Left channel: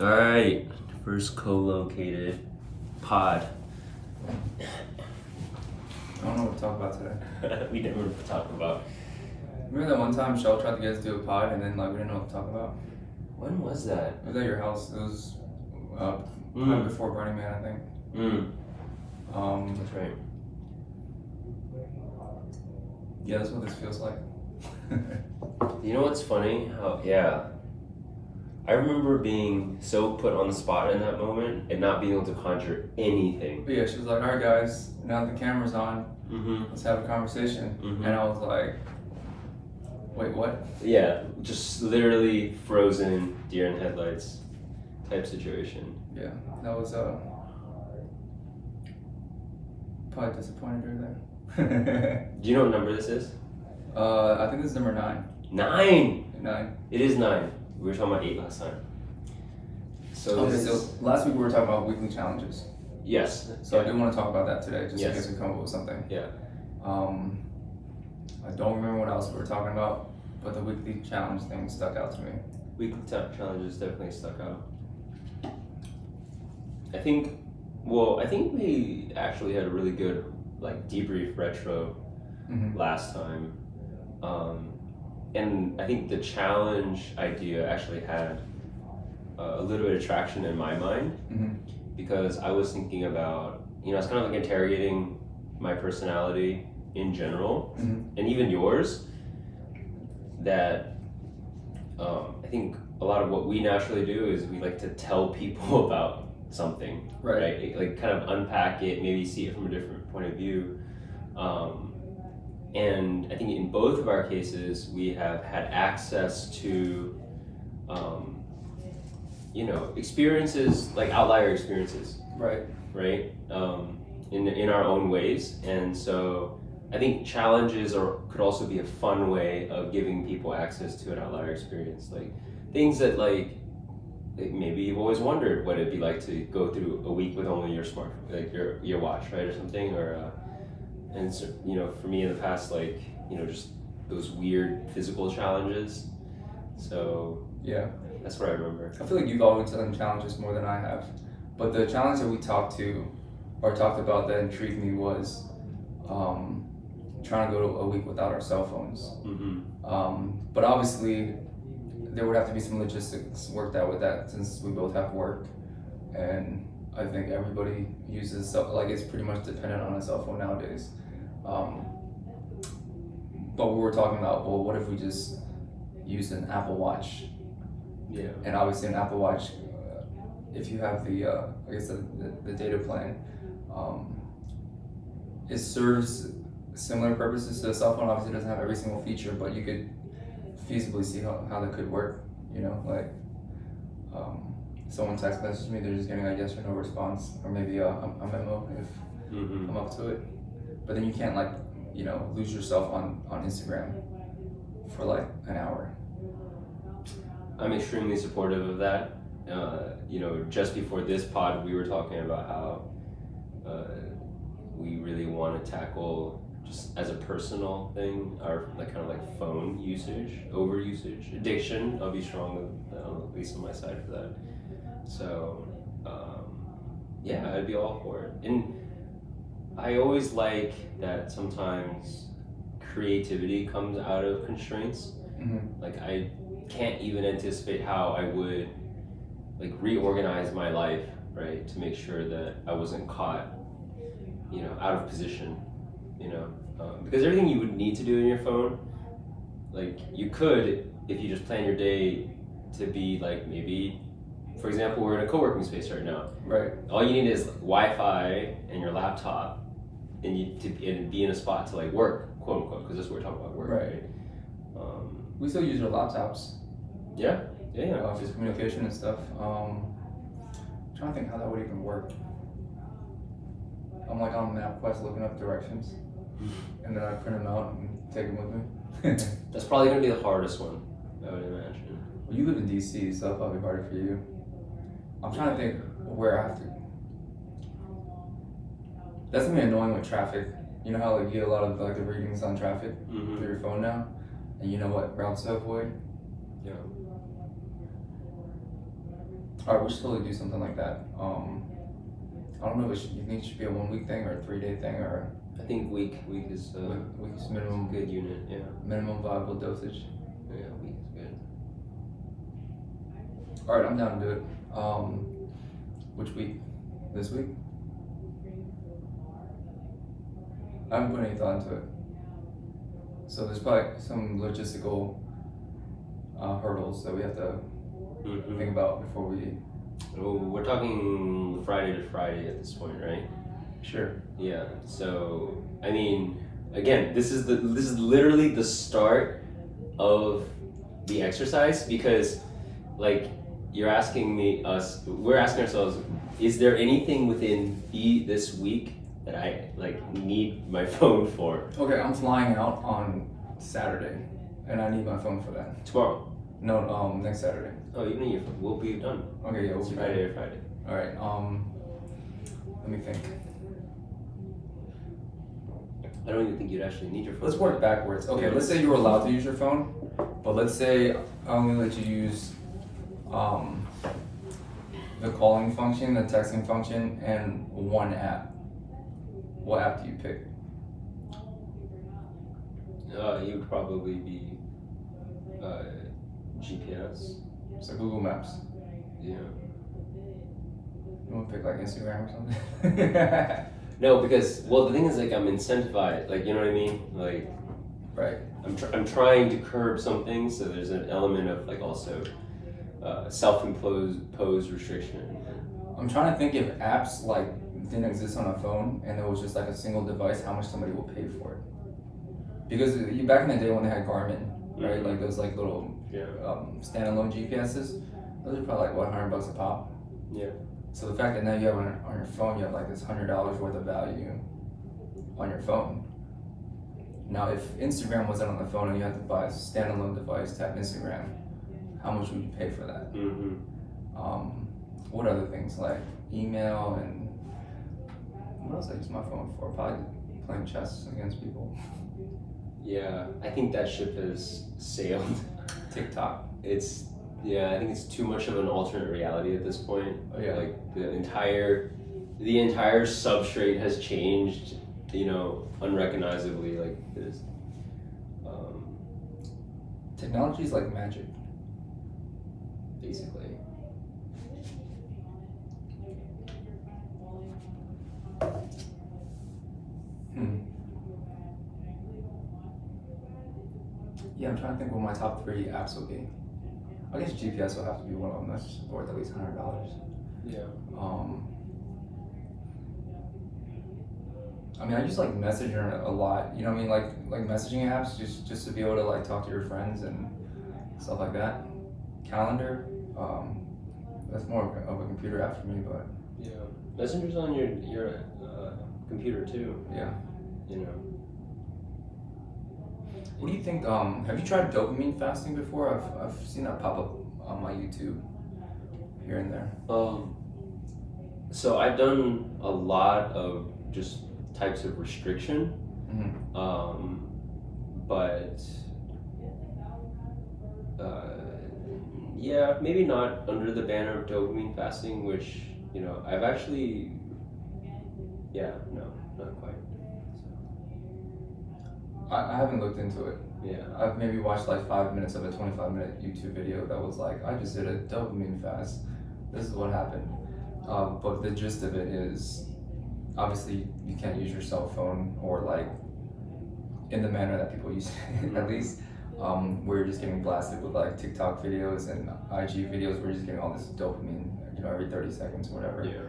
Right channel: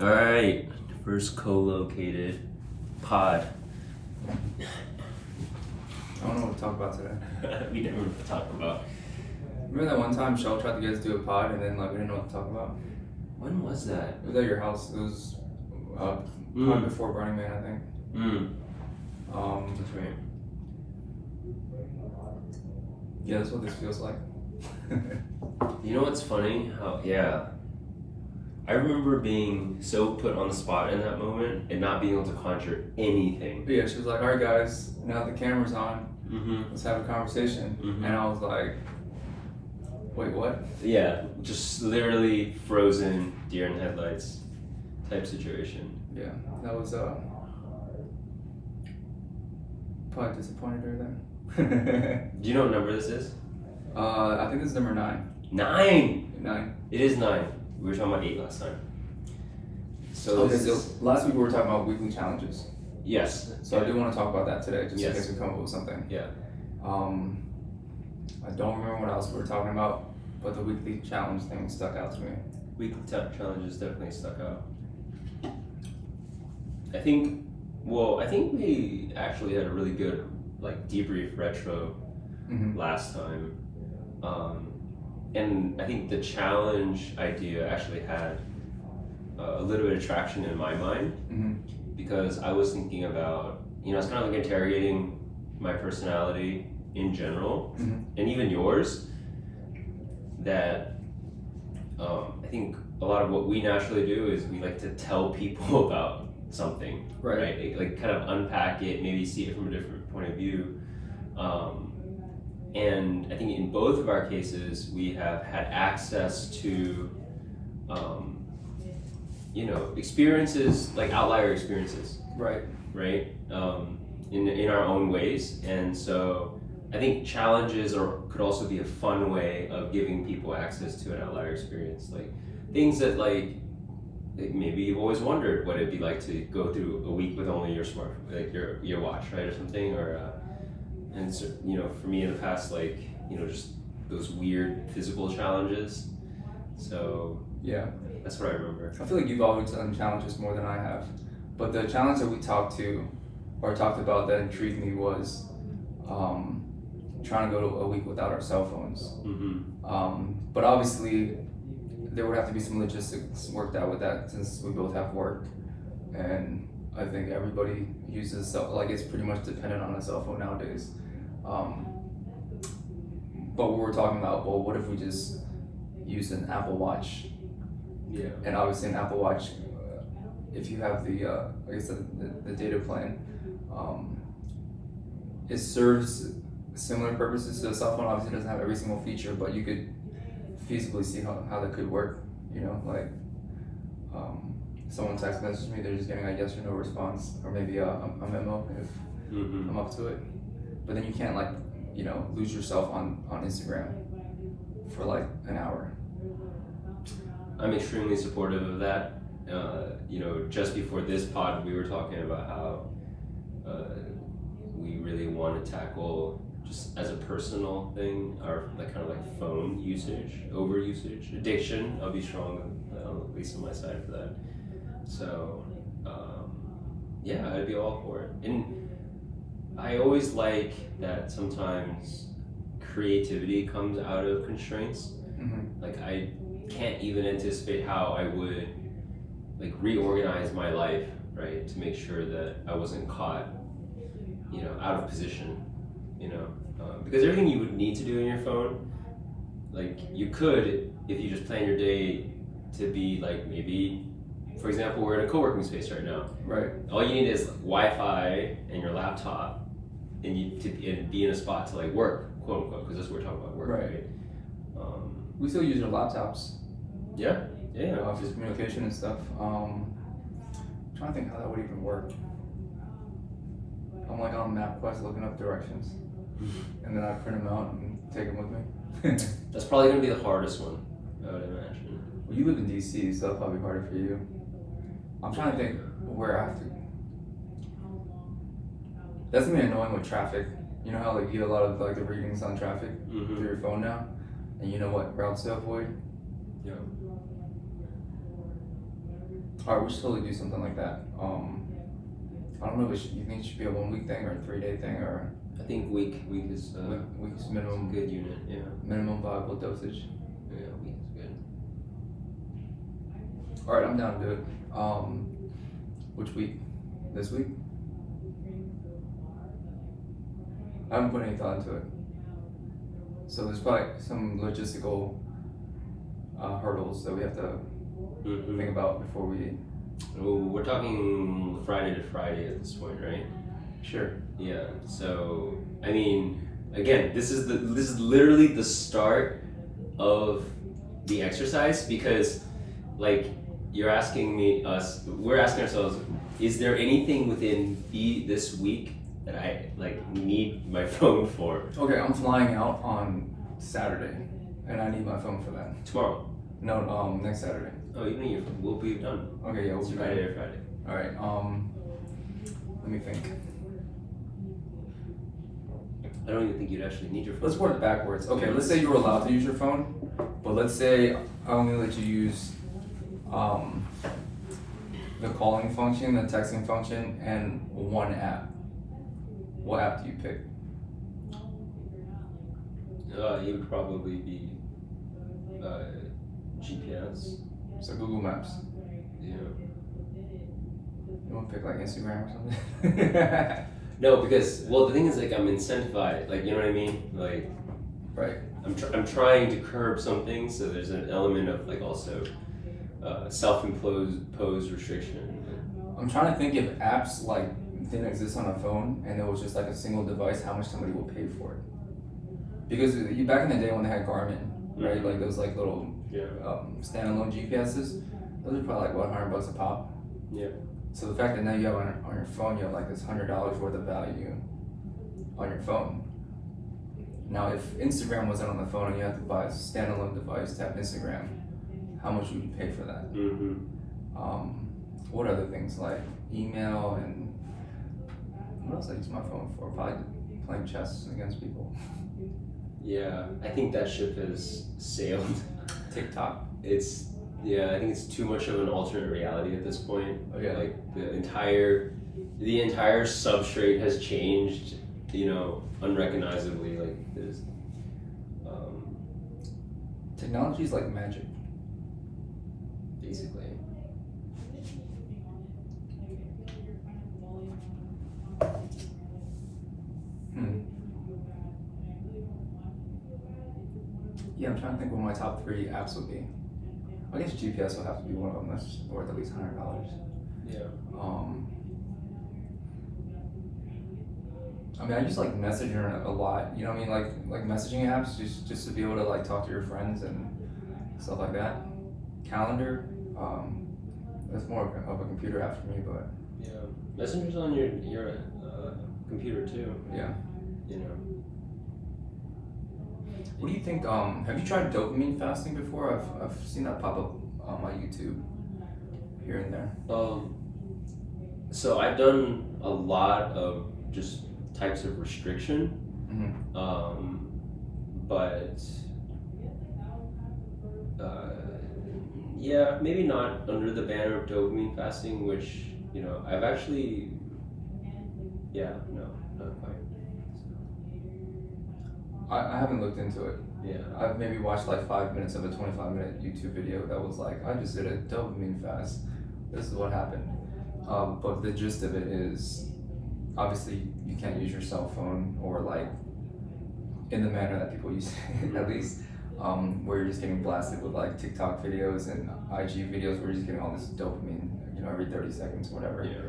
All right, first co-located pod. I don't know what to talk about today. We never talk about. Remember that one time Shell tried to get us to do a pod and then we didn't know what to talk about? When was that? It was at your house. It was right before Burning Man, I think. That's right. Yeah, that's what this feels like. You know what's funny? I remember being so put on the spot in that moment and not being able to conjure anything. But yeah, she was like, "Alright guys, now the camera's on, Mm-hmm. let's have a conversation." Mhm. And I was like, "Wait, what?" Yeah, just literally frozen deer in headlights type situation. Yeah, that was probably disappointed her then. Do you know what number this is? I think this is number 9. 9! 9. It is 9. We were talking about 8 last time. So Okay, this so is, last week we were talking about weekly challenges. yes. So I do want to talk about that today, just in Yes. case we come up with something. Yeah. I don't remember what else we were talking about, but the weekly challenge thing stuck out to me. Weekly challenges definitely stuck out. I think we actually had a really good debrief retro Mm-hmm. last time. And I think the challenge idea actually had a little bit of traction in my mind Mm-hmm. because I was thinking about, it's kind of like interrogating my personality in general Mm-hmm. and even yours, that I think a lot of what we naturally do is we like to tell people about something, right? Like kind of unpack it, maybe see it from a different point of view. And I think in both of our cases, we have had access to, experiences, like outlier experiences, Right. right? In our own ways. And so I think challenges could also be a fun way of giving people access to an outlier experience. Like things that maybe you've always wondered what it'd be like to go through a week with only your your watch, right? Or something, and so, for me in the past, just those weird physical challenges. So Yeah. that's what I remember. I feel like you've always done challenges more than I have. But the challenge that we talked about that intrigued me was trying to go a week without our cell phones. Mm-hmm. But obviously, there would have to be some logistics worked out with that since we both have work. And I think everybody uses it's pretty much dependent on a cell phone nowadays. But we were talking about, well, what if we just use an Apple Watch? Yeah. And obviously an Apple Watch, if you have the data plan, it serves similar purposes to a cell phone. Obviously it doesn't have every single feature, but you could feasibly see how that could work. Someone text messages me, they're just getting a yes or no response, or maybe a memo if Mm-hmm. I'm up to it. But then you can't lose yourself on Instagram for an hour. I'm extremely supportive of that. Just before this pod, we were talking about how we really want to tackle, just as a personal thing, our phone usage, overusage, addiction. I'll be strong, at least on my side for that. So, I'd be all for it. And I always like that sometimes creativity comes out of constraints. Mm-hmm. I can't even anticipate how I would reorganize my life, right, to make sure that I wasn't caught, out of position, because everything you would need to do in your phone, you could if you just plan your day to be maybe, for example, we're in a co-working space right now. Right. All you need is Wi-Fi and your laptop, and be in a spot to work, quote unquote, because this is what we're talking about, work, right? We still use our laptops. Yeah. For communication and stuff. I'm trying to think how that would even work. I'm on MapQuest looking up directions, and then I print them out and take them with me. That's probably gonna be the hardest one, I would imagine. Well, you live in DC, so that'll probably be harder for you. I'm trying to think where I have to. That's gonna be annoying with traffic. You know how you get a lot of the readings on traffic through your phone now, and you know what routes to avoid. Yeah. Alright, we should totally do something like that. I don't know if you think it should be a 1 week thing or a 3 day thing or I think week is week's minimum good unit. Yeah. minimum viable dosage. Yeah, week is good. Alright, I'm down to do it. Which week? This week? I haven't put any thought into it. So there's probably some logistical hurdles that we have to Mm-hmm. think about before we. Well, we're talking Friday to Friday at this point, right? Sure. Yeah. So I mean, again, this is literally the start of the exercise because, like, we're asking ourselves, is there anything within this week that I need my phone for Okay, I'm flying out on Saturday, and I need my phone for that. tomorrow? No, next Saturday. Oh, you mean we'll be done. Okay, yeah, we'll It's be Friday ready. or Friday. All right. Let me think. I don't even think you'd actually need your phone. Let's work backwards. Okay, Yeah. let's say you were allowed to use your phone, but let's say I only let you use the calling function, the texting function, and one app. What app do you pick? You would probably be GPS. So Google Maps. Yeah. You want to pick like Instagram or something? No, because the thing is I'm incentivized. You know what I mean? Right. I'm trying to curb something, so there's an element of also self-imposed restriction. I'm trying to think if apps didn't exist on a phone and it was just a single device, how much somebody will pay for it. Because back in the day when they had Garmin, right? Mhm. Those little Yeah. standalone GPSs, those are probably $100 a pop. Yeah. So the fact that now you have on your phone, you have this $100 worth of value on your phone. Now, if Instagram wasn't on the phone and you had to buy a standalone device to have Instagram, how much would you pay for that? Mm-hmm. What other things like email and what else I use my phone for? Probably playing chess against people. Yeah, I think that ship has sailed. TikTok. I think it's too much of an alternate reality at this point. Oh, yeah. The entire substrate has changed, unrecognizably. There's, Technology is like magic. basically. Yeah, I'm trying to think what my top 3 apps would be. I guess GPS will have to be one of them. That's worth at least $100. Yeah. I mean, I use Messenger a lot. You know what I mean? Like messaging apps, just to be able to talk to your friends and stuff like that. Calendar, that's more of a computer app for me, but Yeah. Messenger's on your computer too. yeah. What do you think? Have you tried dopamine fasting before? I've seen that pop up on my YouTube here and there. So I've done a lot of just types of restriction, but yeah, maybe not under the banner of dopamine fasting, which I've actually, no, not quite. I haven't looked into it. Yeah. I've maybe watched 5 minutes of a 25-minute YouTube video that was I just did a dopamine fast. This is what happened. But the gist of it is, obviously, you can't use your cell phone or in the manner that people use it, at least, where you're just getting blasted with TikTok videos and IG videos where you're just getting all this dopamine, every 30 seconds or whatever. Yeah.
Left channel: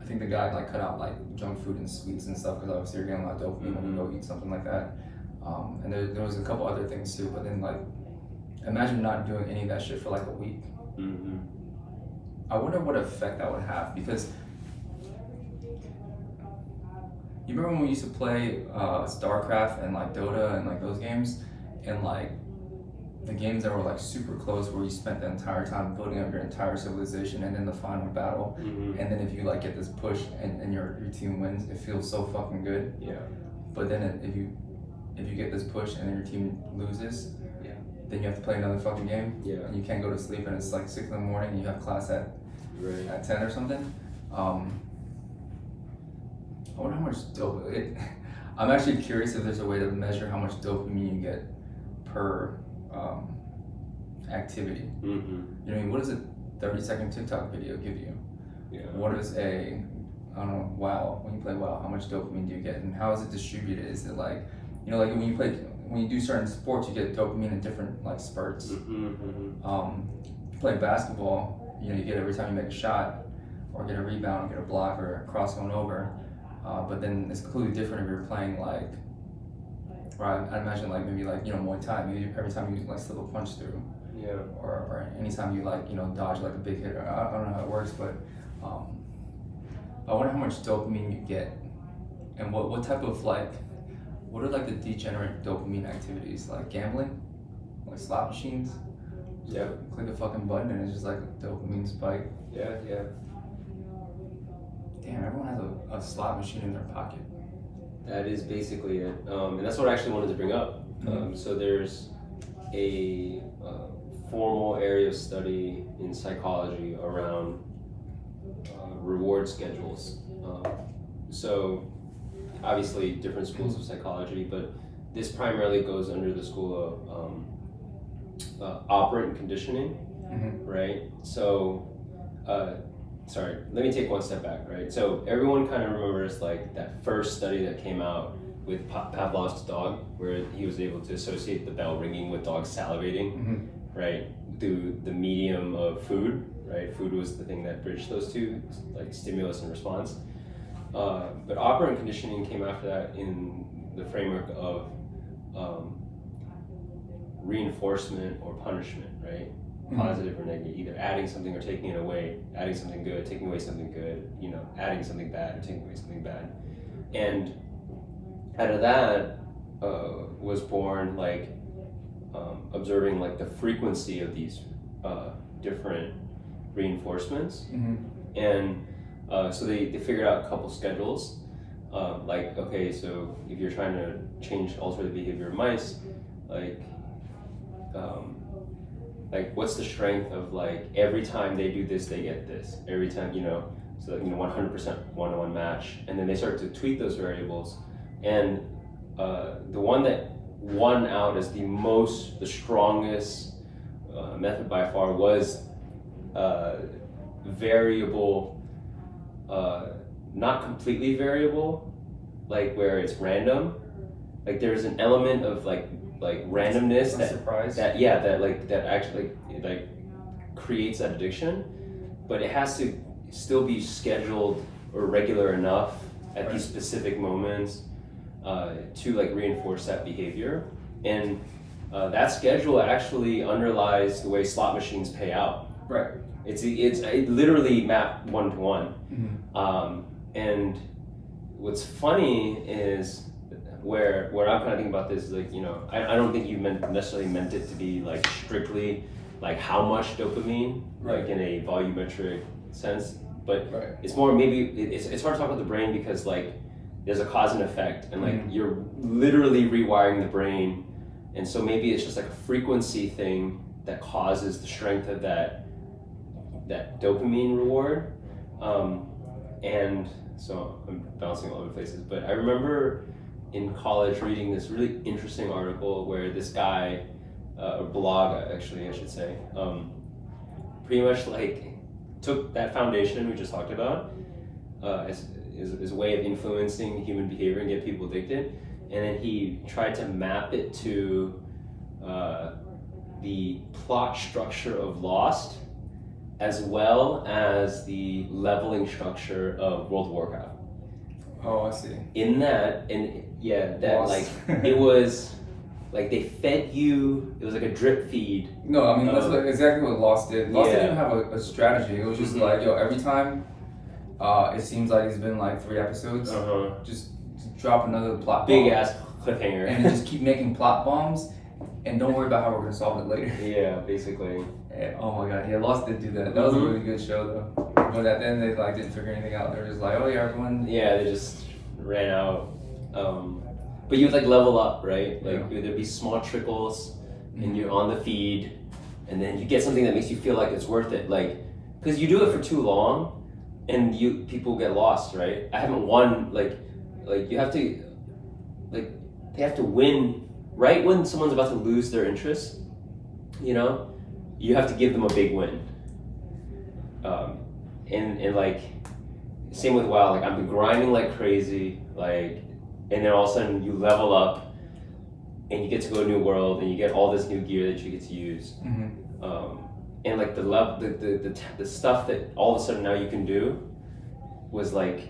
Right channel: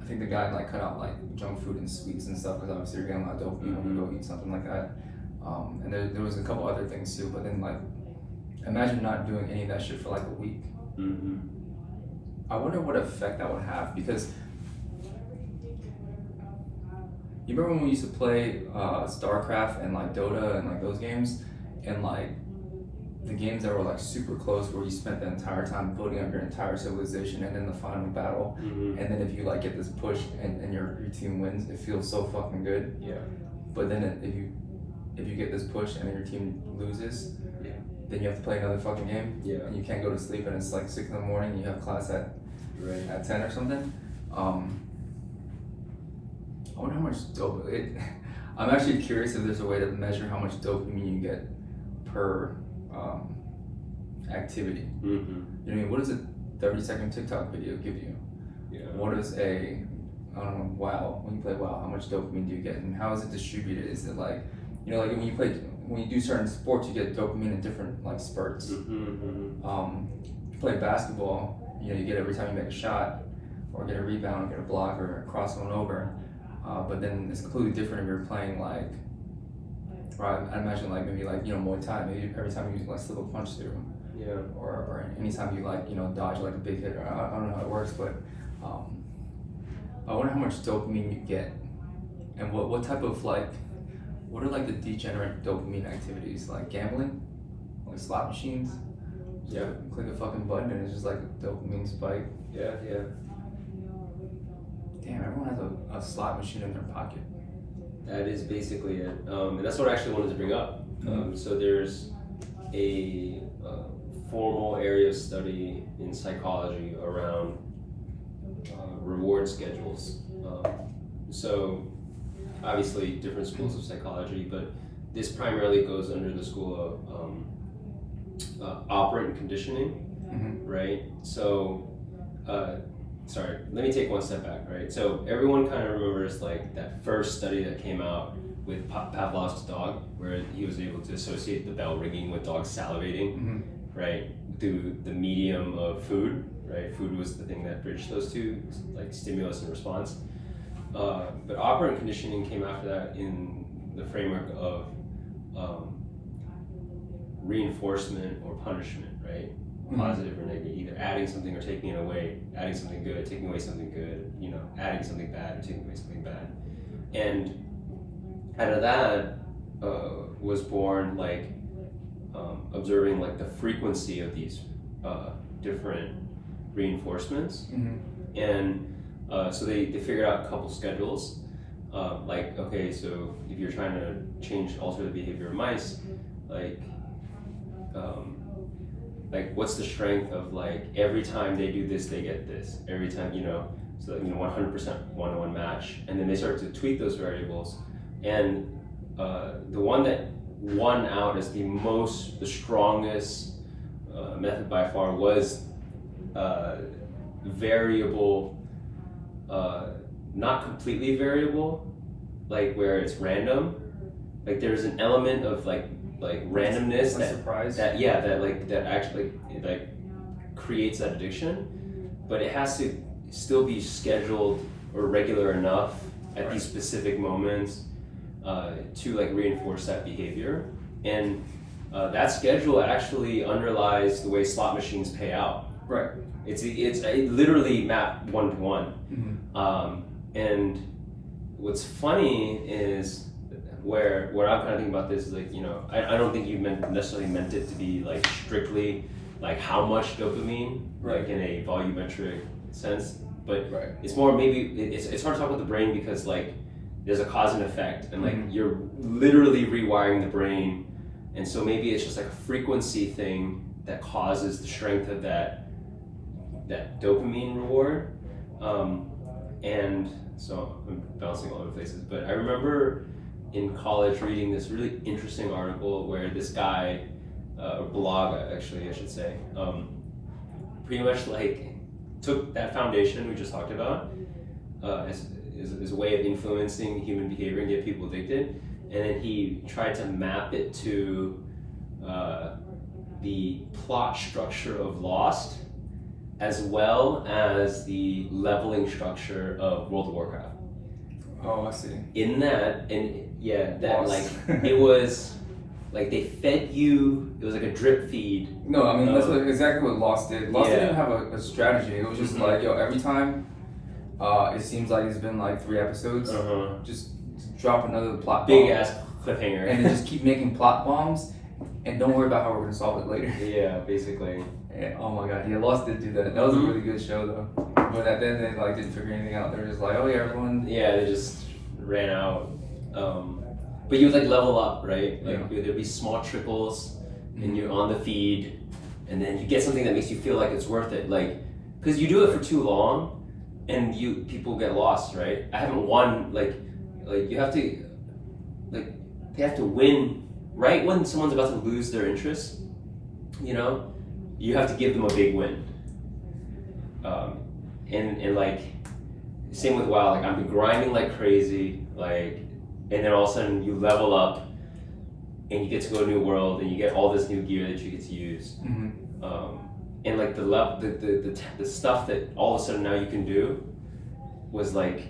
I think the guy cut out junk food and sweets and stuff because obviously you're getting a lot of dopamine when you go eat something like that. And there was a couple other things too, but then imagine not doing any of that shit for a week. Mm-hmm. I wonder what effect that would have because you remember when we used to play StarCraft and Dota and those games and the games that were super close where you spent the entire time building up your entire civilization and in the final battle and then if you get this push and your team wins, it feels so fucking good. Yeah. But then if you get this push and then your team loses, then you have to play another fucking game. Yeah. And you can't go to sleep, and it's like 6 in the morning, and you have class at Right. 10 or something. I wonder how much dopamine. I'm actually curious if there's a way to measure how much dopamine you get per activity. Mm-hmm. You know what I mean? What does a 30-second TikTok video give you? Yeah. What is I don't know, WoW, when you play WoW, how much dopamine do you get, and how is it distributed? Is it like, you know, like when you do certain sports, you get dopamine in different like spurts. Mm-hmm. If you play basketball, you know, you get every time you make a shot, or get a rebound, or get a block, or cross someone over. But then it's completely different if you're playing like, or I imagine like maybe like, you know, Muay Thai, maybe every time you like slip a punch through. Yeah. Or anytime you like, you know, dodge like a big hit, or I don't know how it works, but I wonder how much dopamine you get, and what type of like, what are like the degenerate dopamine activities, like gambling, like slot machines? Yeah. Click a fucking button and it's just like a dopamine spike. Yeah. Yeah. Damn, everyone has a slot machine in their pocket. That is basically it, and that's what I actually wanted to bring up. So there's a formal area of study in psychology around reward schedules. So obviously different schools of psychology, but this primarily goes under the school of operant conditioning, right? So sorry, let me take one step back, right? So everyone kind of remembers like that first study that came out with Pavlov's dog, where he was able to associate the bell ringing with dogs salivating, right? Through the medium of food, right? Food was the thing that bridged those two, like stimulus and response. But operant conditioning came after that in the framework of reinforcement or punishment, right? Positive or negative, either adding something or taking it away, adding something good, taking away something good, you know, adding something bad or taking away something bad. And out of that was born like observing like the frequency of these different reinforcements. And so they figured out a couple schedules. Like, okay, so if you're trying to alter the behavior of mice, like what's the strength of like every time they do this they get this, every time, you know, so that, you know, 100% one-to-one match. And then they start to tweak those variables, and the one that won out as the strongest method by far was variable, not completely variable, like where it's random, like there's an element of like randomness that actually like creates that addiction, but it has to still be scheduled or regular enough at these specific moments to like reinforce that behavior. And that schedule actually underlies the way slot machines pay out. Right. It literally mapped one-to-one. And what's funny is where I'm kind of thinking about this is like, you know, I don't think you necessarily meant it to be like strictly like how much dopamine, like in a volumetric sense, but it's more maybe it's hard to talk about the brain because like there's a cause and effect, and like you're literally rewiring the brain, and so maybe it's just like a frequency thing that causes the strength of that dopamine reward. And so I'm bouncing all over places, but I remember in college reading this really interesting article where this guy, a blog actually I should say, pretty much like took that foundation we just talked about as a way of influencing human behavior and get people addicted, and then he tried to map it to the plot structure of Lost as well as the leveling structure of World of Warcraft. Oh, I see. In that, and yeah, that Lost. like it was like they fed you. It was like a drip feed. No, I mean that's exactly what Lost did. Lost didn't Yeah. have a strategy. It was just like, yo, every time it seems like it's been like 3 episodes, just drop another plot Big bomb. ass cliffhanger. And then just keep making plot bombs, and don't worry about how we're gonna solve it later. Yeah, basically. Yeah, oh my god, yeah, Lost did do that. That was a really good show though. But at the end they like didn't figure anything out. They were just like, oh yeah, everyone. Yeah, they just ran out. But you would like level up, right? Like there'd be small trickles, and you're on the feed, and then you get something that makes you feel like it's worth it, like, because you do it for too long, and people get lost, right? I haven't won, like you have to, like, they have to win right when someone's about to lose their interest, you know, you have to give them a big win. And like, same with WoW, like I've been grinding like crazy, like, and then all of a sudden you level up and you get to go to a new world and you get all this new gear that you get to use. And like the stuff that all of a sudden now you can do was like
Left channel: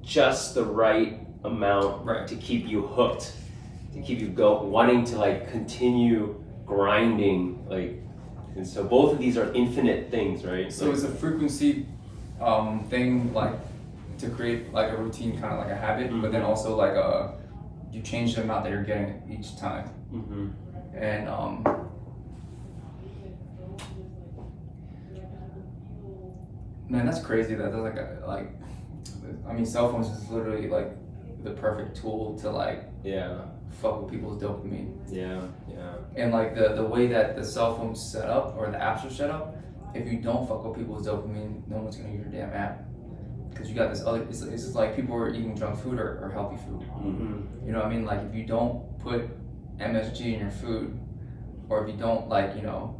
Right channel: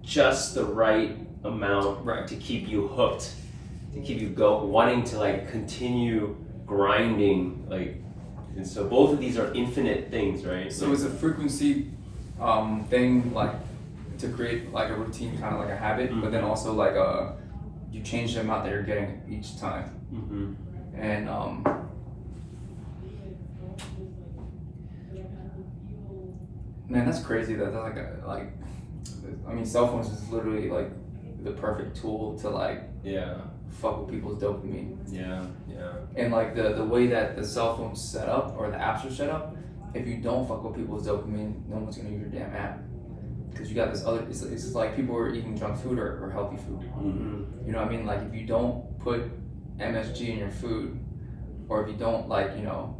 just the right amount, right, to keep you hooked, to keep you wanting to like continue grinding, like. And so both of these are infinite things, right? So it's a frequency thing, like to create like a routine, kind of like a habit, but then also like you change the amount that you're getting each time. And man, that's crazy. That's like I mean, cell phones is literally like the perfect tool to like fuck with people's dopamine. And like the way that the cell phone's set up or the apps are set up, if you don't fuck with people's dopamine, no one's gonna use your damn app. Because you got this other, it's just like people are eating junk food or healthy food. You know what I mean? Like if you don't put MSG in your food, or if you don't like, you know,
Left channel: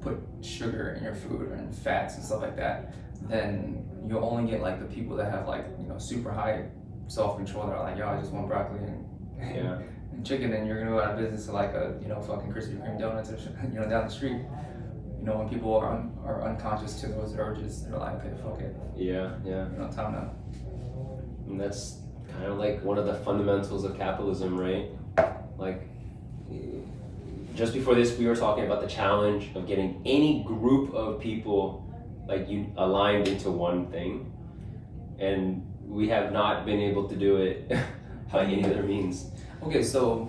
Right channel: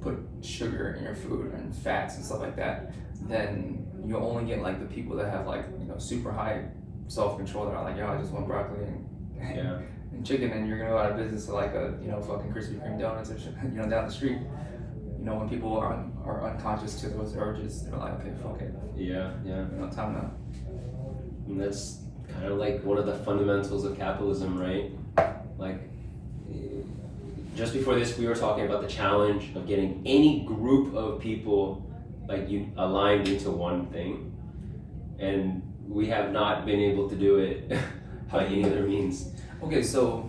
put sugar in your food and fats and stuff like that, then you'll only get like the people that have like, you know, super high self-control that are like, yo, I just want broccoli and chicken, and you're gonna go out of business to like a, you know, fucking Krispy Kreme donuts or shit, you know, down the street. You know, when people are unconscious to those urges, they're like, okay, fuck it. You know, time to. And that's kind of like one of the fundamentals of capitalism, right? Like, just before this, we were talking about the challenge of getting any group of people like you aligned into one thing, and we have not been able to do it by any other means. Okay, so.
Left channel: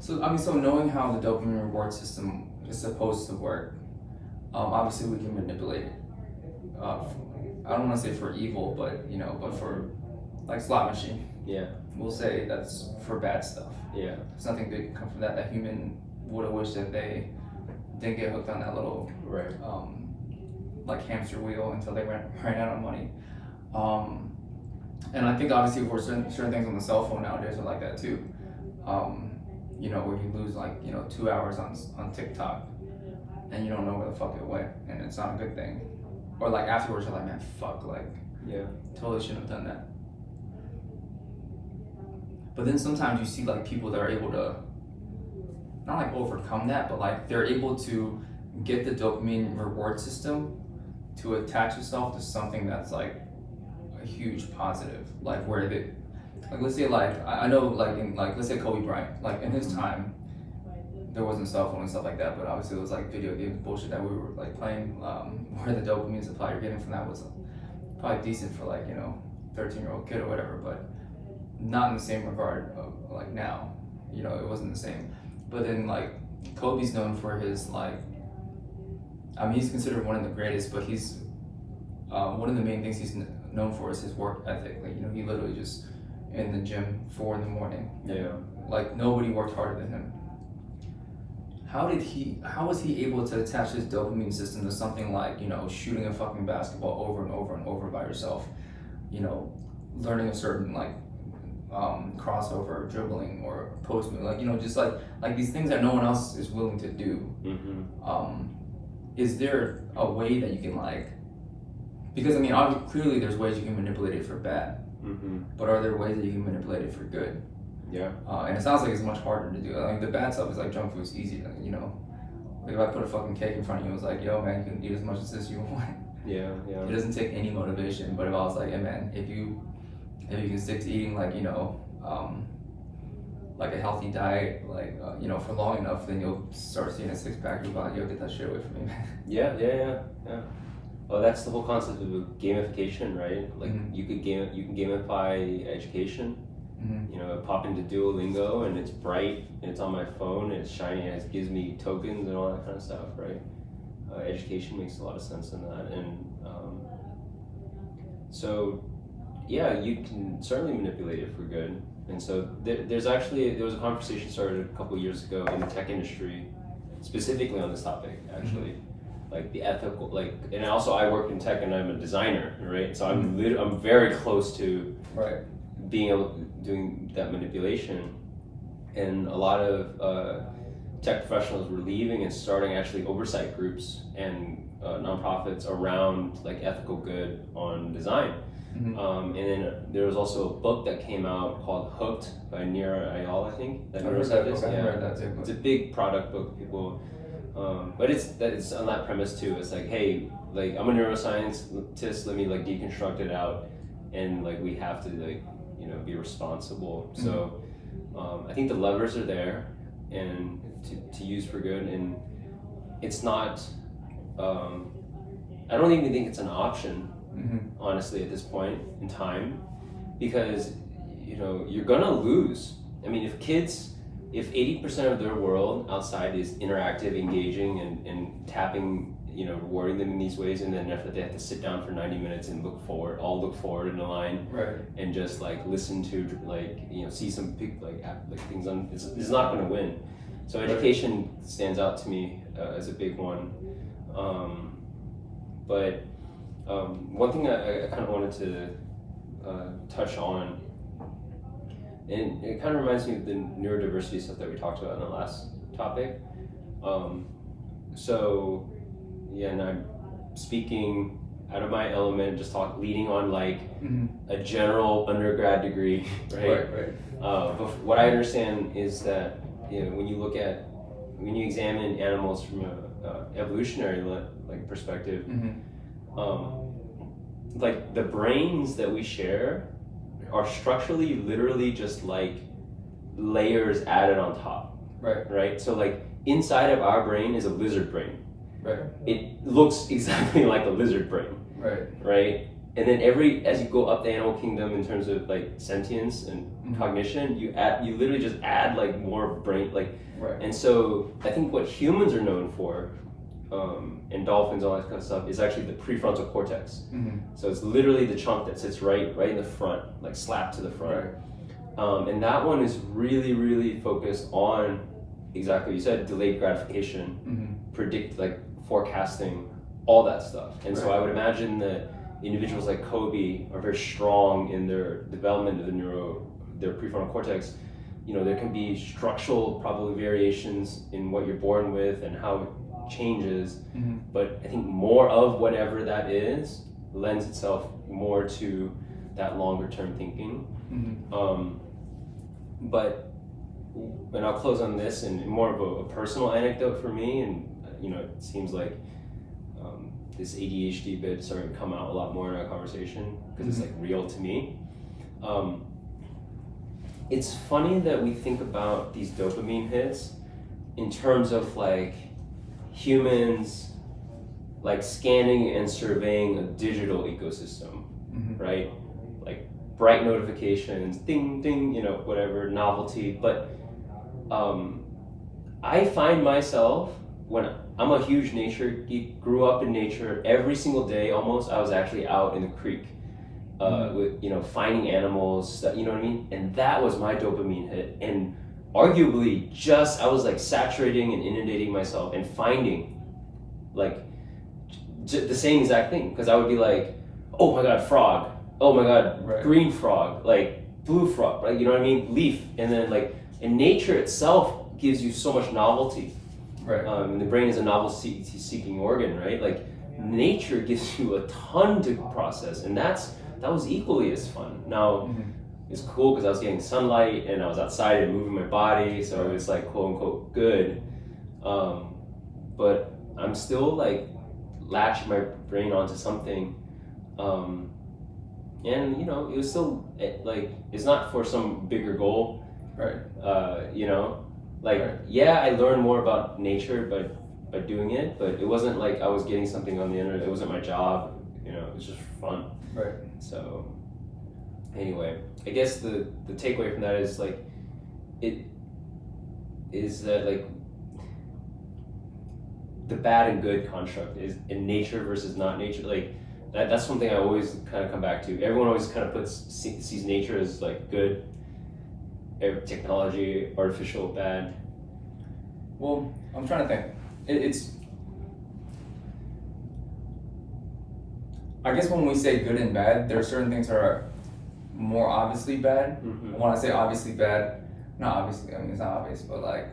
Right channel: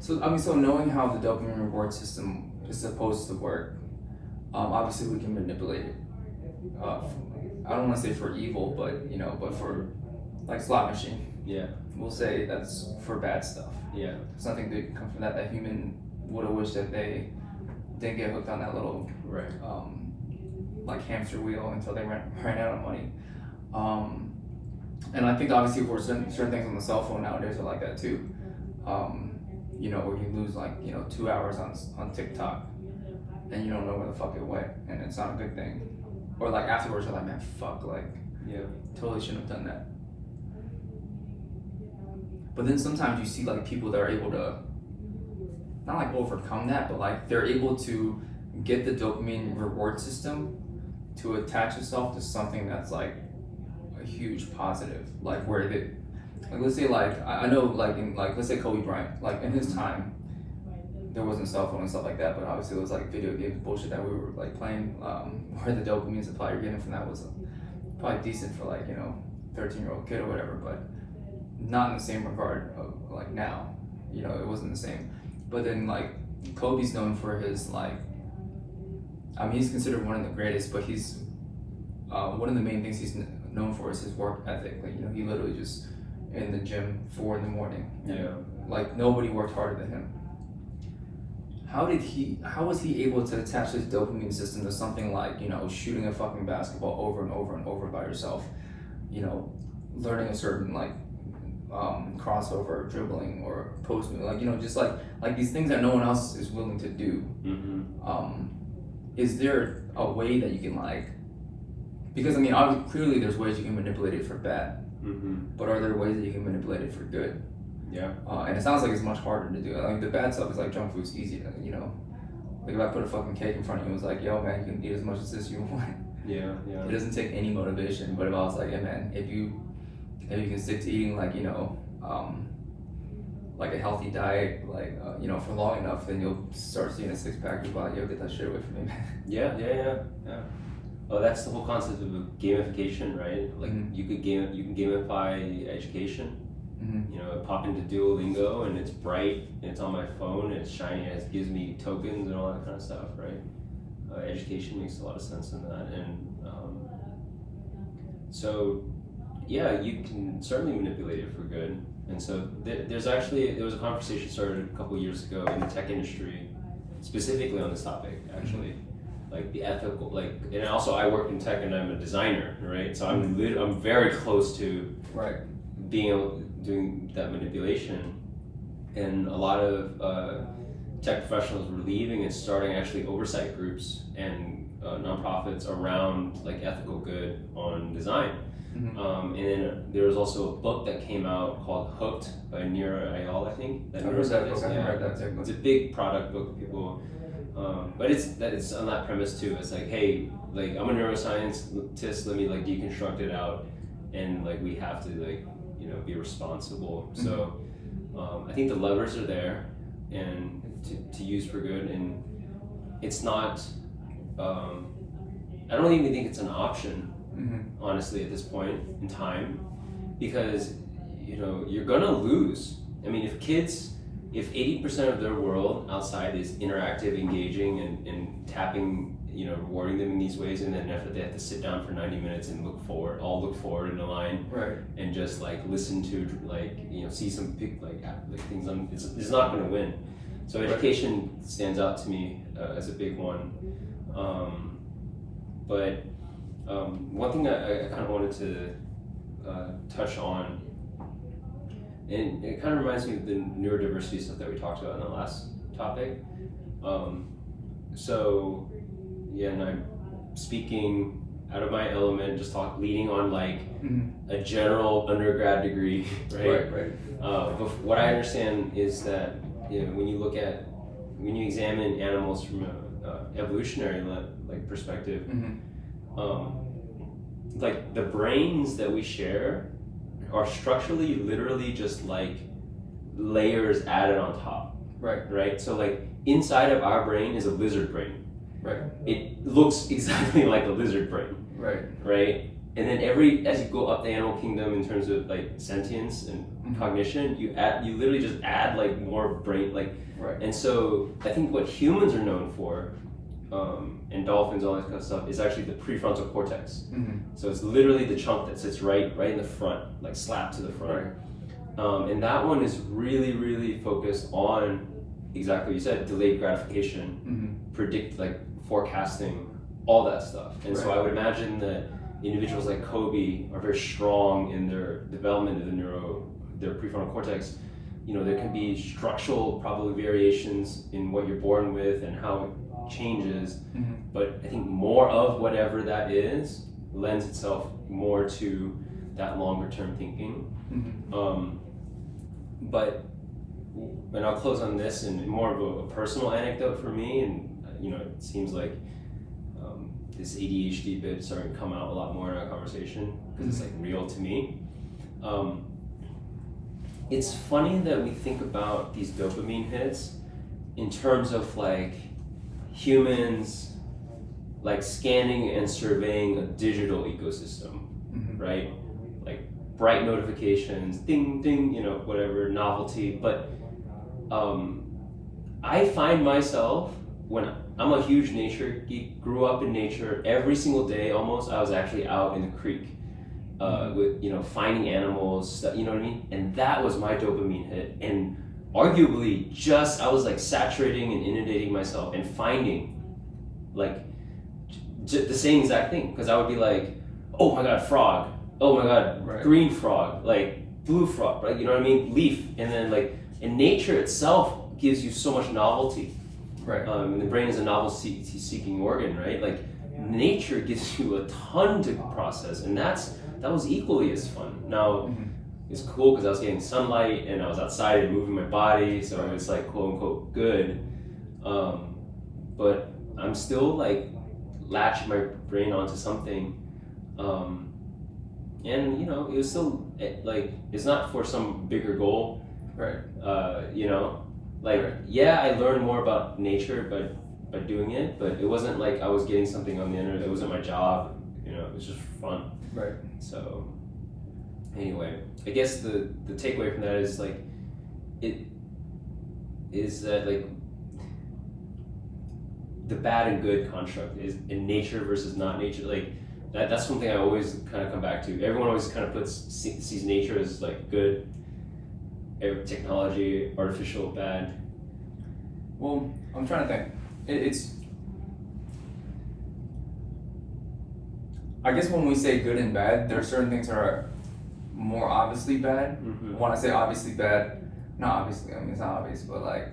So I mean, so knowing how the dopamine reward system is supposed to work, obviously we can manipulate it. I don't want to say for evil, but you know, but for like slot machine. We'll say that's for bad stuff. There's nothing good come from that. That human would have wished that they didn't get hooked on that little like hamster wheel until they ran out of money. And I think obviously for certain things on the cell phone nowadays are like that too. You know, where you lose like, you know, 2 hours on TikTok and you don't know where the fuck it went, and it's not a good thing. Or like afterwards you're like, man, fuck, like, totally shouldn't have done that. But then sometimes you see like people that are able to, not like overcome that, but like they're able to get the dopamine reward system to attach itself to something that's like a huge positive, like where they, like let's say like I know like in like let's say Kobe Bryant, like in his time there wasn't a cell phone and stuff like that, but obviously it was like video games bullshit that we were like playing, where the dopamine supply you're getting from that was probably decent for like, you know, 13-year-old kid or whatever, but not in the same regard of like now, you know, it wasn't the same. But then like Kobe's known for his like, I mean he's considered one of the greatest, but he's one of the main things he's known for is his work ethic. Like, you know, he literally just in the gym 4 a.m. Like nobody worked harder than him. How was he able to attach his dopamine system to something like, you know, shooting a fucking basketball over and over and over by yourself, you know, learning a certain like crossover, dribbling, or post move, like, you know, just like these things that no one else is willing to do. Is there a way that you can like, because I mean obviously clearly there's ways you can manipulate it for bad, but are there ways that you can manipulate it for good? And it sounds like it's much harder to do. Like the bad stuff is like junk food's easy to, you know, like if I put a fucking cake in front of you and was like, yo man, you can eat as much as this you want. It doesn't take any motivation. But if I was like, hey man, if you can stick to eating like, you know, like a healthy diet, like you know, for long enough, then you'll start seeing a 6-pack. You'll be like, yo, get that shit away from me, man. Yeah. Oh, that's the whole concept of gamification, right? Like you can gamify education. You know, pop into Duolingo and it's bright, and it's on my phone, and it's shiny, and it gives me tokens and all that kind of stuff, right? Education makes a lot of sense in that, and so yeah, you can certainly manipulate it for good. And so there was a conversation started a couple of years ago in the tech industry, specifically on this topic, actually. Like the ethical, like, and also I work in tech and I'm a designer, right? So I'm very close to Right. being able doing that manipulation, and a lot of tech professionals were leaving and starting actually oversight groups and nonprofits around like ethical good on design. And then there was also a book that came out called Hooked by Nira Ayal, I think. I've heard that book. Yeah. Read that too. It's a big product book, people. But it's on that premise too. It's like, hey, like I'm a neuroscientist. Let me like deconstruct it out, and like we have to like be responsible. So I think the levers are there, and to use for good, and it's not. I don't even think it's an option, honestly, at this point in time, because you're gonna lose. I mean, if 80% of their world outside is interactive, engaging, and tapping, rewarding them in these ways, and then if they have to sit down for 90 minutes and look forward in a line, right, and just like listen to see some things on, it's not going to win. So education stands out to me as a big one. But one thing I kind of wanted to touch on. And it kind of reminds me of the neurodiversity stuff that we talked about in the last topic. And I'm speaking out of my element, just leading on like a general undergrad degree, right? Right. But what I understand is that when you examine animals from a evolutionary perspective, like the brains that we share are structurally literally just like layers added on top. Right? So like inside of our brain is a lizard brain. Right. It looks exactly like a lizard brain. Right? And then as you go up the animal kingdom in terms of like sentience and cognition, you literally just add like more brain and so I think what humans are known for, and dolphins, all that kind of stuff, is actually the prefrontal cortex. So it's literally the chunk that sits right in the front, like slapped to the front. And that one is really, really focused on exactly what you said, delayed gratification, forecasting, all that stuff. And so I would imagine that individuals like Kobe are very strong in their development of their prefrontal cortex. There can be structural probably variations in what you're born with and how it changes, but I think more of whatever that is lends itself more to that longer term thinking. And I'll close on this and more of a personal anecdote for me, and it seems like this ADHD bit starting to come out a lot more in our conversation because it's like real to me. It's funny that we think about these dopamine hits in terms of like humans like scanning and surveying a digital ecosystem, right? Like bright notifications, ding, ding, whatever, novelty. But I find myself, when I'm a huge nature geek, grew up in nature, every single day almost, I was actually out in the creek with, finding animals, you know what I mean? And that was my dopamine hit. And arguably I was like saturating and inundating myself and finding like the same exact thing. Because I would be like, oh my God, frog. Oh my God, green frog, like blue frog, right? You know what I mean? Leaf. And then and nature itself gives you so much novelty. The brain is a novelty-seeking organ, right? Like nature gives you a ton to process, and that was equally as fun. Now, it's cool because I was getting sunlight and I was outside and moving my body, so it was like quote unquote good. But I'm still like latching my brain onto something, and it was still like it's not for some bigger goal, Yeah, I learned more about nature by doing it, but it wasn't like I was getting something on the internet. It wasn't my job, it was just fun. So anyway, I guess the takeaway from that is like the bad and good construct is in nature versus not nature. Like That's something I always kind of come back to. Everyone always kind of sees nature as like good, technology, artificial, bad. Well, I'm trying to think. It's I guess when we say good and bad, there are certain things that are more obviously bad. Mm-hmm. When I say obviously bad, not obviously, I mean it's not obvious, but like,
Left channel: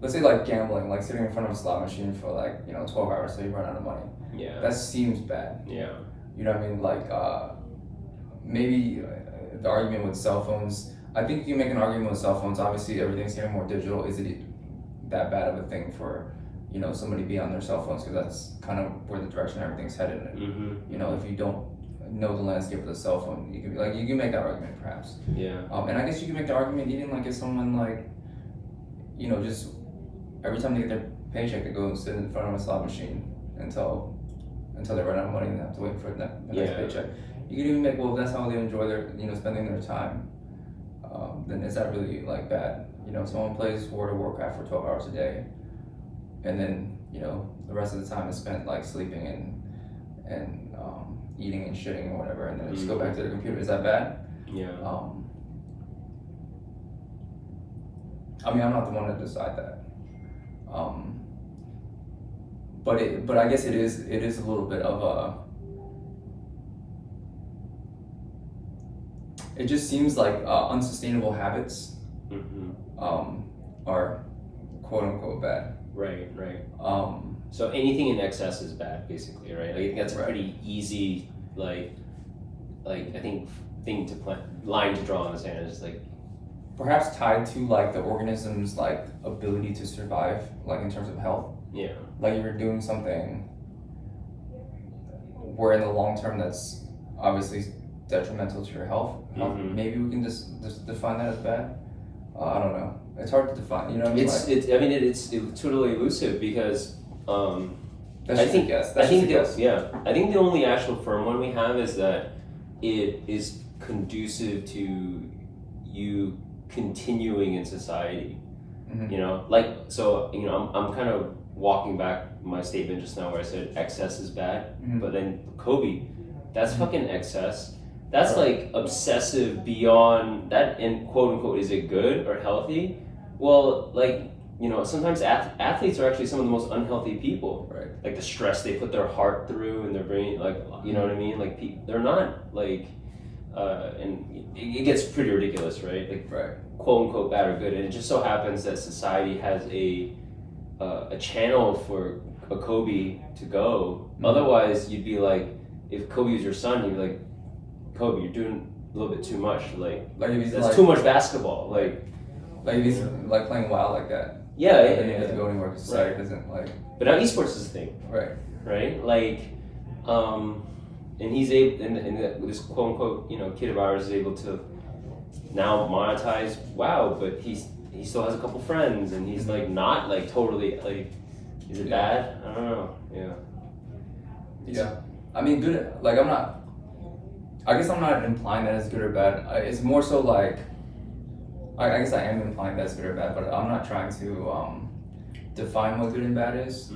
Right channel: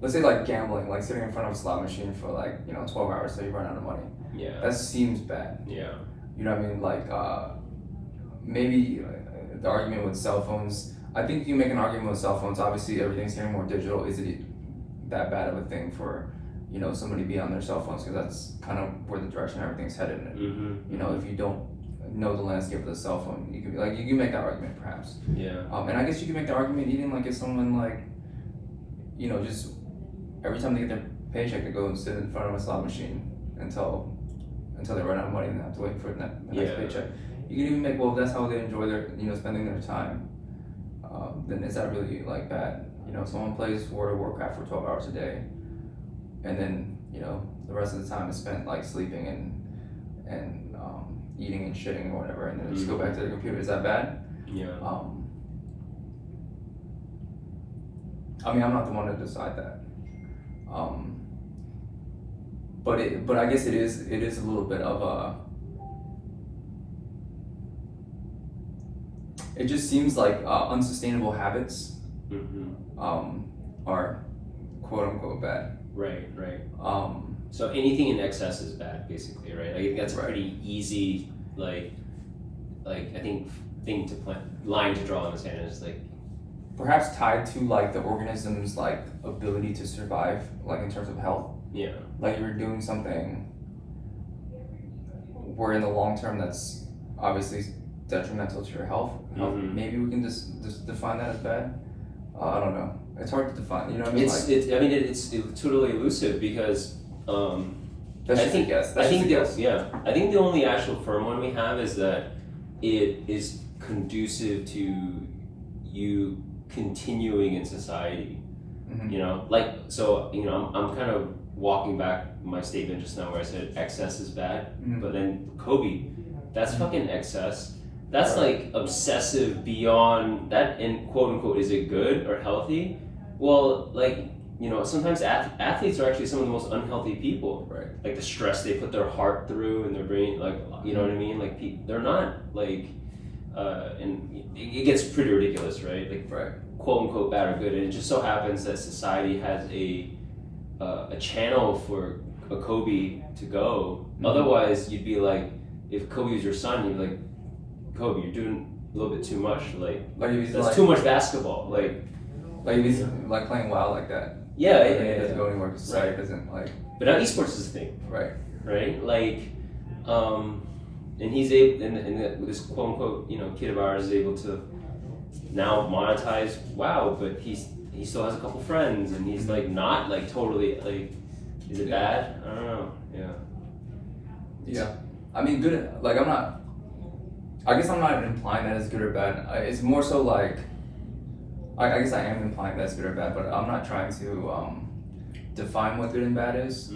let's say like gambling, like sitting in front of a slot machine for like, 12 hours so you run out of money. Yeah. That seems bad. Yeah. You know what I mean? Like, maybe the argument with cell phones, I think you make an argument with cell phones, obviously everything's getting more digital. Is it that bad of a thing for, somebody to be on their cell phones? Because that's kind of where the direction everything's headed in. Mm-hmm. If you don't know the landscape of the cell phone, you can be like, you can make that argument perhaps. Yeah. And I guess you can make the argument even like if someone like, just every time they get their paycheck, they go and sit in front of a slot machine until they run out of money and they have to wait for the next paycheck. You can even make, well, if that's how they enjoy their, spending their time, then is that really like bad? Someone plays World of Warcraft for 12 hours a day, and then, the rest of the time is spent like sleeping and eating and shitting or whatever, and then just go back to the computer. Is that bad? Yeah. I mean, I'm not the one to decide that. But I guess it is a little bit of a. It just seems like unsustainable habits are quote unquote bad. Right. So anything in excess is bad, basically, right? Like, I think that's a pretty easy, like I think line to draw in the sand is like. Perhaps tied to like the organism's like ability to survive, like in terms of health. Yeah. Like you're doing something where in the long term that's obviously detrimental to your health. Maybe we can just define that as bad. I don't know. It's hard to define. You know what I mean? It's totally elusive because That's I just think a guess. I think I think the only actual firm one we have is that it is conducive to you continuing in society. I'm kind of walking back my statement just now where I said excess is bad, but then Kobe, that's fucking excess. That's like obsessive beyond that, and quote unquote, is it good or healthy? Well, like, sometimes athletes are actually some of the most unhealthy people. Right. Like the stress they put their heart through and their brain, like, you know what I mean? Like, they're not like, and it gets pretty ridiculous, right? Like, quote unquote bad or good, and it just so happens that society has a channel for a Kobe to go. Otherwise, you'd be like, if Kobe was your son, you'd be like, Kobe, you're doing a little bit too much. Like that's too much basketball. Like if he's like playing wild like that. Yeah, and he doesn't go anywhere because society doesn't like. But now esports is a thing. Right. Like, and he's able, and this quote unquote, kid of ours is able to now monetize WoW, but he still has a couple friends, and he's like not like totally like. Is it bad? I don't know. Yeah. I mean, good. Like, I guess I'm not implying that it's good or bad. It's more so like, I guess I am implying that it's good or bad, but I'm not trying to define what good and bad is.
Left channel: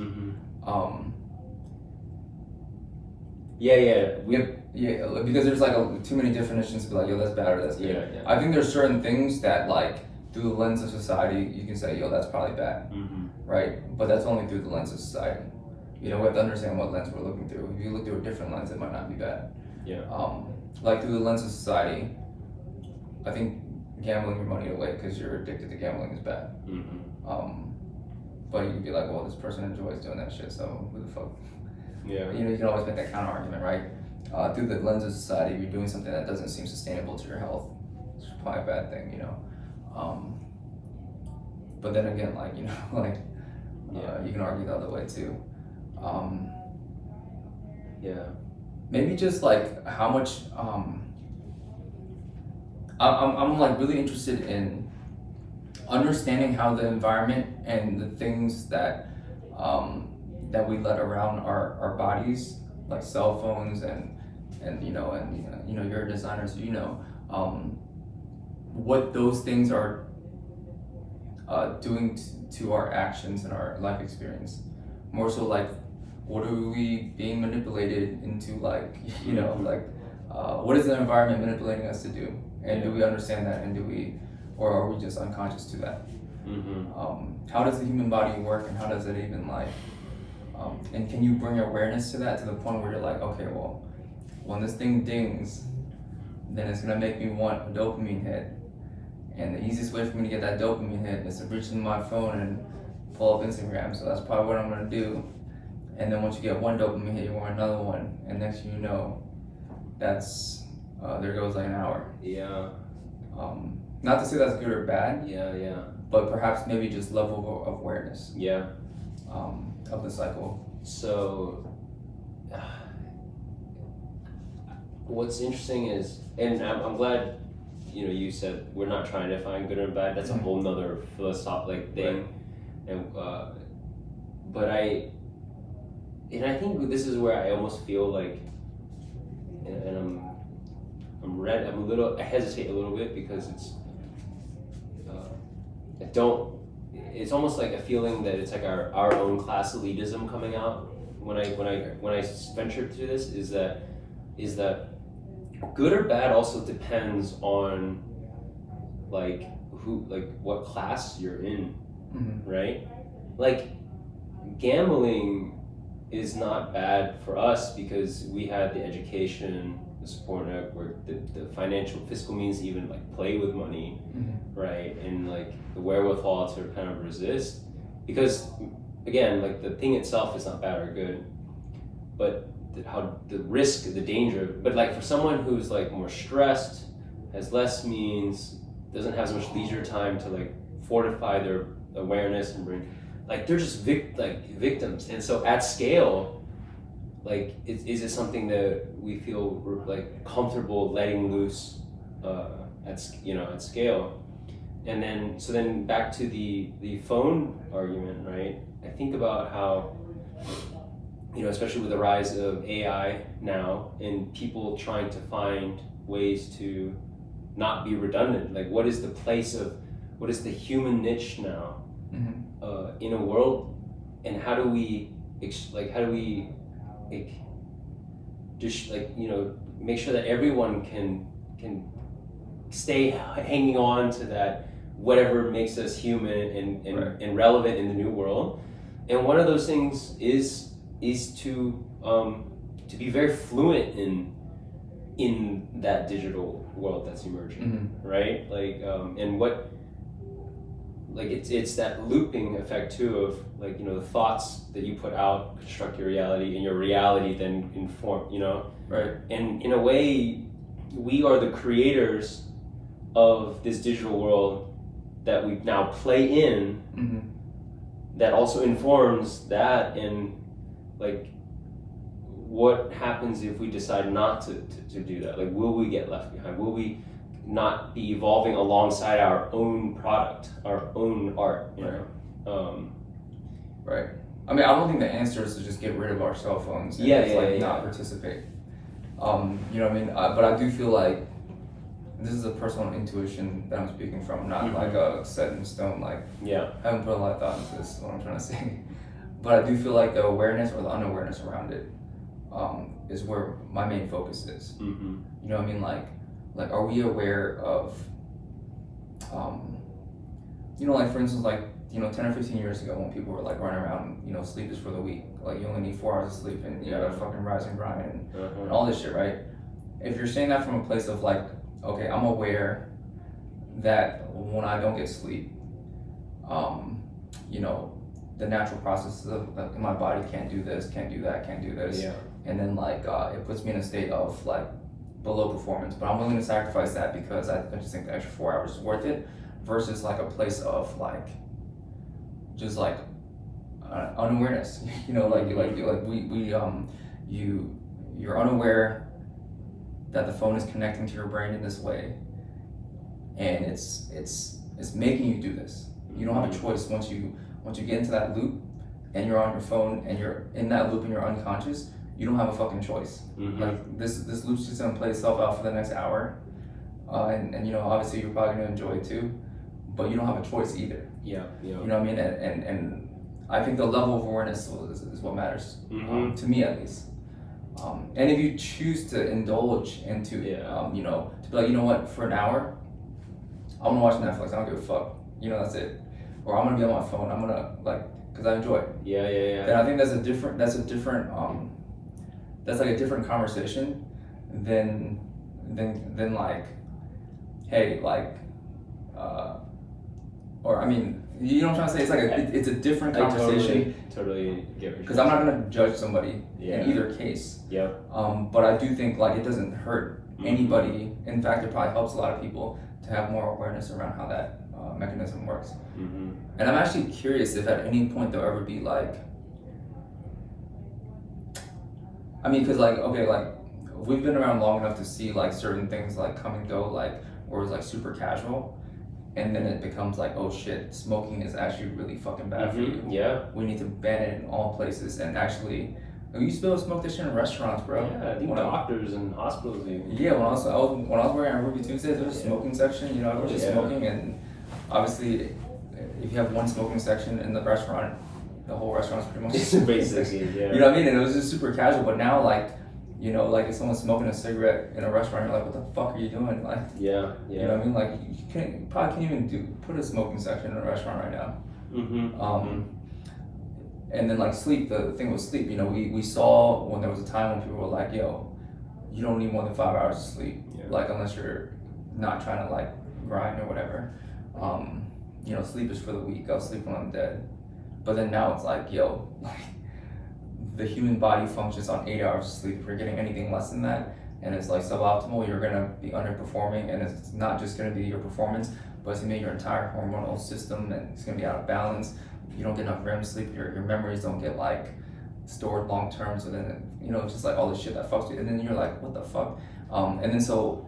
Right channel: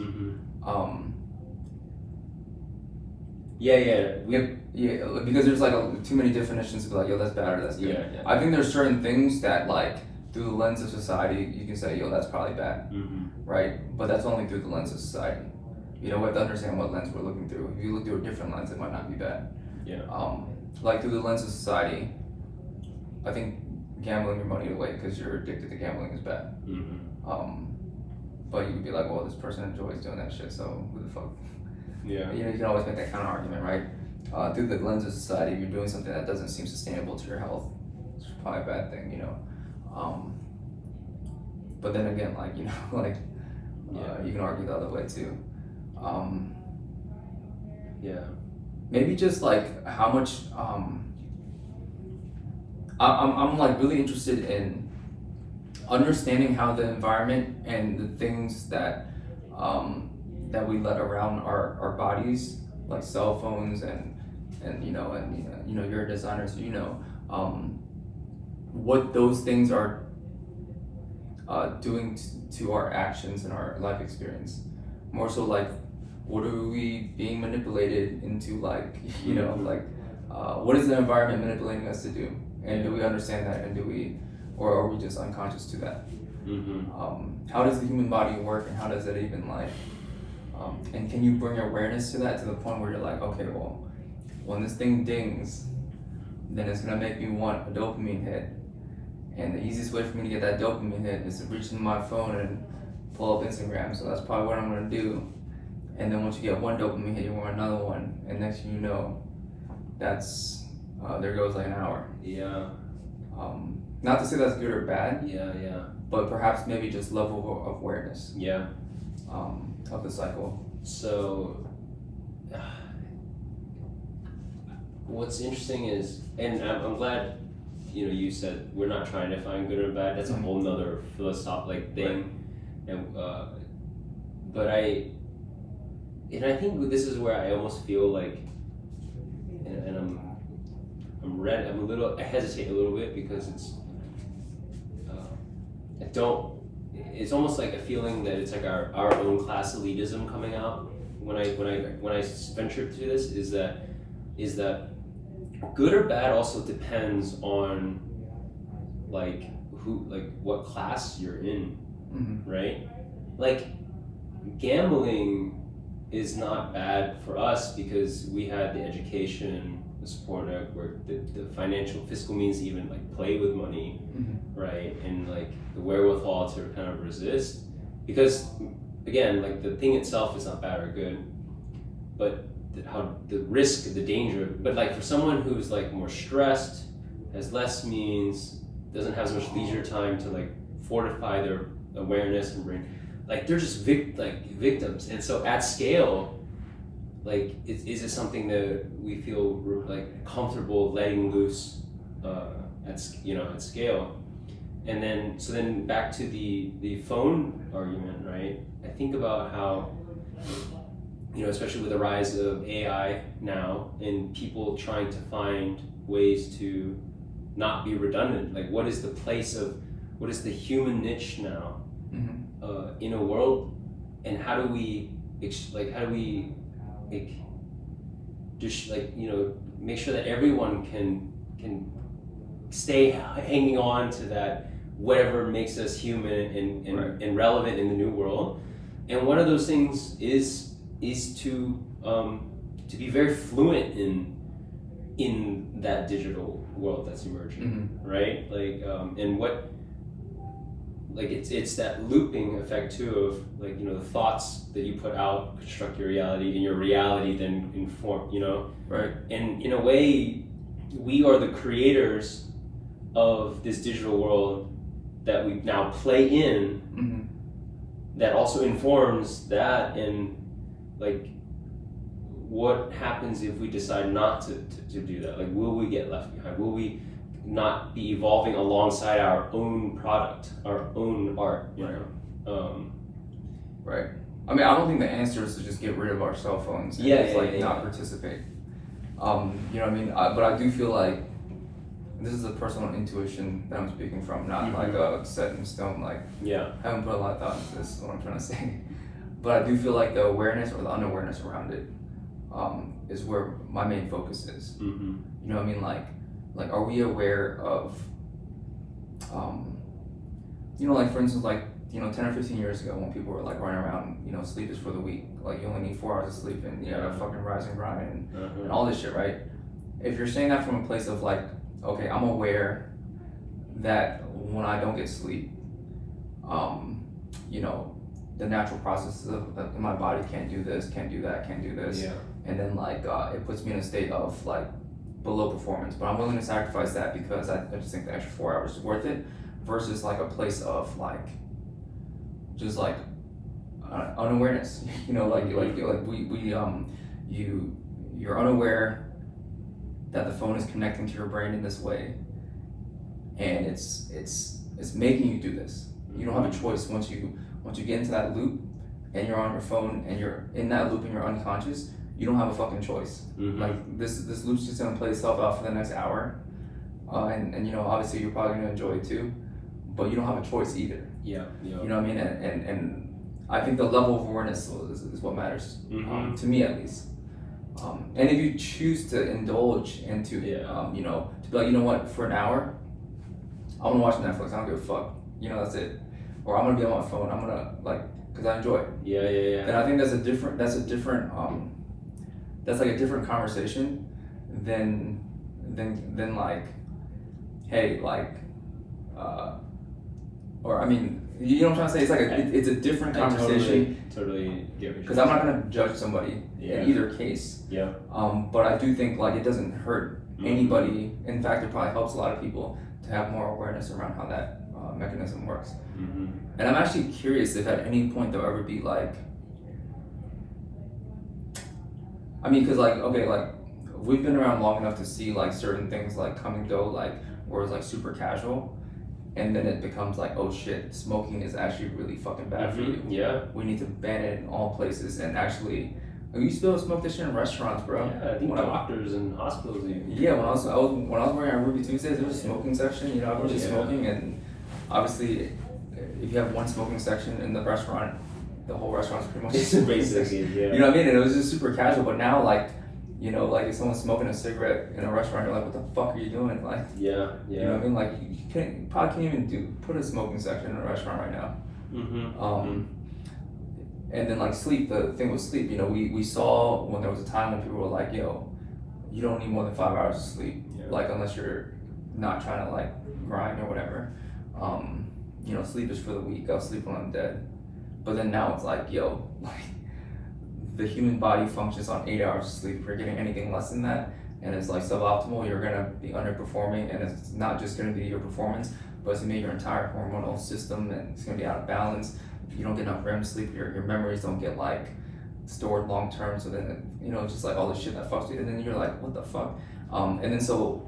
Yeah, because there's like too many definitions to be like, yo, that's bad or that's good. Yeah. I think there's certain things that like through the lens of society you can say, yo, that's probably bad, right? But that's only through the lens of society. We have to understand what lens we're looking through. If you look through a different lens, it might not be bad. Yeah. Like through the lens of society, I think gambling your money away because you're addicted to gambling is bad. But you could be like, well, this person enjoys doing that shit, so who the fuck? Yeah. You can always make that counter argument, right? Through the lens of society, if you're doing something that doesn't seem sustainable to your health, it's probably a bad thing, But then again, like, you can argue the other way too. Maybe just like how much. I'm like really interested in understanding how the environment and the things that that we let around our bodies, like cell phones and you're a designer, so what those things are doing to our actions and our life experience. More so like what are we being manipulated into, like, you know, Mhm. like, what is the environment manipulating us to do, and do we understand that, and or are we just unconscious to that? How does the human body work, and how does it even, like, and can you bring awareness to that, to the point where you're like, okay, well, when this thing dings, then it's gonna make me want a dopamine hit, and the easiest way for me to get that dopamine hit is to reach into my phone and pull up Instagram. So that's probably what I'm gonna do. And then once you get one dopamine hit, you want another one, and next thing you know, that's there goes like an hour. Yeah. Not to say that's good or bad, Yeah. but perhaps maybe just level of awareness Yeah. of the cycle. So, what's interesting is, and I'm glad, you said we're not trying to find good or bad. That's a whole nother philosophical thing, Right. and but I think this is where I almost feel like, and I hesitate a little bit because it's almost like a feeling that it's like our own class elitism coming out when I venture to this, is that good or bad also depends on what class you're in, right? Like, gambling is not bad for us because we had the education, the support network, the financial fiscal means to even play with money, right? And the wherewithal to kind of resist, because again, the thing itself is not bad or good, but the risk, the danger. But for someone who's more stressed, has less means, doesn't have as much leisure time to fortify their awareness and bring, they're just victims. And so at scale, is it something that we feel comfortable letting loose at scale? And then back to the phone argument, right? I think about how, especially with the rise of AI now, and people trying to find ways to not be redundant. What is the human niche now in a world, and how do we make sure that everyone can stay hanging on to that, whatever makes us human and relevant in the new world. And one of those things is to be very fluent in that digital world that's emerging, right? And what it's that looping effect too of the thoughts that you put out construct your reality, and your reality then inform, Right. And in a way, we are the creators of this digital world that we now play in, that also informs that. And what happens if we decide not to do that? Will we get left behind? Will we not be evolving alongside our own product, our own art? Right. I mean, I don't think the answer is to just get rid of our cell phones and not participate. You know what I mean? But I do feel like this is a personal intuition that I'm speaking from, not a set in stone. I haven't put a lot of thought into this, is what I'm trying to say. But I do feel like the awareness or the unawareness around it is where my main focus is. You know what I mean? Are we aware of, for instance, 10 or 15 years ago, when people were running around, sleep is for the weak. You only need 4 hours of sleep, and you gotta fucking rise and grind and all this shit, right? If you're saying that from a place of okay, I'm aware that when I don't get sleep, the natural processes of my body can't do this, can't do that, can't do this. Yeah. And then it puts me in a state of below performance. But I'm willing to sacrifice that because I just think the extra 4 hours is worth it, versus a place of just unawareness. You're unaware that the phone is connecting to your brain in this way, and it's making you do this. You don't have a choice once you get into that loop and you're on your phone and you're in that loop and you're unconscious. You don't have a fucking choice. This loop's just gonna play itself out for the next hour, and obviously you're probably gonna enjoy it too, but you don't have a choice either. Yeah. You know what I mean? And I think the level of awareness is what matters, Mm-hmm. to me at least. And if you choose to indulge into, Yeah. you know, to be like, you know what, for an hour, I'm gonna watch Netflix. I don't give a fuck. You know, that's it. Or I'm gonna be on my phone. I'm gonna like, cause I enjoy it. Yeah, yeah, yeah. Then I think that's a different. That's like a different conversation than like, hey, like, or I mean, you know what I'm trying to say? It's like it's a different I conversation. totally get what Because you're I'm not gonna judge somebody Yeah. in either case. Yeah. But I do think like it doesn't hurt Mhm. anybody. In fact, it probably helps a lot of people to have more awareness around how that mechanism works. Mm-hmm. And I'm actually curious if at any point there'll ever be like, I mean, because like, okay, like we've been around long enough to see like certain things like come and go, like where it's like super casual, and then it becomes like, oh shit, smoking is actually really fucking bad for you. Yeah. We need to ban it in all places. And actually, we used to be able to smoke this shit in restaurants, bro. Yeah, I think When I- doctors and hospitals even. Yeah, when I was working at Ruby Tuesdays, there was a smoking section. You know, everyone was just Yeah. smoking, and obviously, if you have one smoking section in the restaurant, the whole restaurant's pretty much a smoking section. Basically, yeah. You know what I mean? And it was just super casual. But now, like, you know, like if someone's smoking a cigarette in a restaurant, you're like, what the fuck are you doing? Like, Yeah, you know what I mean? Like, you probably can't even put a smoking section in a restaurant right now. Mm-hmm. And then like sleep, the thing with sleep, you know, we saw when there was a time when people were like, yo, you don't need more than 5 hours of sleep, Yeah. like unless you're not trying to like grind or whatever. You know, sleep is for the weak. I'll sleep when I'm dead. But then now it's like, yo, like the human body functions on 8 hours of sleep. If you're getting anything less than that and it's like suboptimal, you're gonna be underperforming, and it's not just gonna be your performance, but it's gonna be your entire hormonal system, and it's gonna be out of balance. You don't get enough REM sleep, your memories don't get like stored long term, so then you know, it's just like all this shit that fucks you, and then you're like, what the fuck? And then so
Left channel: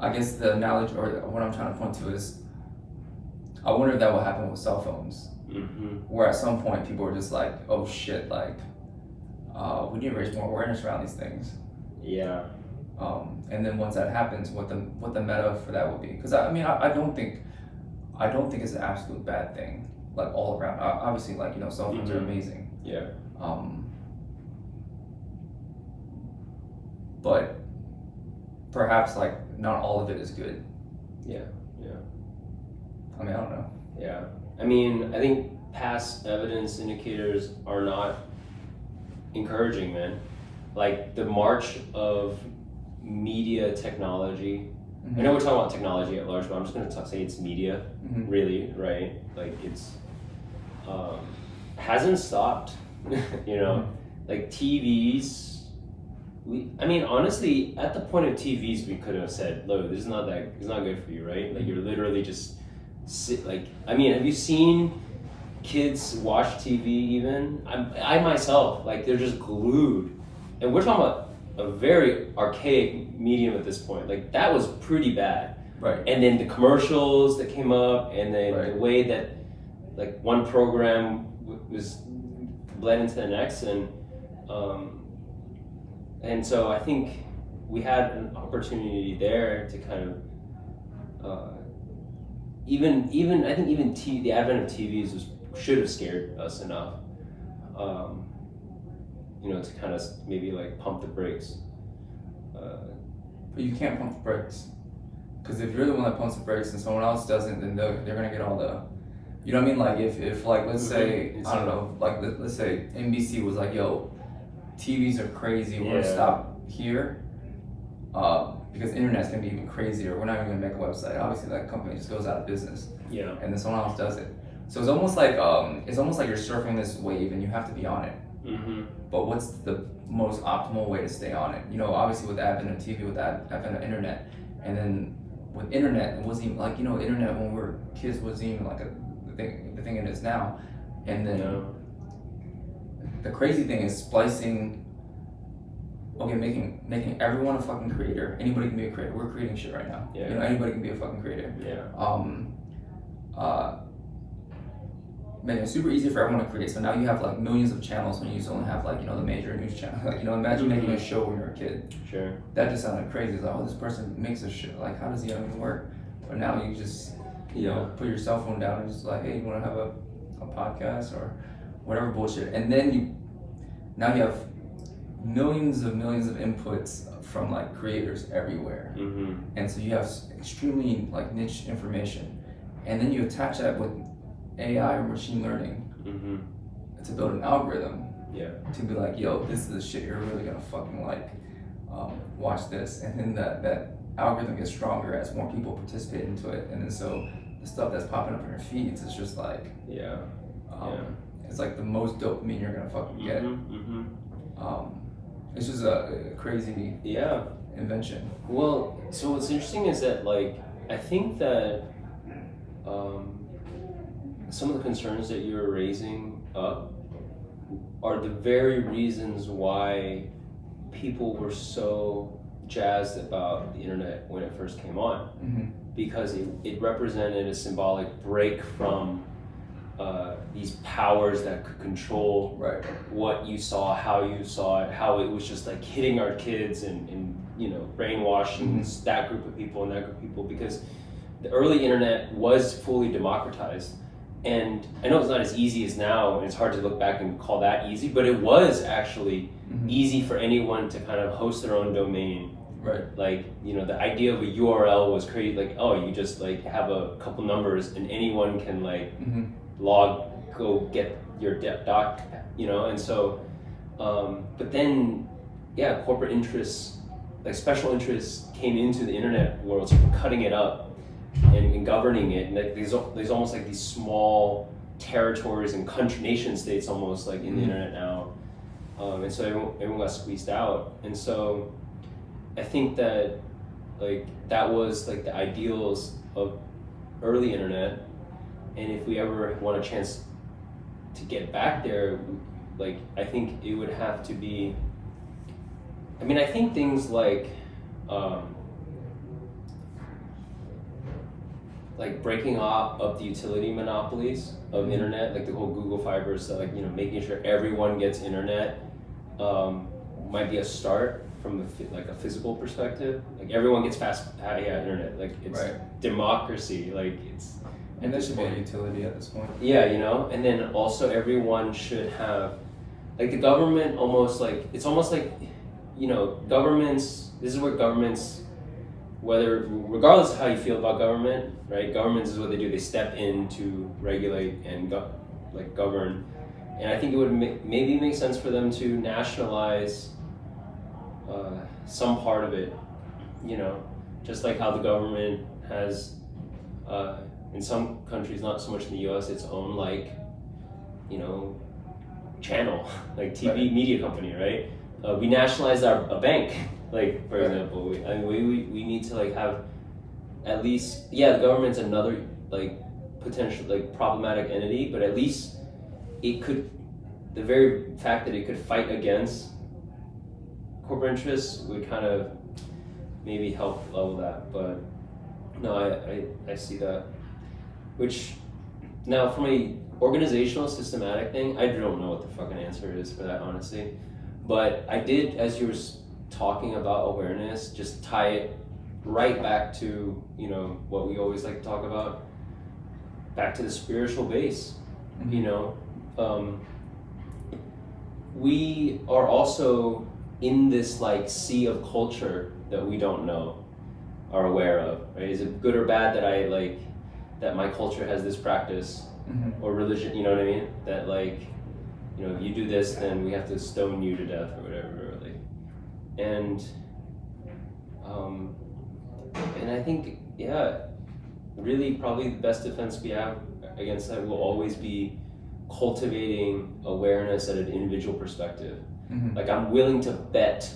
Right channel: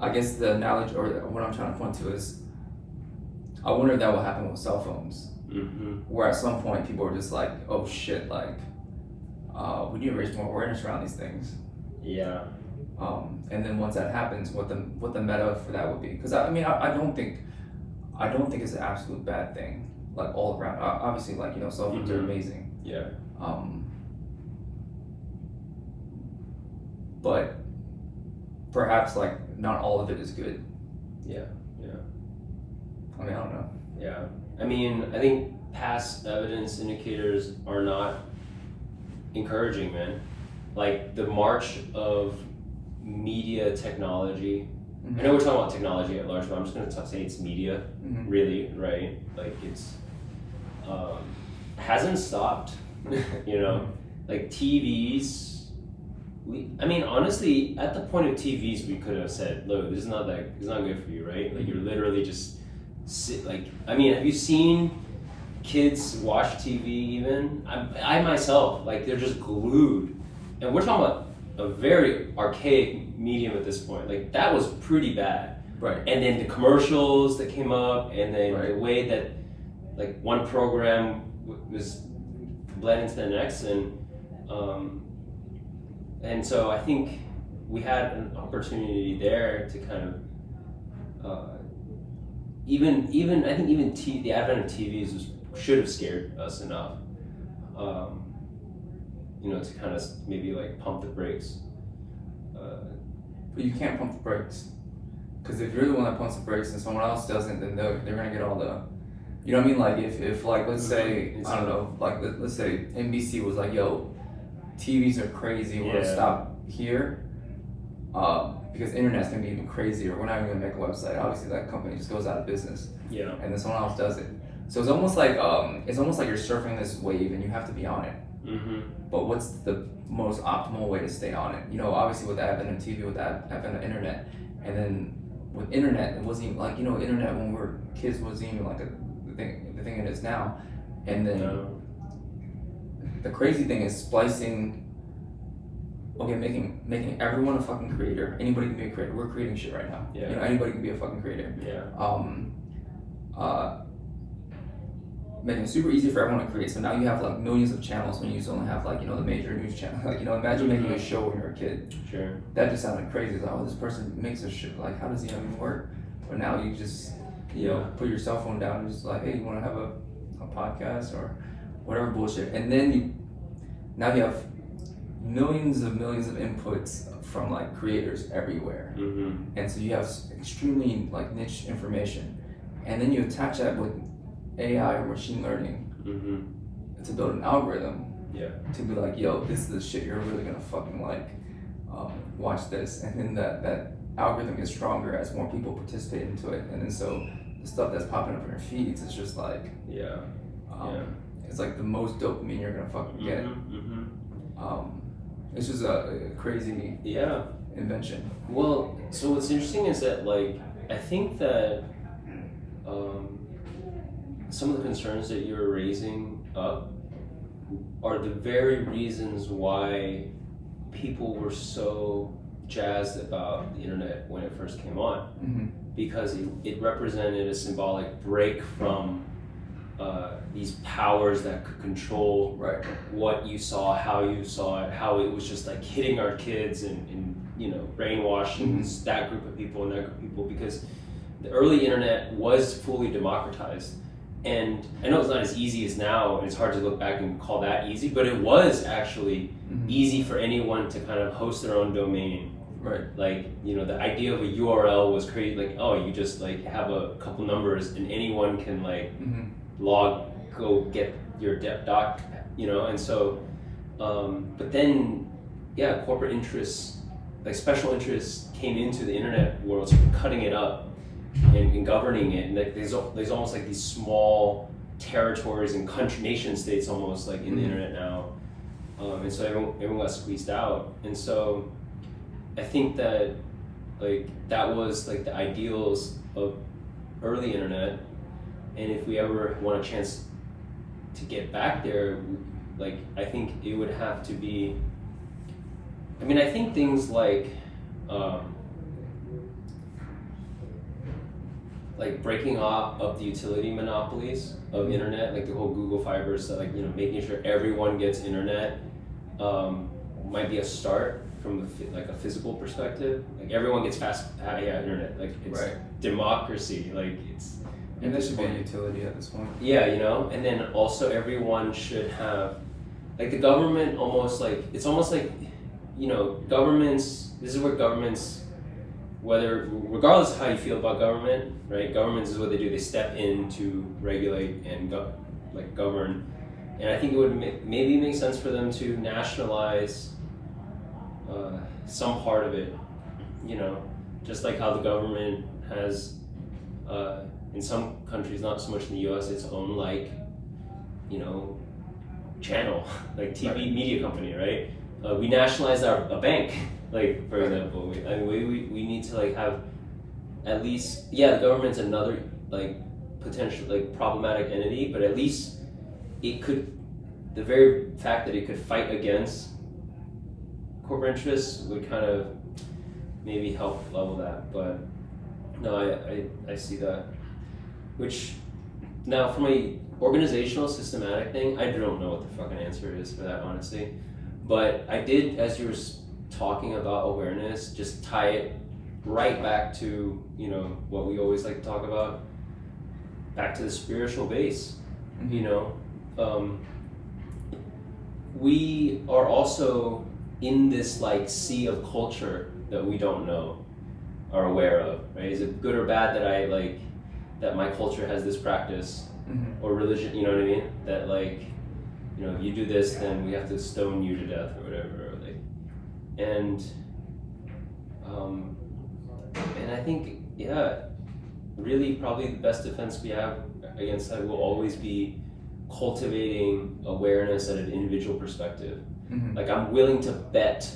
I guess the analogy or what I'm trying to point to is, I wonder if that will happen with cell phones, Mm-hmm. where at some point people are just like, oh shit, like we need to raise more awareness around these things. Yeah. And then once that happens, what the meta for that would be? Because I mean, I don't think it's an absolute bad thing, like all around. Obviously, like, you know, cell phones are Mhm. amazing. Yeah. But perhaps like not all of it is good. Yeah. Yeah. I mean, I don't know. Yeah. I mean, I think past evidence indicators are not encouraging, man. Like the march of media technology. I know we're talking about technology at large, but I'm just going to say it's media, Mhm. really, right? Like it's hasn't stopped, you know. Like TVs. I mean, honestly, at the point of TVs, we could have said, "Look, it's not good for you, right? Like you're literally just sit. Like, I mean, have you seen kids watch TV? Even I myself, like they're just glued, and we're talking about a very archaic medium at this point. Like that was pretty bad. Right. And then the commercials that came up, and then Right. the way that like one program was bled into the next, and so I think we had an opportunity there to kind of even I think even the advent of TVs should have scared us enough, you know, to kind of maybe like pump the brakes. But you can't pump the brakes, because if you're the one that pumps the brakes and someone else doesn't, then they're gonna get all the, you know what I mean? Like if like let's say I don't know, like let's say NBC was like, yo, TVs are crazy, we're gonna Yeah. stop here, because internet's gonna be even crazier. We're not even gonna make a website. Obviously, that company just goes out of business, Yeah. and then someone else does it. So it's almost like you're surfing this wave and you have to be on it. Mm-hmm. But what's the most optimal way to stay on it? You know, obviously with the advent of TV, with the advent of internet, and then with internet, it wasn't even like, you know, internet when we were kids wasn't even like the thing it is now. And then the crazy thing is splicing. Okay, making everyone a fucking creator. Anybody can be a creator. We're creating shit right now. Yeah. You know, anybody can be a fucking creator. Yeah. Making it super easy for everyone to create. So now you have like millions of channels when you used to only have like, you know, the major news channel. Like, you know, imagine making a show when you're a kid. Sure. That just sounded crazy. It's like, oh, this person makes a shit. Like, how does he even work? But now you just, you know, put your cell phone down and just like, hey, you want to have a a podcast or whatever bullshit, and then now you have millions of inputs from like creators everywhere, and so you have extremely like niche information, and then you attach that with AI or machine learning to build an algorithm to be like, yo, this is the shit you're really gonna fucking like. Watch this, and then that algorithm gets stronger as more people participate into it, and then so the stuff that's popping up in your feeds is just like it's like the most dopamine you're gonna fucking get. It's just a crazy invention. Well, so what's interesting is that like I think that some of the concerns that you're raising up are the very reasons why people were so jazzed about the internet when it first came on, because it represented a symbolic break from these powers that could control what you saw, how you saw it, how it was just like hitting our kids and you know, brainwashing that group of people and that group of people, because the early internet was fully democratized. And I know it's not as easy as now, and it's hard to look back and call that easy, but it was actually easy for anyone to kind of host their own domain. Like, you know, the idea of a URL was created, like, oh, you just like have a couple numbers and anyone can like go get your doc, you know, and so, but then, corporate interests, like special interests came into the internet world, sort of cutting it up and governing it, and like, there's almost like these small territories and nation states almost like in the internet now, and so everyone got squeezed out, and so I think that like that was like the ideals of early internet, and if we ever want a chance to get back there, like I think it would have to be, I mean, I think things like breaking up the utility monopolies of internet, like the whole Google Fiber stuff, like, you know, making sure everyone gets internet might be a start from like a physical perspective. Like everyone gets fast internet, like it's democracy, like it's. And there should be a utility at this point. Yeah, you know, and then also everyone should have, like the government almost like, it's almost like, you know, governments, this is where governments, regardless of how you feel about government, right? Governments is what they do. They step in to regulate and govern. And I think it would maybe make sense for them to nationalize some part of it, you know, just like how the government has, in some countries, not so much in the US, its own like, you know, channel, like TV media company, right? We nationalized a bank, like for example. We need to like have at least, the government's another like potential like problematic entity, but at least it could, the very fact that it could fight against corporate interests would kind of maybe help level that. But no, I see that. Which now from a organizational systematic thing, I don't know what the fucking answer is for that, honestly. But I did, as you were talking about awareness, just tie it right back to, you know, what we always like to talk about, back to the spiritual base. You know, we are also in this like sea of culture that we don't know, are aware of, right? Is it good or bad that I like, that my culture has this practice or religion, you know what I mean? That like, you know, if you do this, then we have to stone you to death or whatever, like, and I think, really probably the best defense we have against that will always be cultivating awareness at an individual perspective. Like I'm willing to bet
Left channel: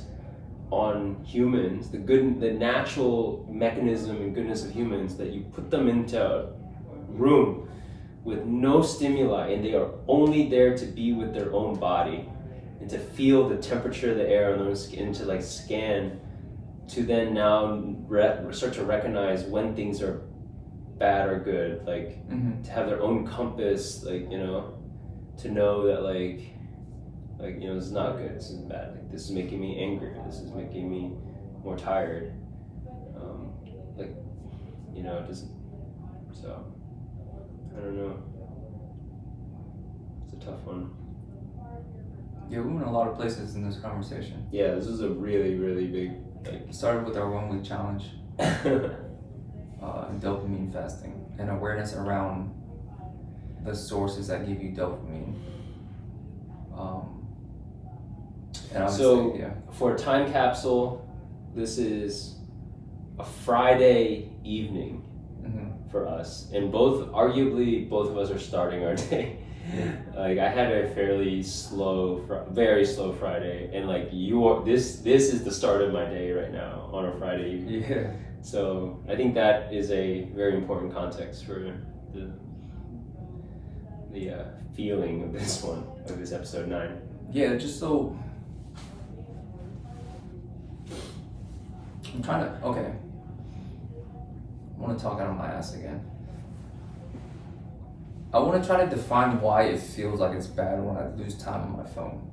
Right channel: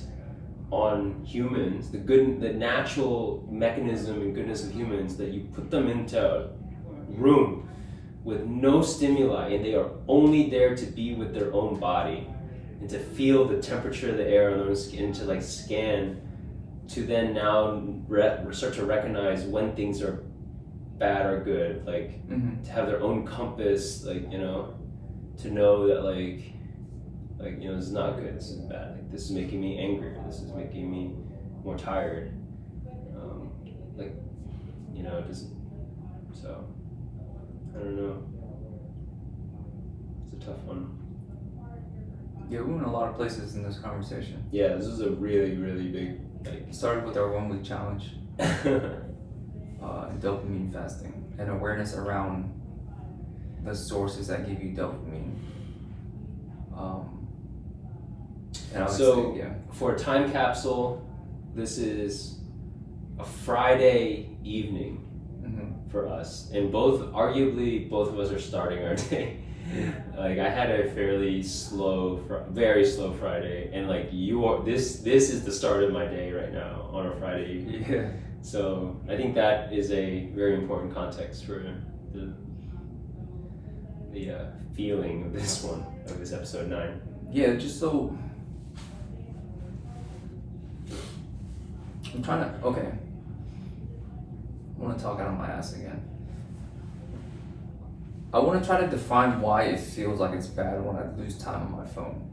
on humans, the natural mechanism and goodness of humans, that you put them into a room with no stimuli and they are only there to be with their own body and to feel the temperature of the air on their skin, to like scan, to then now start to recognize when things are bad or good, like to have their own compass, like, you know, to know that like, you know, this is not good, this is bad, like this is making me angry, this is making me more tired, like, you know, just, so, I don't know. tough one. Yeah, we went a lot of places in this conversation. Yeah, this is a really, really big. It started with our 1 week challenge, and dopamine fasting, and awareness around the sources that give you dopamine. And obviously, So, yeah. for a time capsule, this is a Friday evening Mm-hmm. for us, and arguably both of us are starting our day. Like I had a fairly very slow Friday, and like this is the start of my day right now on a Friday evening. Yeah. So I think that is a very important context for the feeling of this episode 9. Yeah, just so I'm trying to. Okay. I want to talk out of my ass again. I want to try to define why it feels like it's bad when I lose time on my phone.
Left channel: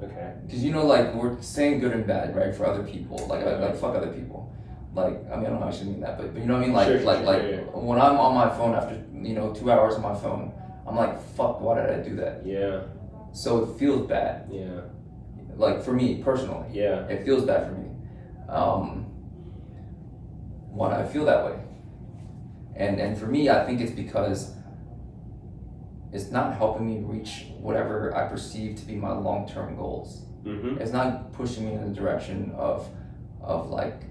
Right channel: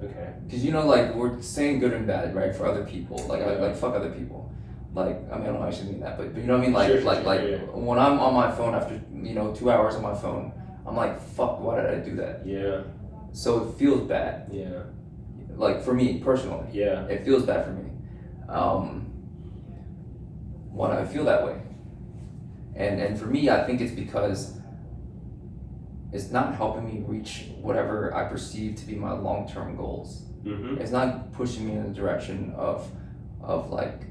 Okay. Because like we're saying good and bad, right, for other people. Like fuck other people. Like I mean I don't actually mean that, but you know what I mean. Like Sure. When I'm on my phone after 2 hours on my phone, I'm like fuck, why did I do that? Yeah. So it feels bad. Yeah. Like for me personally. Yeah. It feels bad for me. Why do I feel that way? And for me, I think it's because it's not helping me reach whatever I perceive to be my long-term goals. Mm-hmm. It's not pushing me in the direction of like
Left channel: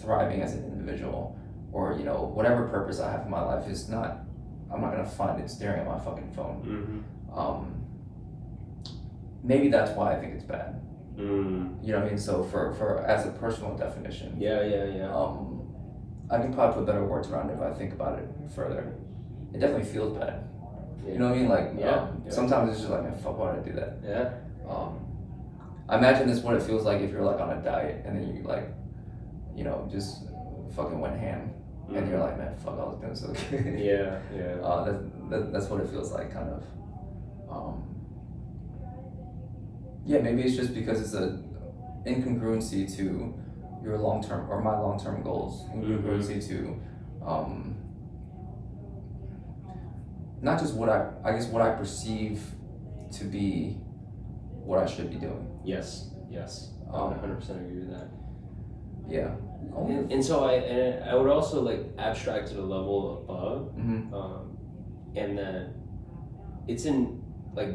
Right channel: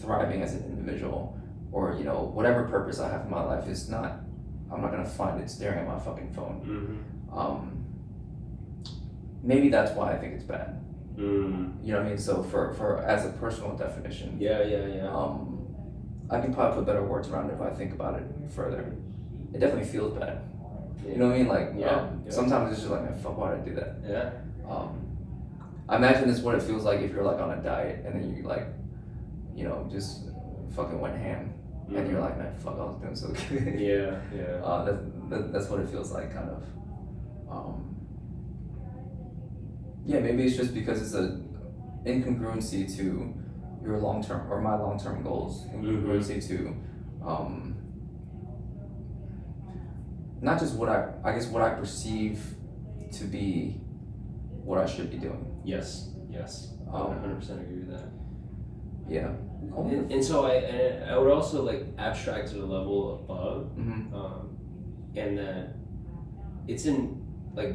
thriving as an individual, or whatever purpose I have in my life is not. I'm not gonna find it staring at my fucking phone. Mm-hmm. Maybe that's why I think it's bad. Mm. You know what I mean? So for as a personal definition. Yeah. I can probably put better words around it if I think about it further. It definitely feels bad. You know what I mean? Like, Yeah. Sometimes it's just like, man, fuck, why did I do that? Yeah. I imagine this what it feels like if you're like on a diet and then you like, just fucking went ham, and you're like, man, fuck, I was doing so good. Yeah. That's what it feels like, kind of. Yeah, maybe it's just because it's a incongruency to your long-term or my long-term goals, incongruency to not just what I perceive to be what I should be doing. Yes. I 100% agree with that. Yeah. And so I would also like abstract to the level above, and that it's in like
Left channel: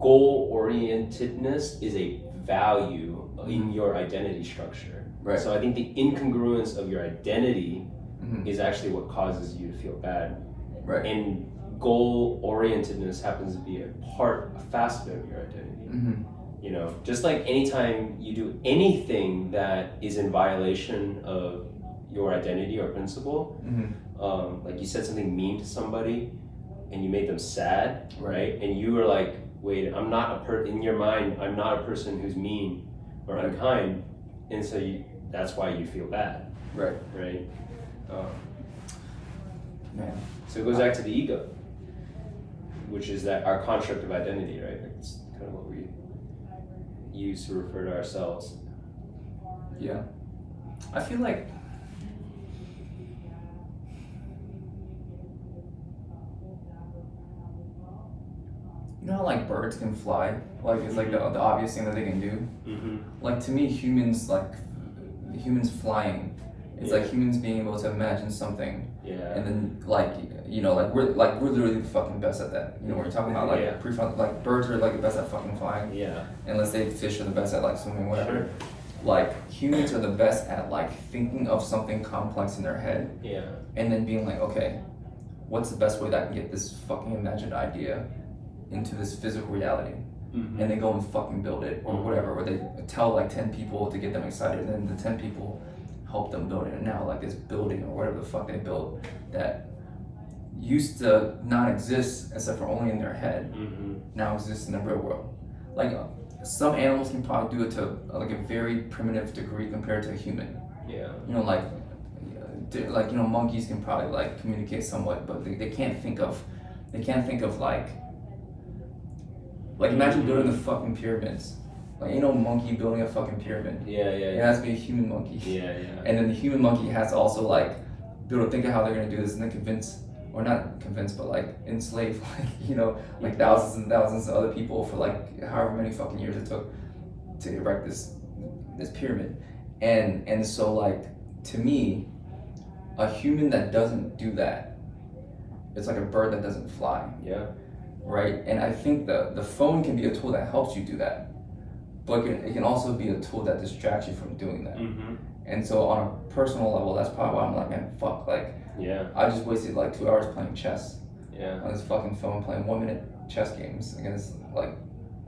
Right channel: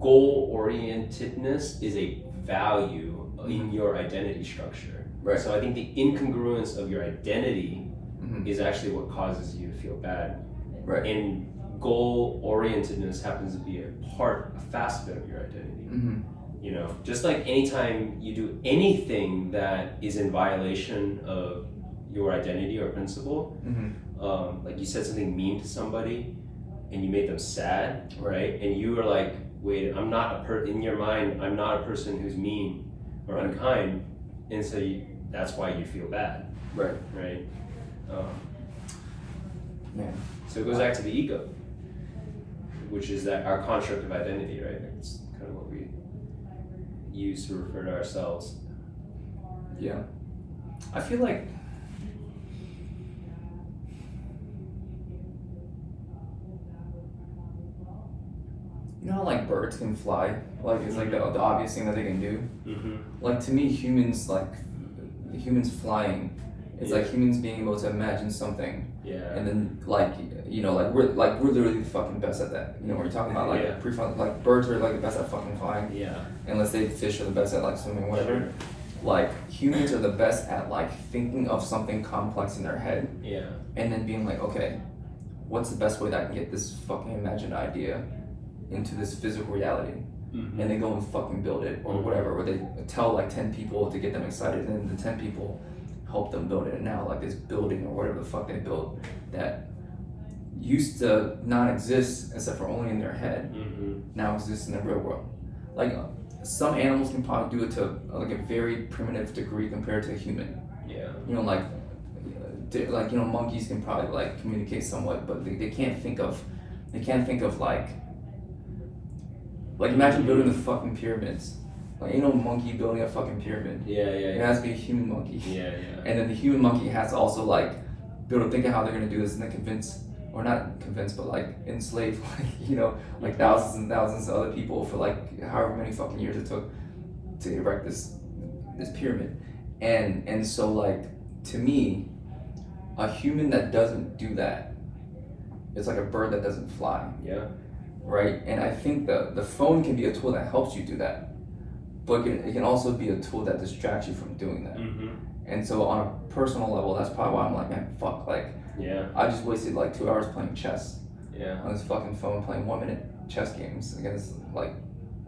goal-orientedness is a value in your identity structure. Right. So I think the incongruence of your identity is actually what causes you to feel bad. Right. And goal-orientedness happens to be a facet of your identity. Just like anytime you do anything that is in violation of your identity or principle, like you said something mean to somebody and you made them sad, right? And you were like, wait, I'm not in your mind, I'm not a person who's mean or unkind, and so that's why you feel bad. Right. Man. So it goes back to the ego, which is that our construct of identity, right? It's kind of what we use to refer to ourselves. Yeah. I feel like how like birds can fly? Like it's like the obvious thing that they can do. Like to me, humans flying. It's like humans being able to imagine something. Yeah. And then like we're literally the fucking best at that. We're talking about like birds are like the best at fucking flying. Yeah. And let's say fish are the best at like swimming, whatever. Sure. Like humans are the best at like thinking of something complex in their head. Yeah. And then being like, okay, what's the best way that I can get this fucking imagined idea into this physical reality? And they go and fucking build it or whatever, or they tell like 10 people to get them excited, and then the 10 people help them build it, and now like this building or whatever the fuck they built that used to not exist except for only in their head now exists in the real world. Like some animals can probably do it to like a very primitive degree compared to a human. Yeah. Monkeys can probably like communicate somewhat, but they can't think of like imagine building the fucking pyramids. Like ain't no monkey building a fucking pyramid. Yeah. It has to be a human monkey. Yeah. And then the human monkey has to also like be able to think of how they're gonna do this and then convince or not convince, but like enslave, like, you know, like thousands and thousands of other people for like however many fucking years it took to erect this pyramid. And so like, to me, a human that doesn't do that, it's like a bird that doesn't fly. Yeah. Right? And I think the phone can be a tool that helps you do that, but it can also be a tool that distracts you from doing that. Mm-hmm. And so on a personal level, that's probably why I'm like, man, fuck, like, Yeah. I just wasted like 2 hours playing chess Yeah. on this fucking phone, playing 1 minute chess games against, like,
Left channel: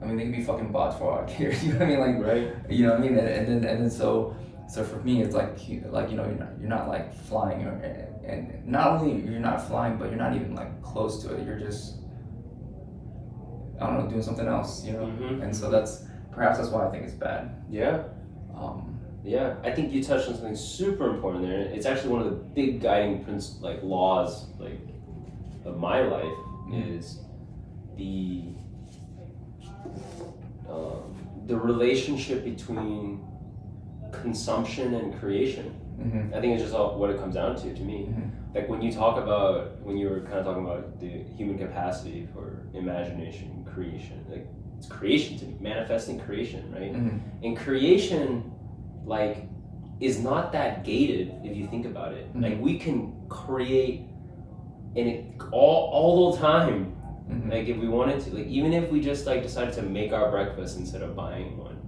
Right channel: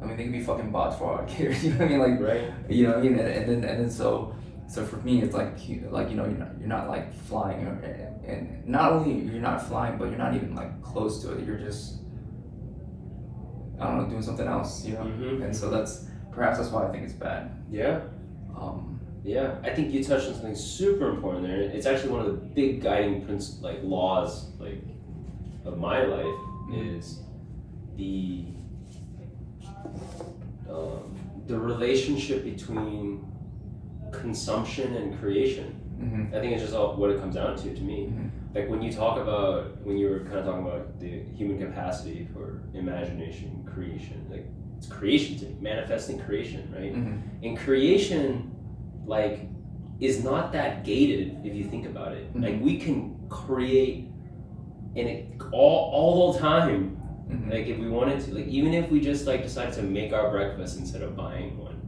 I mean, they can be fucking bots for all I care, you know what I mean? Like, Right. you know what I mean? And then so for me, it's like, you know, you're not like flying, and not only you're not flying, but you're not even like close to it. You're just, I don't know, doing something else, you know? Mm-hmm. And so perhaps that's why I think it's bad. Yeah. Yeah, I think you touched on something super important there. It's actually one of the big guiding laws, like, of my life is the relationship between consumption and creation. Mm-hmm. I think it's just all what it comes down to me. Mm-hmm. Like when you were kind of talking about the human capacity for imagination, creation, like it's creation to me, manifesting creation, right? Mm-hmm. And creation, like, is not that gated if you think about it. Mm-hmm. Like we can create in it all the time. Mm-hmm. Like if we wanted to, like even if we just like decided to make our breakfast instead of buying one,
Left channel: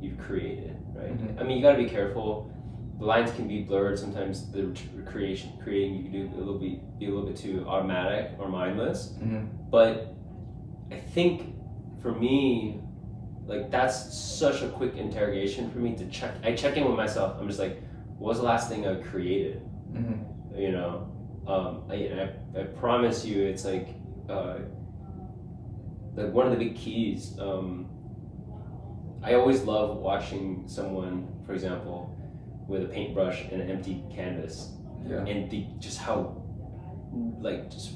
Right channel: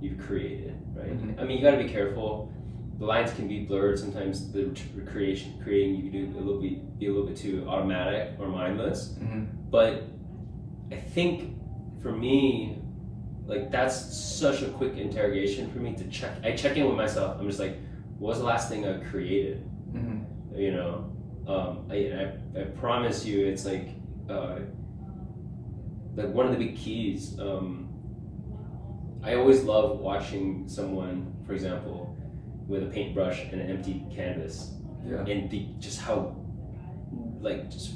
you've created, right? Mm-hmm. I mean, you got to be careful. The lines can be blurred sometimes. The creating you can do be a little bit too automatic or mindless. Mm-hmm. But I think for me, like that's such a quick interrogation for me to check. I check in with myself. I'm just like, what was the last thing I created? Mm-hmm. You know, I promise you, it's like one of the big keys. I always love watching someone, for example, with a paintbrush and an empty canvas, Yeah. and just how like just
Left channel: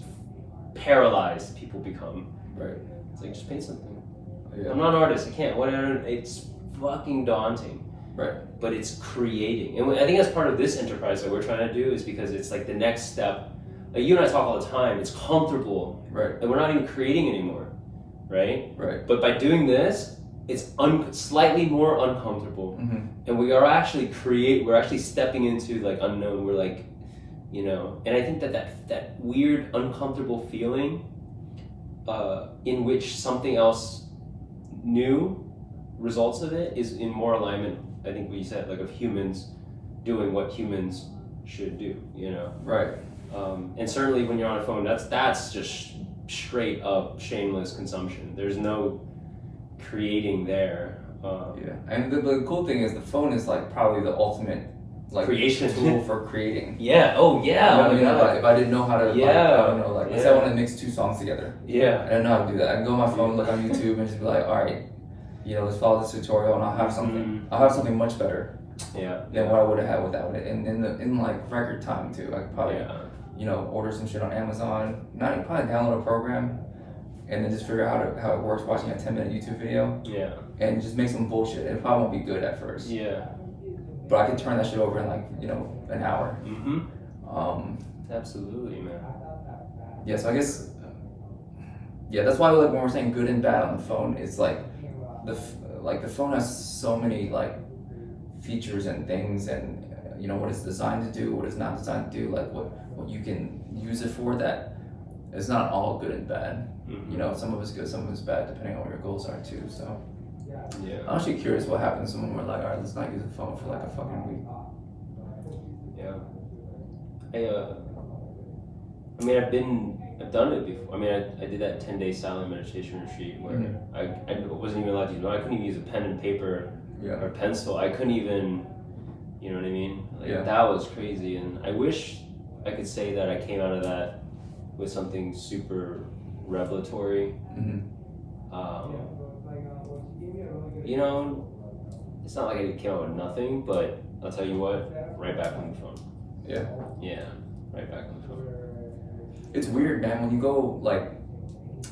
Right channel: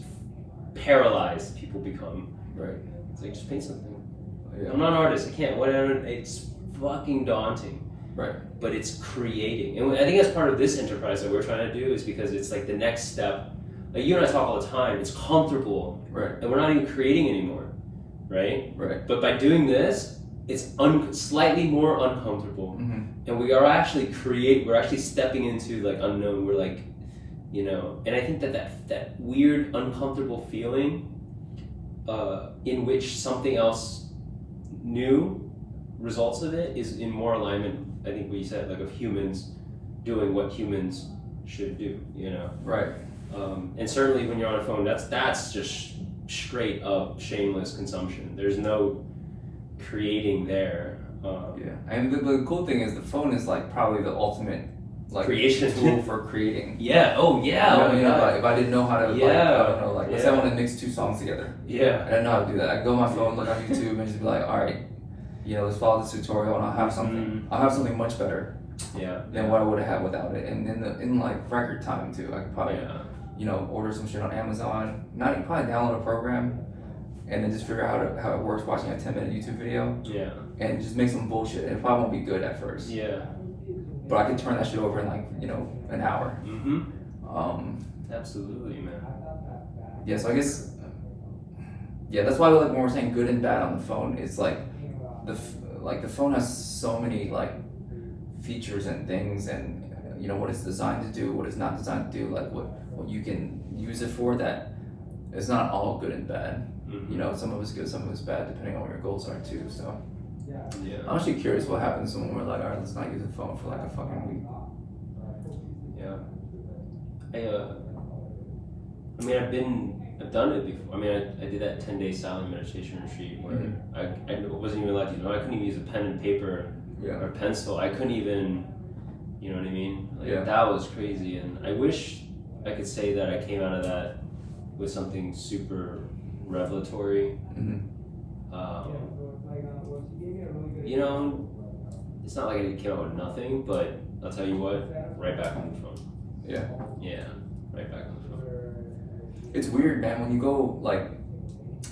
paralyzed people become. Right. It's like just paint something. Yeah. I'm not an artist. I can't. Whatever. It's fucking daunting. Right. But it's creating, and I think that's part of this enterprise that we're trying to do is because it's like the next step. Like you and I talk all the time. It's comfortable, Right. and we're not even creating anymore, right? Right. But by doing this, it's slightly more uncomfortable, Mm-hmm. and we are actually We're actually stepping into like unknown. We're like, you know, and I think that weird uncomfortable feeling, in which something else new results of it is in more alignment. I think what you said, like of humans doing what humans should do, you know. Right. And certainly when you're on a phone, that's just straight up shameless consumption. There's no creating there. Yeah. And the cool thing is the phone is like probably the ultimate like Creation. tool for creating. Yeah. Oh yeah. You know, if I didn't know how to, like, Yeah. I don't know, like, let's say I want to mix 2 songs together. Yeah. I don't know how to do that. I can go on my phone, look on YouTube, and just be like, all right, you know, let's follow this tutorial, and I'll have something. Mm-hmm. I'll have something much better Yeah. than what I would have had without it, and in like record time too. I could probably, Yeah. you know, order some shit on Amazon. Probably download a program, and then just figure out how it works. Watching a 10-minute YouTube video, Yeah. and just make some bullshit. It probably won't be good at first, Yeah. but I can turn that shit over in like, you know, an hour. Mm-hmm. Absolutely, man. Yeah, so I guess, yeah, that's why like when we're saying good and bad on the phone, it's like the phone has so many like features and things, and you know what it's designed to do, what it's not designed to do, like what you can use it for. That it's not all good and bad. Mm-hmm. You know, some of it's good, some of it's bad, depending on what your goals are too. So Yeah. I'm actually curious what happens when we're like, all right, let's not use the phone for like a fucking week. Yeah. I mean, I've done it before. I mean, I did that 10-day silent meditation retreat where I wasn't even allowed to use one. I couldn't even use a pen and paper Yeah. or pencil. I couldn't even, you know what I mean? Like, Yeah. that was crazy. And I wish I could say that I came out of that with something super revelatory. Mm-hmm. You know, it's not like I came out with nothing, but I'll tell you what, right back on the phone. Yeah. Yeah, right back on the phone. It's weird, man, when you go like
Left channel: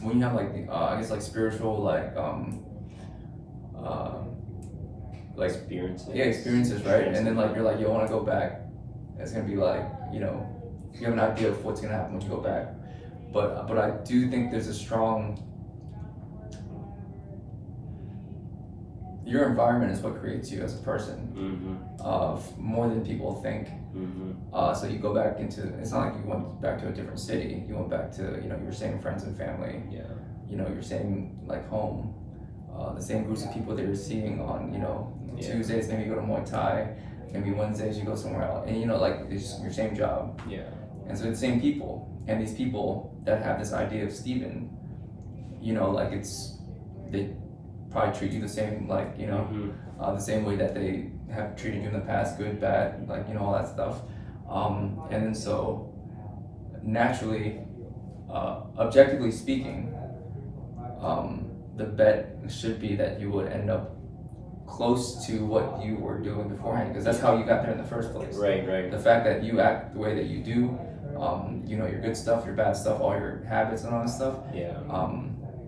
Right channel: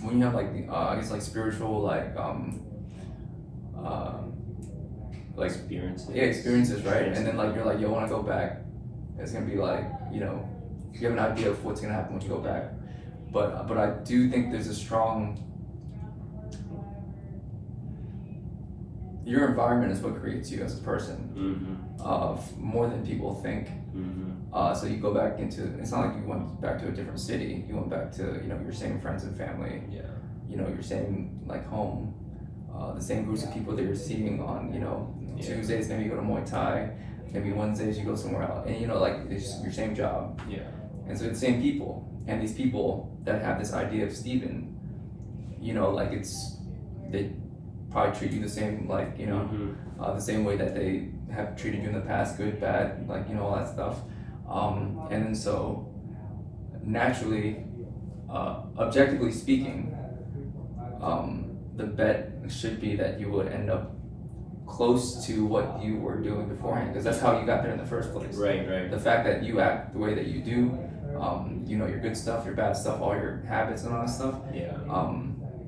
when you have like the I guess like spiritual like Experiences. yeah, experiences, right? And then like you're like, you want to go back, it's gonna be like, you know, you have an idea of what's gonna happen when you go back. But I do think there's a strong. Your environment is what creates you as a person, more than people think. So you go back into. It's not like you went back to a different city. You went back to your same friends and family. Yeah. Your same like home, the same groups of people that you're seeing on Tuesdays. Maybe you go to Muay Thai. Maybe Wednesdays you go somewhere else, and like it's your same job. Yeah. And so it's the same people, and these people that have this idea of Steven, like they probably treat you the same, like the same way that they have treated you in the past, good, bad, like all that stuff. And then so naturally, objectively speaking, the bet should be that you would end up close to what you were doing beforehand, because that's how you got there in the first place. Right. The fact that you act the way that you do, your good stuff, your bad stuff, all your habits and all that stuff. Yeah.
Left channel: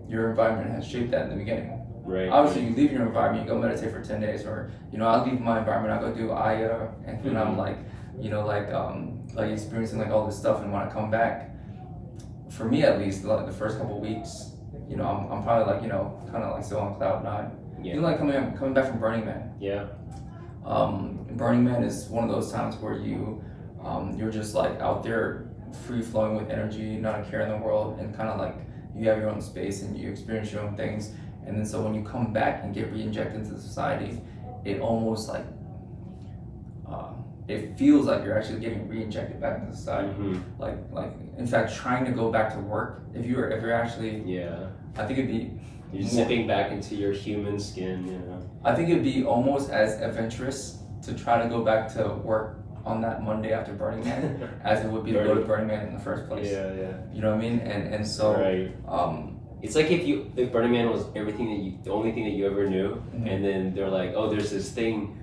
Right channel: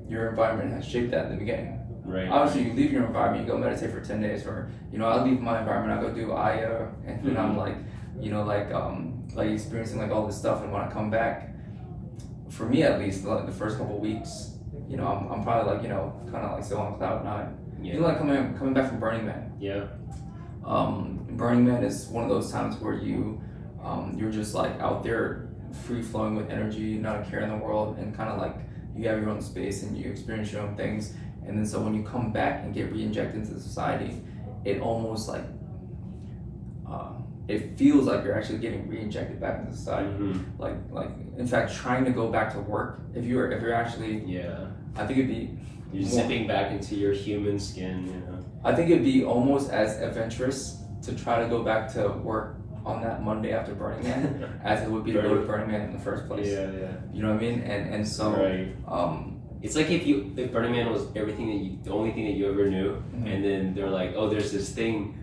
Your environment has shaped that in the beginning. Right. Obviously, you leave your environment, you go meditate for 10 days, or I leave my environment, I go do Aya, and then I'm like, like experiencing like all this stuff, and when I come back, for me at least, like the first couple of weeks, I'm probably like kind of like still on cloud nine. Yeah. Like coming back from Burning Man. Yeah. Burning Man is one of those times where you're just like out there free flowing with energy, not a care in the world, and kind of like you have your own space and you experience your own things. And then so when you come back and get re-injected into society, it almost like it feels like you're actually getting re-injected back into society. Like in fact, trying to go back to work, if you're actually, I think it'd be you're zipping back into your human skin. I think it'd be almost as adventurous to try to go back to work on that Monday after Burning Man as it would be to go to Burning Man in the first place. Yeah. You know what I mean? And so right. It's like if Burning Man was everything the only thing that you ever knew, and then they're like, oh, there's this thing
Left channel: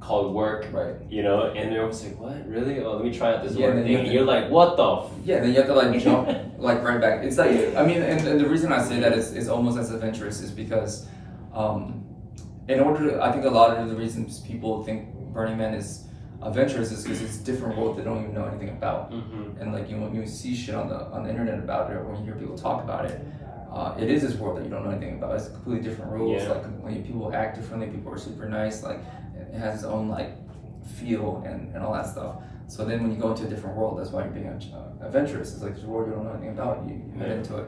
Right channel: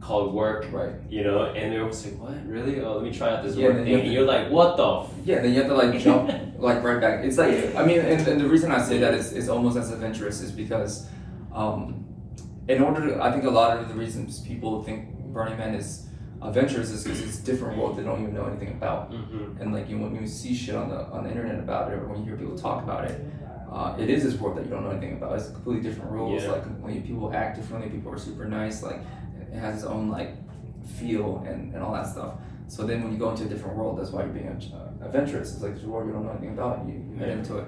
called work, right? And they're always like, what, really? Oh, let me try out this work thing. And you're like, what the? Then you have to like jump like right back. It's like, I mean, and the reason I say that is almost as adventurous is because, in order to, I think a lot of the reasons people think Burning Man is adventurous is because it's a different world they don't even know anything about. And like when you see shit on the internet about it, or when you hear people talk about it, it is this world that you don't know anything about. It's completely different rules. Like when people act differently, people are super nice. Like it has its own like feel and all that stuff. So then when you go into a different world, that's why you're being adventurous. It's like it's a world you don't know anything about. You head into it.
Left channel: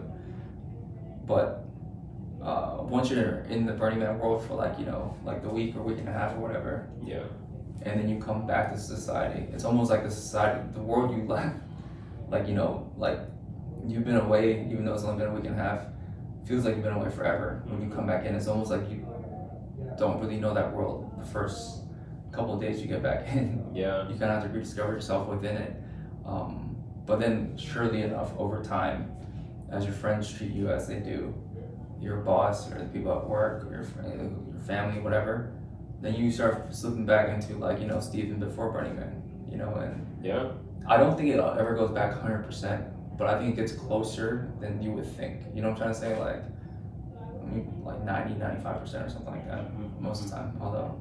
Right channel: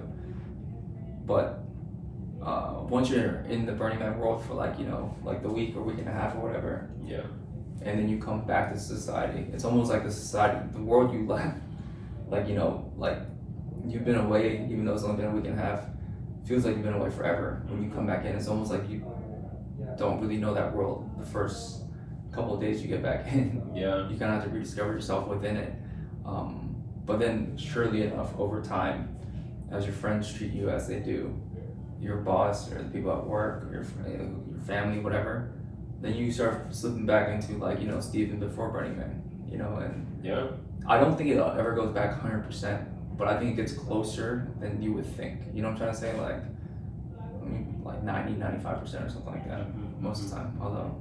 But once you're in the Burning Man world for like like the week or week and a half or whatever, and then you come back to society, it's almost like the world you left, like like you've been away, even though it's only been a week and a half, feels like you've been away forever. When you come back in, it's almost like you don't really know that world the first couple of days you get back in. You kind of have to rediscover yourself within it. But then surely enough, over time, as your friends treat you as they do, your boss or the people at work or your family, whatever, then you start slipping back into like Steven before Burning Man, and I don't think it ever goes back 100%, but I think it gets closer than you would think. You know what I'm trying to say? Like 90-95% or something like that most of the time. Although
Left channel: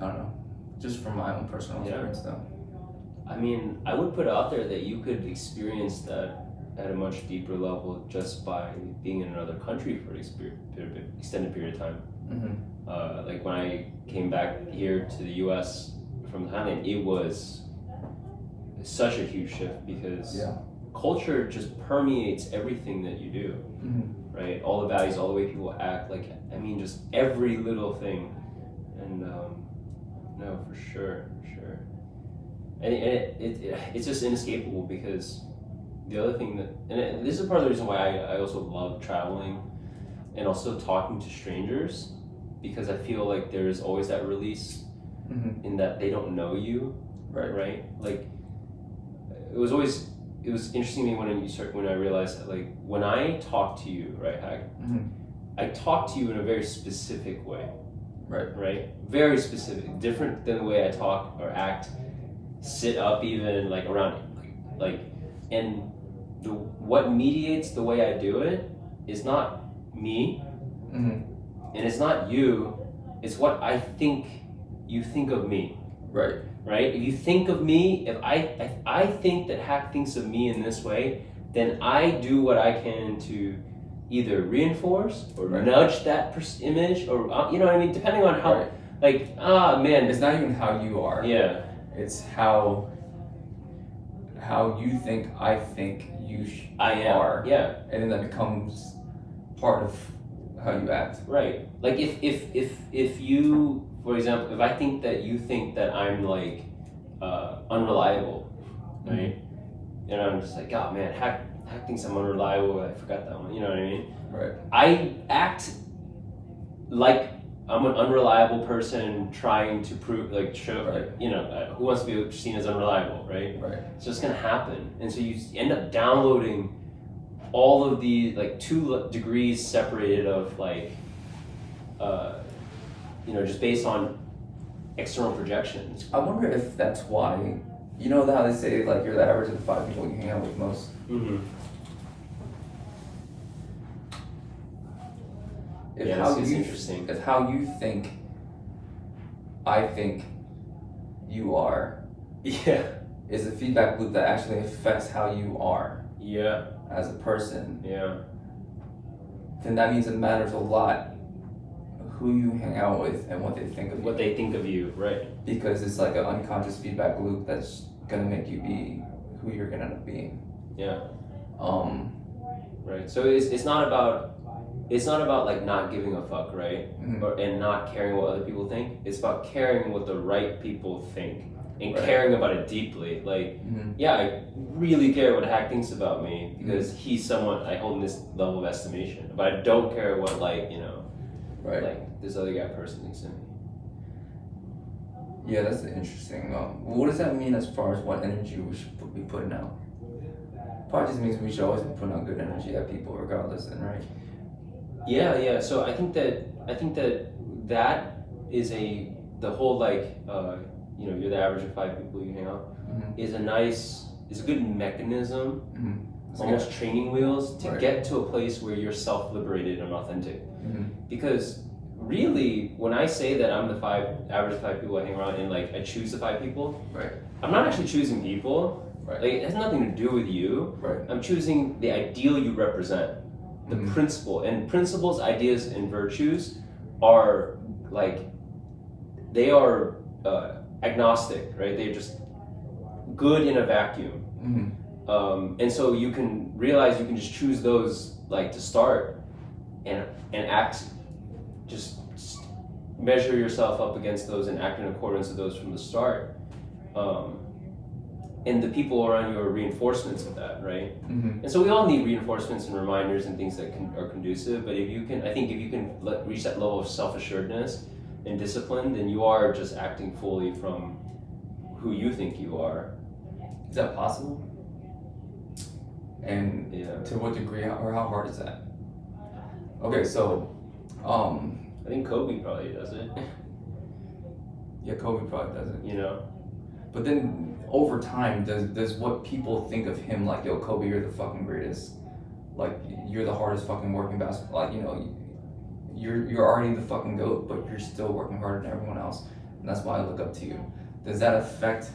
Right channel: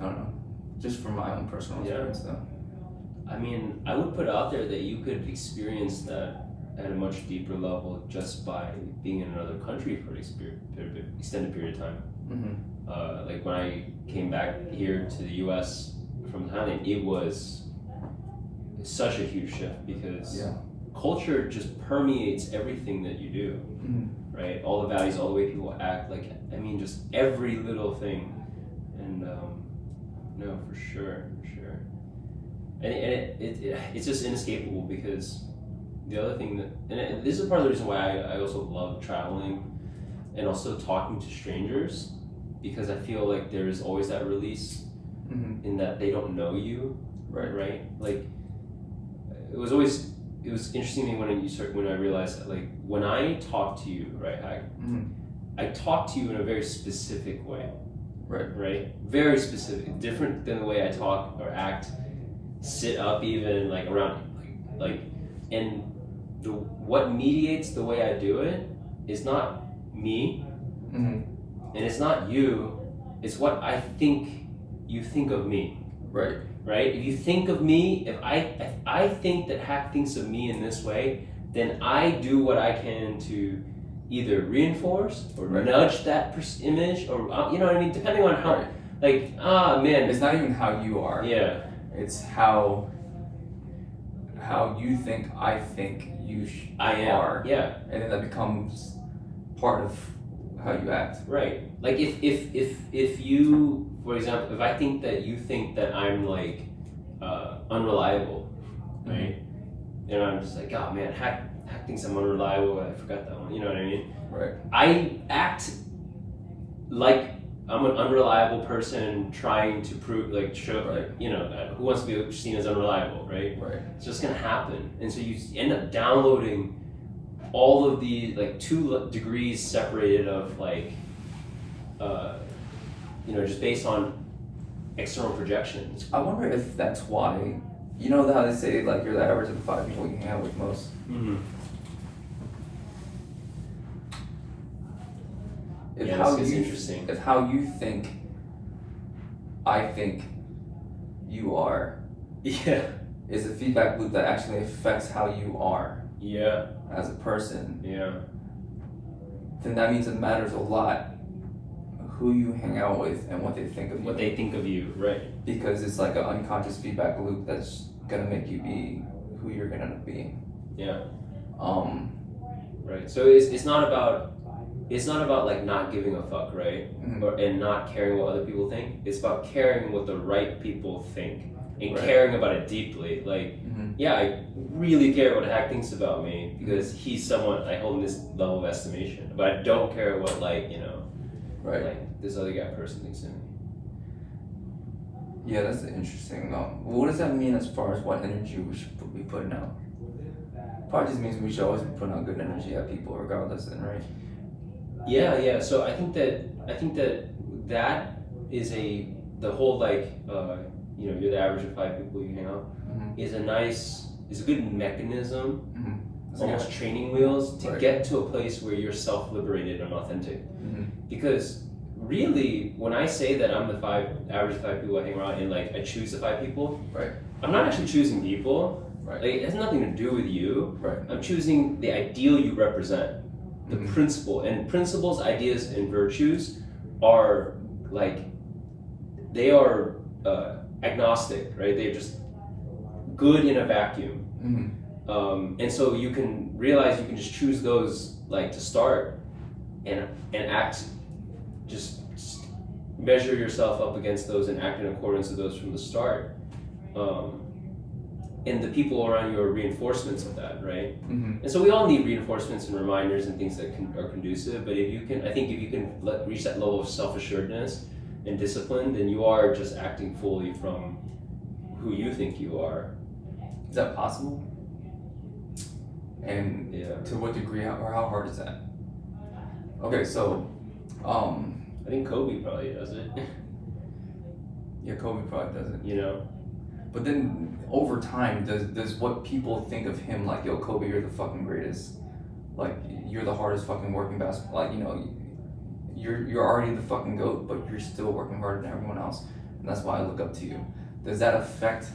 I don't know, just from my own personal experience though. I mean, I would put out there that you could experience that at a much deeper level just by being in another country for an extended period of time. Like when I came back here to the US from Thailand, it was such a huge shift because culture just permeates everything that you do, right? All the values, all the way people act, like, I mean, just every little thing. And no, for sure. And it's just inescapable because the other thing and this is part of the reason why I also love traveling and also talking to strangers, because I feel like there is always that release in that they don't know you, right? Like it was interesting to me when I realized that, like, when I talk to you, right, Hag, I talk to you in a very specific way, right, very specific, different than the way I talk or act, sit up, even like around, like, and what mediates the way I do it is not me, and it's not you, it's what I think you think of me, right? If you think of me, if I think that Hack thinks of me in this way, then I do what I can to either reinforce or Right. nudge that image, or you know what I mean, depending on how, Right. like, man, It's not even how you are. yeah, It's how you think I think you I am, are, yeah, and then that becomes part of how you act. right. Like if you, for example, if I think that you think that I'm like unreliable, right, and I'm just like, oh man, Hack thinks I'm unreliable. I forgot that one. You know what I mean? Right. I act like I'm an unreliable person trying to prove, like, show, like, you know, who wants to be seen as unreliable, right? Right. It's just gonna happen, and so you end up downloading all of the, like, 2 degrees separated of, like, you know, just based on external projections. I wonder if that's why. You know how they say like you're the average of the 5 people you hang out with most. Mm-hmm. If Yeah, how it's you interesting. if how you think, I think you are, Yeah. is a feedback loop that actually affects how you are Yeah. as a person, Yeah. then that means it matters a lot who you hang out with and what they think of you. What they think of you, right? Because it's like an unconscious feedback loop that's gonna make you be who you're gonna end up being. Yeah. Right. So it's not about like not giving a fuck, right? Mhm. And not caring what other people think. It's about caring what the right people think and Right. caring about it deeply. Like, yeah, I really care what Hack thinks about me because he's someone I hold in this level of estimation. But I don't care what, like, you know, Right. like this other guy person thinks of me. Yeah, that's interesting. What does that mean as far as what energy we should be putting out? Probably just means we should always be putting out good energy at people regardless, then, right? Yeah. So I think that is the whole, like, you know, you're the average of 5 people you hang out, is a good mechanism, almost training wheels to Right. get to a place where you're self-liberated and authentic. Because really, when I say that I'm the average 5 people I hang around and, like, I choose the 5 people, Right. I'm not actually choosing people. Right. Like, it has nothing to do with you. Right. I'm choosing the ideal you represent, the principle. And principles, ideas, and virtues are, like, they are agnostic, right? They're just good in a vacuum. And so you can realize you can just choose those, like, to start and act, just measure yourself up against those and act in accordance with those from the start. And the people around you are reinforcements of that, right? And so we all need reinforcements and reminders and things that are conducive. But if you can reach that level of self-assuredness and discipline, then you are just acting fully from who you think you are. Is that possible? And Yeah. to what degree or how hard is that? Okay, so, I think Kobe probably does it. yeah, Kobe probably does it. You know? But then over time, does what people think of him, like, yo, Kobe, you're the fucking greatest, like, you're the hardest fucking working basketball, like, you know, you're already the fucking GOAT, but you're still working harder than everyone else, and that's why I look up to you. Does that affect?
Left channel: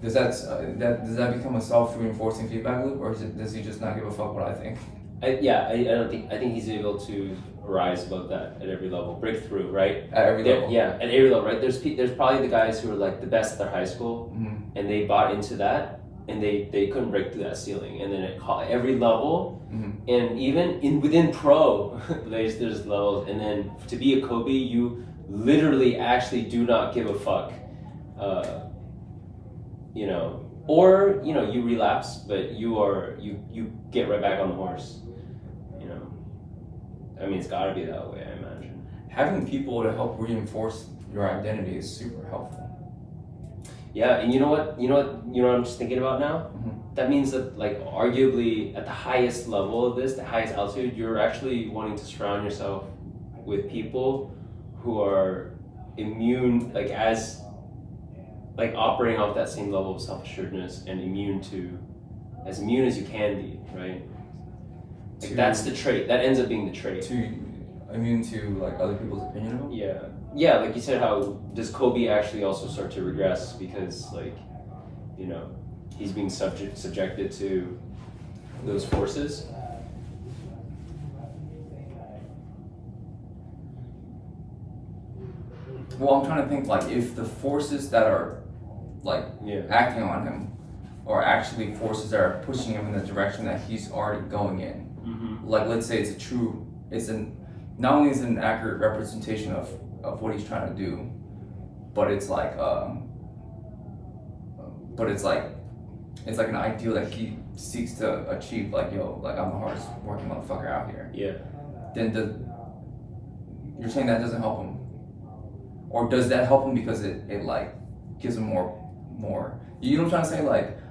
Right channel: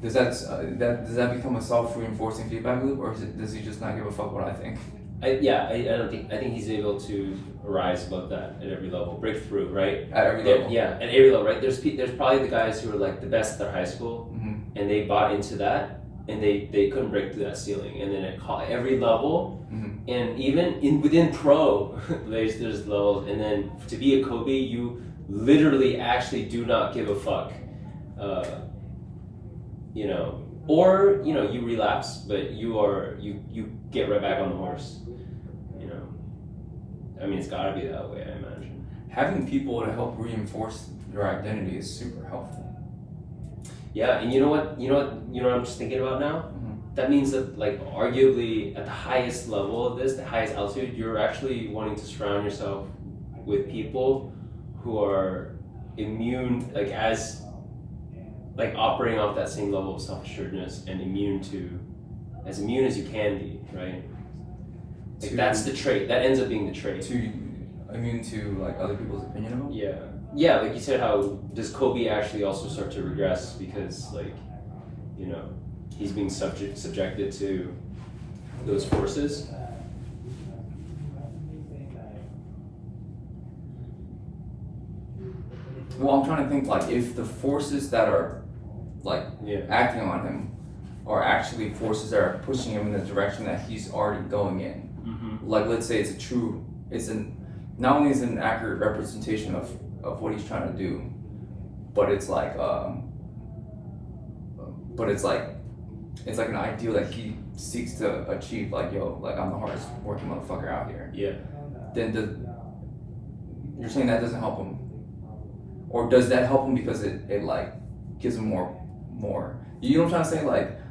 Does that become a self-reinforcing feedback loop, or does he just not give a fuck what I think? I think he's able to rise above that at every level, break through, right? At every level. Yeah, at every level, right? There's probably the guys who are, like, the best at their high school, and they bought into that, and they couldn't break through that ceiling, and then at every level, and even within pro, there's levels, and then to be a Kobe, you literally actually do not give a fuck, you know, or, you know, you relapse, but you get right back on the horse. I mean, it's got to be that way, I imagine. Having people to help reinforce your identity is super helpful. Yeah, and you know what I'm just thinking about now? That means that, like, arguably at the highest level of this, the highest altitude, you're actually wanting to surround yourself with people who are immune, operating off that same level of self-assuredness and as immune as you can be, right? Like, that's the trait. That ends up being the trait. To immune to, like, other people's opinion of them? Yeah. yeah, like you said, how does Kobe actually also start to regress because, like, you know, he's being subjected to those forces? Well, I'm trying to think like if the forces that are like Yeah. acting on him are actually forces that are pushing him in the direction that he's already going in. Mm-hmm. Like let's say not only is it an accurate representation of what he's trying to do, but it's like it's like an ideal that he seeks to achieve. Like like I'm the hardest working motherfucker out here. Yeah. Then you're saying that doesn't help him, or does that help him because it like gives him more? You know what I'm trying to say?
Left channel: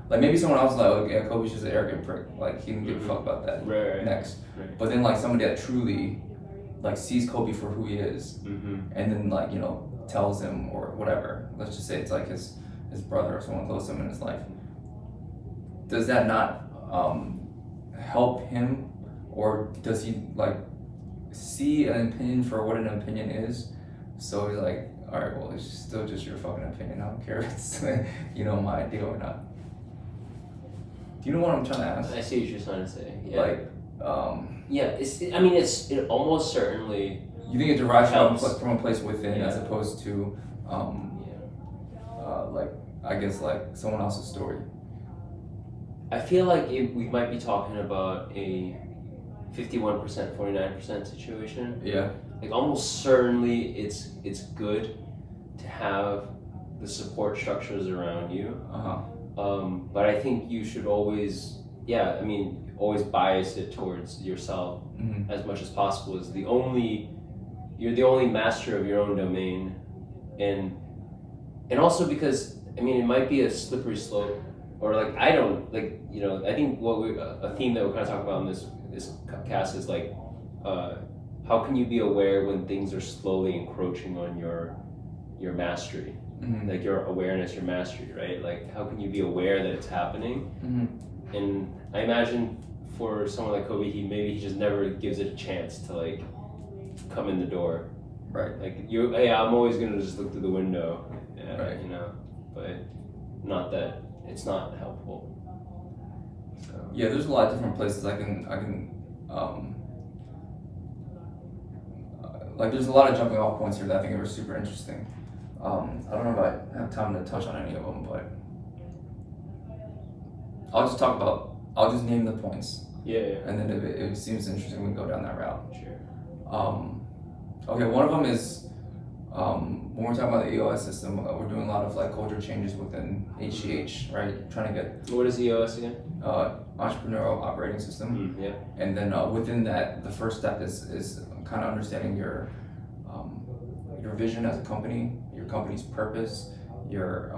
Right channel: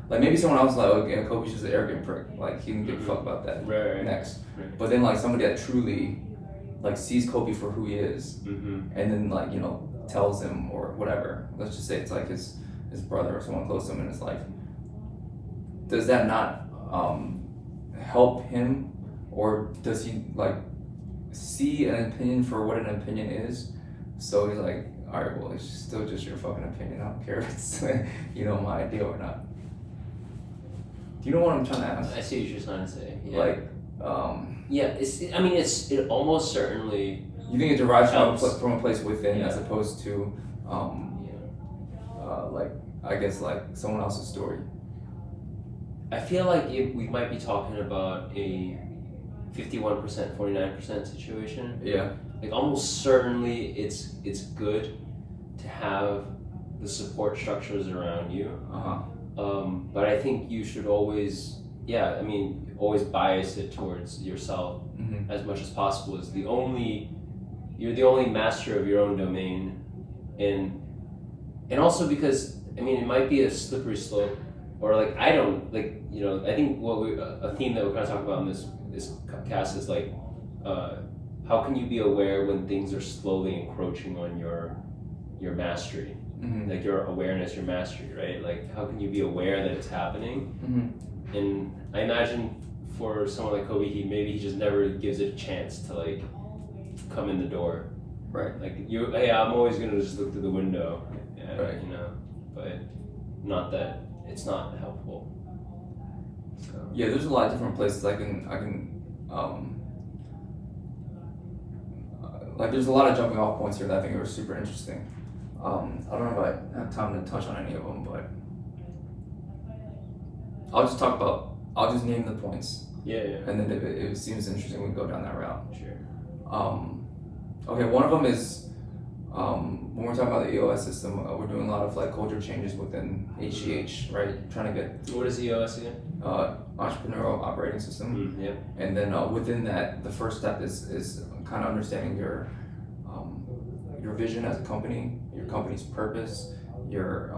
Like maybe someone else is like, oh, yeah, Kobe's just an arrogant prick. Like he didn't give a fuck about that. Right. Next, Right. but then like somebody that truly like sees Kobe for who he is, Mm-hmm. and then like tells him or whatever. Let's just say it's like his brother or someone close to him in his life. Does that not help him, or does he like see an opinion for what an opinion is? So he's like, all right, well, it's still just your fucking opinion. I don't care if it's my idea or not. Do you know what I'm trying to ask? I see what you're trying to say. Yeah. Like, yeah, it almost certainly. you think it derives helps. from a place within, Yeah. as opposed to, like I guess like someone else's story. I feel like we might be talking about a 51%, 49% situation. Yeah. Like almost certainly, it's good to have the support structures around you. But I think you should always, always bias it towards yourself Mm-hmm. as much as possible. You're the only master of your own domain, and also because it might be a slippery slope, or like I think a theme that we kind of talk about in this cast is like, how can you be aware when things are slowly encroaching on your mastery, Mm-hmm. like your awareness, your mastery, right? Like how can you be aware that it's happening? Mm-hmm. And I imagine for someone like Kobe, he just never gives it a chance to like come in the door. Right. Like I'm always gonna just look through the window, Right. but not that it's not helpful. So. Yeah, there's a lot of different places I can like there's a lot of jumping off points here that I think are super interesting. I don't know if I have time to touch on any of them, but I'll just name the points. Yeah. And then if it seems interesting, we can go down that route. Sure. Okay, one of them is when we're talking about the EOS system, we're doing a lot of like culture changes within HCH, right? Trying to get What is EOS again? entrepreneurial operating system. Yeah. And then within that, the first step is kind of understanding your vision as a company, your company's purpose, your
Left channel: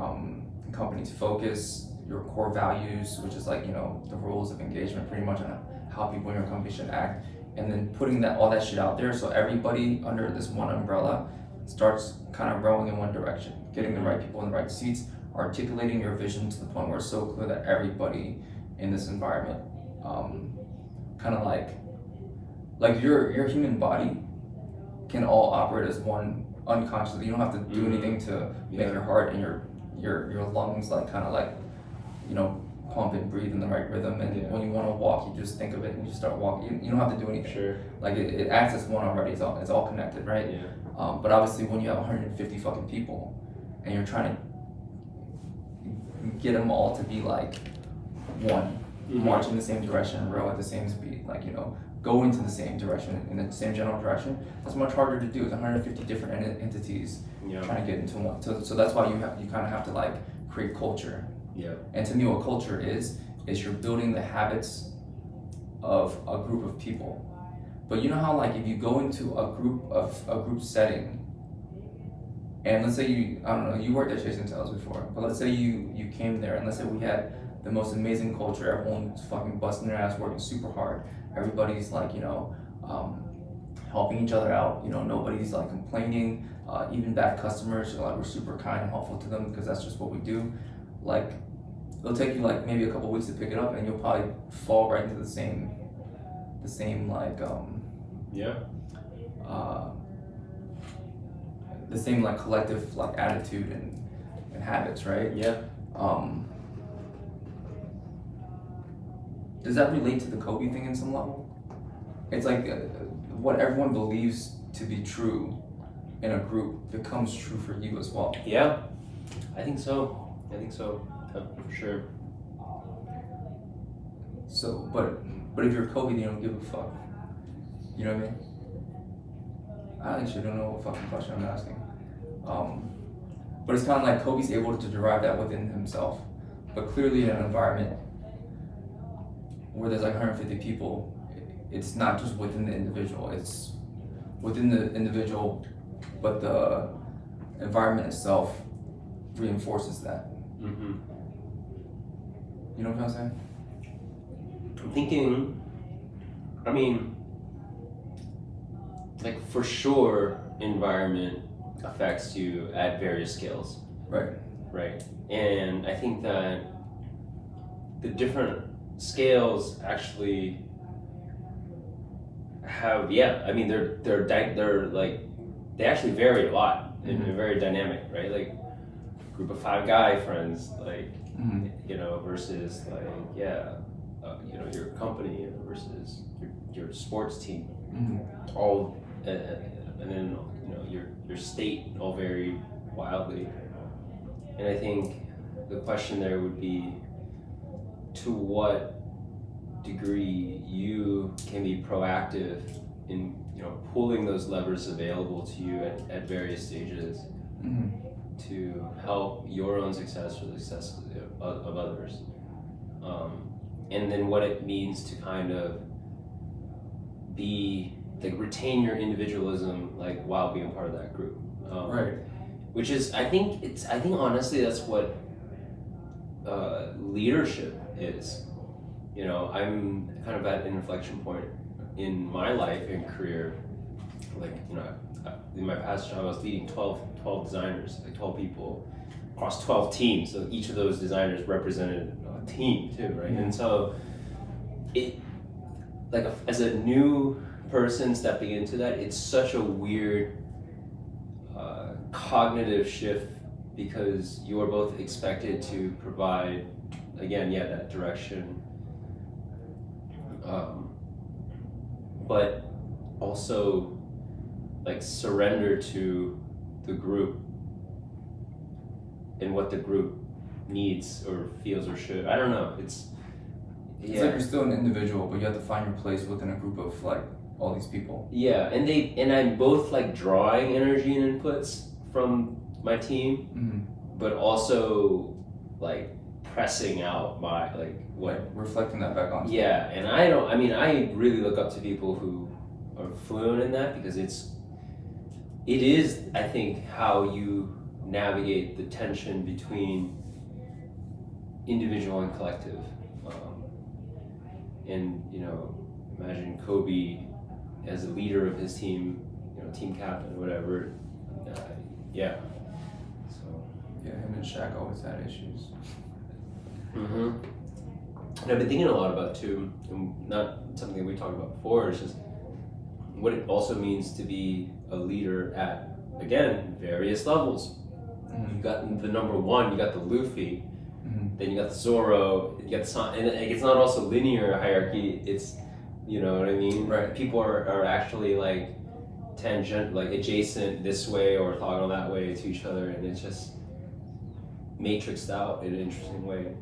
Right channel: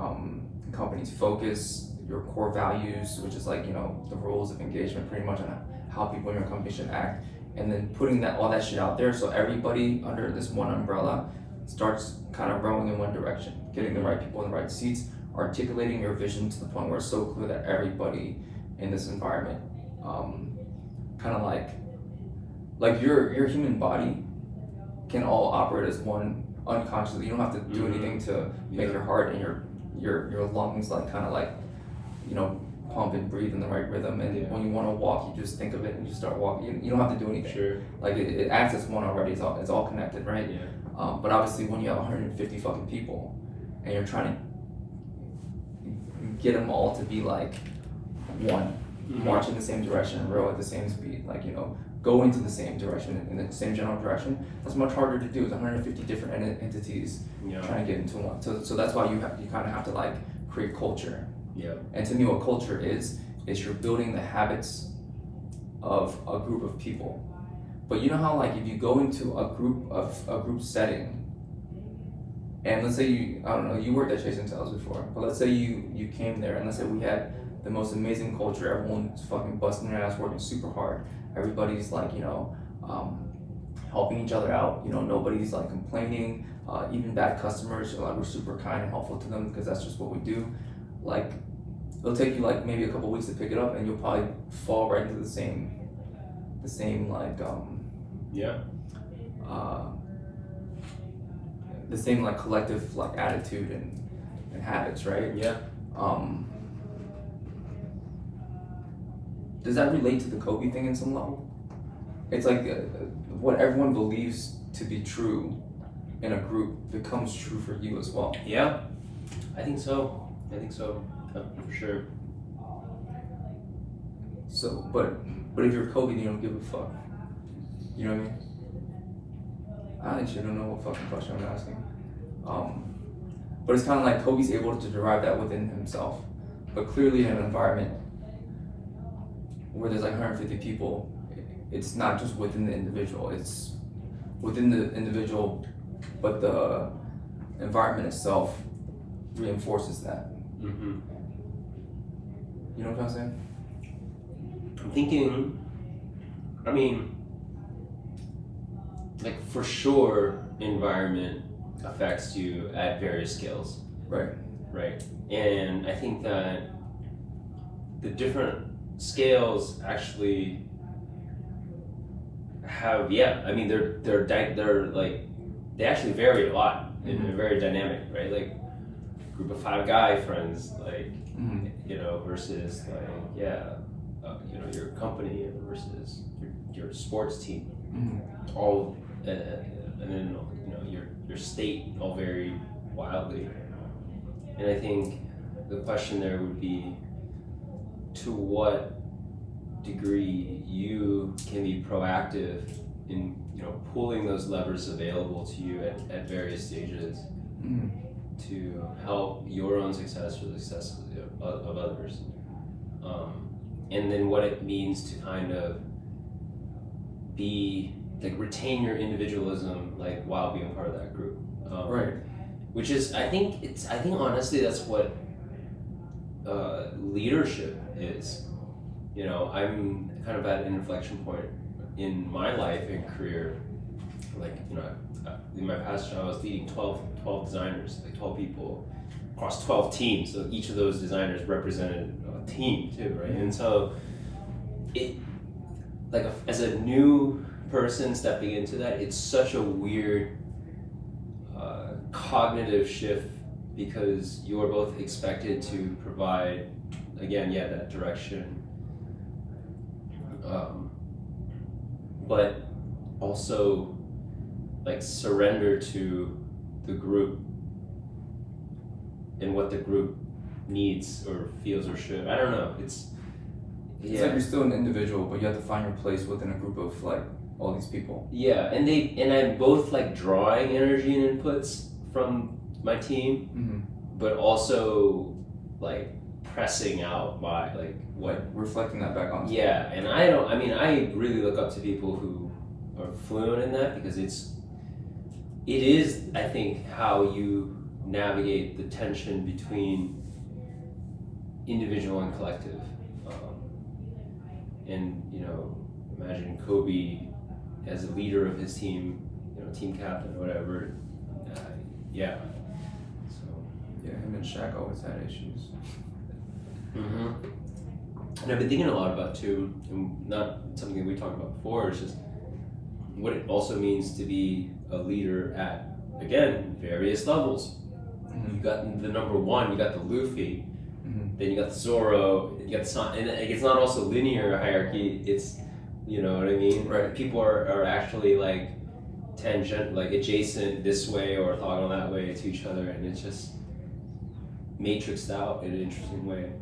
company's focus, your core values, which is like the rules of engagement, pretty much on how people in your company should act, and then putting all that shit out there so everybody under this one umbrella starts kind of rowing in one direction, getting the right people in the right seats, articulating your vision to the point where it's so clear that everybody in this environment, kind of like your human body can all operate as one unconsciously. You don't have to do anything to make your heart and your lungs like kind of like pump and breathe in the right rhythm. And when you want to walk, you just think of it and you start walking. You don't have to do anything. Sure. Like it acts as one already. It's all connected, right? Yeah. But obviously, when you have 150 fucking people and you're trying to get them all to be like one, march in the same direction, row at the same speed, like go into the same direction in the same general direction, that's much harder to do. It's 150 different entities trying to get into one. So that's why you kind of have to like create culture. Yeah. And to me, what culture is you're building the habits of a group of people. But you know how like if you go into a group setting, and let's say you worked at Chase & Tails before, but let's say you came there and let's say we had the most amazing culture, everyone's fucking busting their ass, working super hard, everybody's like helping each other out, nobody's like complaining, even bad customers are like, we're super kind and helpful to them because that's just what we do. Like it'll take you like maybe a couple weeks to pick it up and you'll probably fall right into the same like the same like collective like attitude and habits, right? Yeah. Does that relate to the Kobe thing in some level? It's like what everyone believes to be true in a group becomes true for you as well. Yeah, I think so. For sure. So, but if you're Kobe, you don't give a fuck. You know what I mean? I actually don't know what fucking question I'm asking. But it's kind of like Kobe's able to derive that within himself. But clearly in an environment where there's like 150 people, it's not just within the individual, it's within the individual, but the environment itself reinforces that. Mm-hmm. You know what I'm saying? I'm thinking, I mean, like for sure, environment affects you at various scales. Right. Right. And I think that the different scales actually have, I mean, they're like, they actually vary a lot and they're very dynamic, right? Like group of 5 guy friends, like, you know, versus like, you know, your company versus your sports team, all, and then, you know, your state all vary wildly. And I think the question there would be, to what degree you can be proactive in, you know, pulling those levers available to you at various stages to help your own success or the success of others. And then what it means to kind of be, like, retain your individualism, like, while being part of that group. Right. Which is, I think honestly that's what leadership is. You know, I'm kind of at an inflection point in my life and career. Like, you know, in my past job I was leading 12 designers, like 12 people across 12 teams. So each of those designers represented a team too, right? And so it, like, as a new person stepping into that, it's such a weird cognitive shift, because you are both expected to provide, again, that direction, but also like surrender to the group and what the group needs or feels or should. I don't know. It's like you're still an individual, but you have to find your place within a group of like all these people. Yeah, and I'm both like drawing energy and inputs from my team, but also like pressing out my, like, what, reflecting that back on. And I really look up to people who are fluent in that, because it is, I think, how you navigate the tension between individual and collective. And, you know, imagine Kobe as a leader of his team, you know, team captain or whatever. Him and Shaq always had issues. And I've been thinking a lot about too, and not something we talked about before, is just what it also means to be a leader at, again, various levels. You've got the number 1, you got the Luffy, then you got the Zoro, you got the Son, and it's not also linear hierarchy, it's, you know what I mean? Right. People are actually like tangent, like adjacent this way or orthogonal that way to each other, and it's just matrixed out in an interesting way.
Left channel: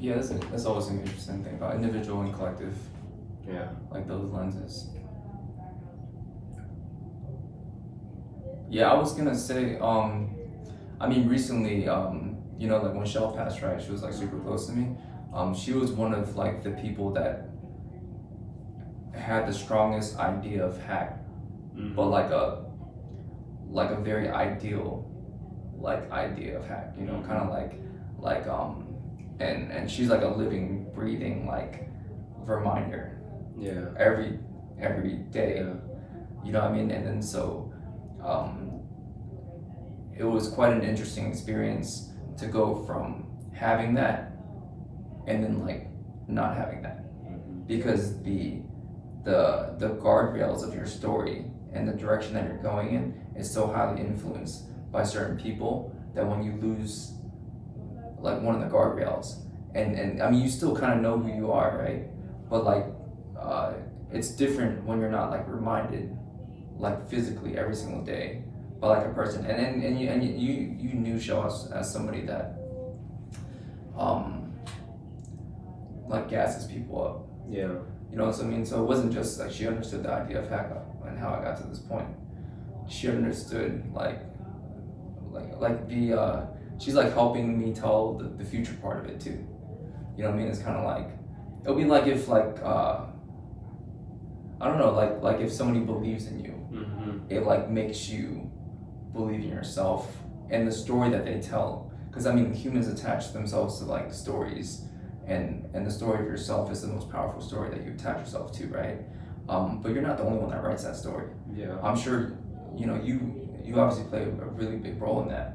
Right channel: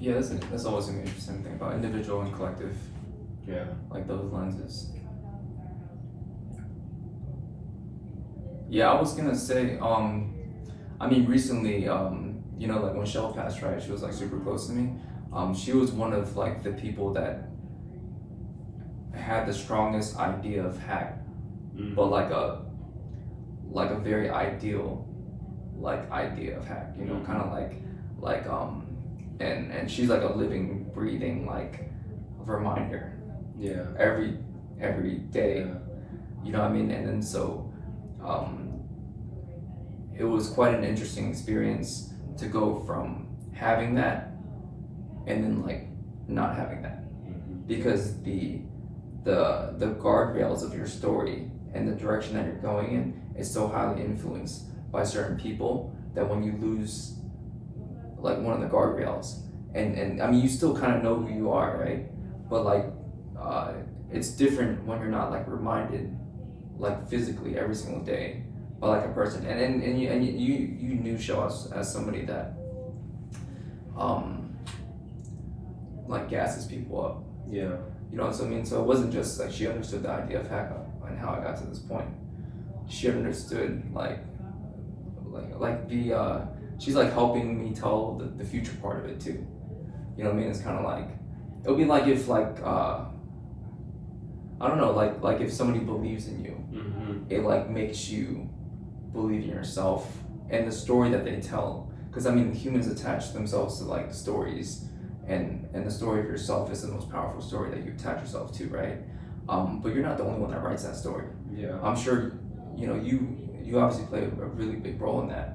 Yeah, that's always an interesting thing about individual and collective. Yeah. Like those lenses. Yeah, I was gonna say, I mean, recently, you know, like when Shell passed, right? She was like super close to me. She was one of like the people that had the strongest idea of hack, but like a very ideal, like, idea of hack. You know, kind of like and she's like a living, breathing, like, reminder. Yeah. Every day. Yeah. You know what I mean? And then so, it was quite an interesting experience to go from having that and then like not having that. because the guardrails of your story and the direction that you're going in is so highly influenced by certain people that when you lose like one of the guardrails, and I mean you still kind of know who you are, right? But like it's different when you're not like reminded like physically every single day by like a person, and you knew Show as somebody that like gasses people up. Yeah. You know what I mean? So it wasn't just like she understood the idea of hack up and how I got to this point. She understood like the she's like helping me tell the future part of it too. You know what I mean? It's kind of like it would be like if like I don't know, like if somebody believes in you, it like makes you believe in yourself and the story that they tell. Because I mean, humans attach themselves to like stories, and the story of yourself is the most powerful story that you attach yourself to, right? But you're not the only one that writes that story. Yeah. I'm sure, you know, you obviously play a really big role in that.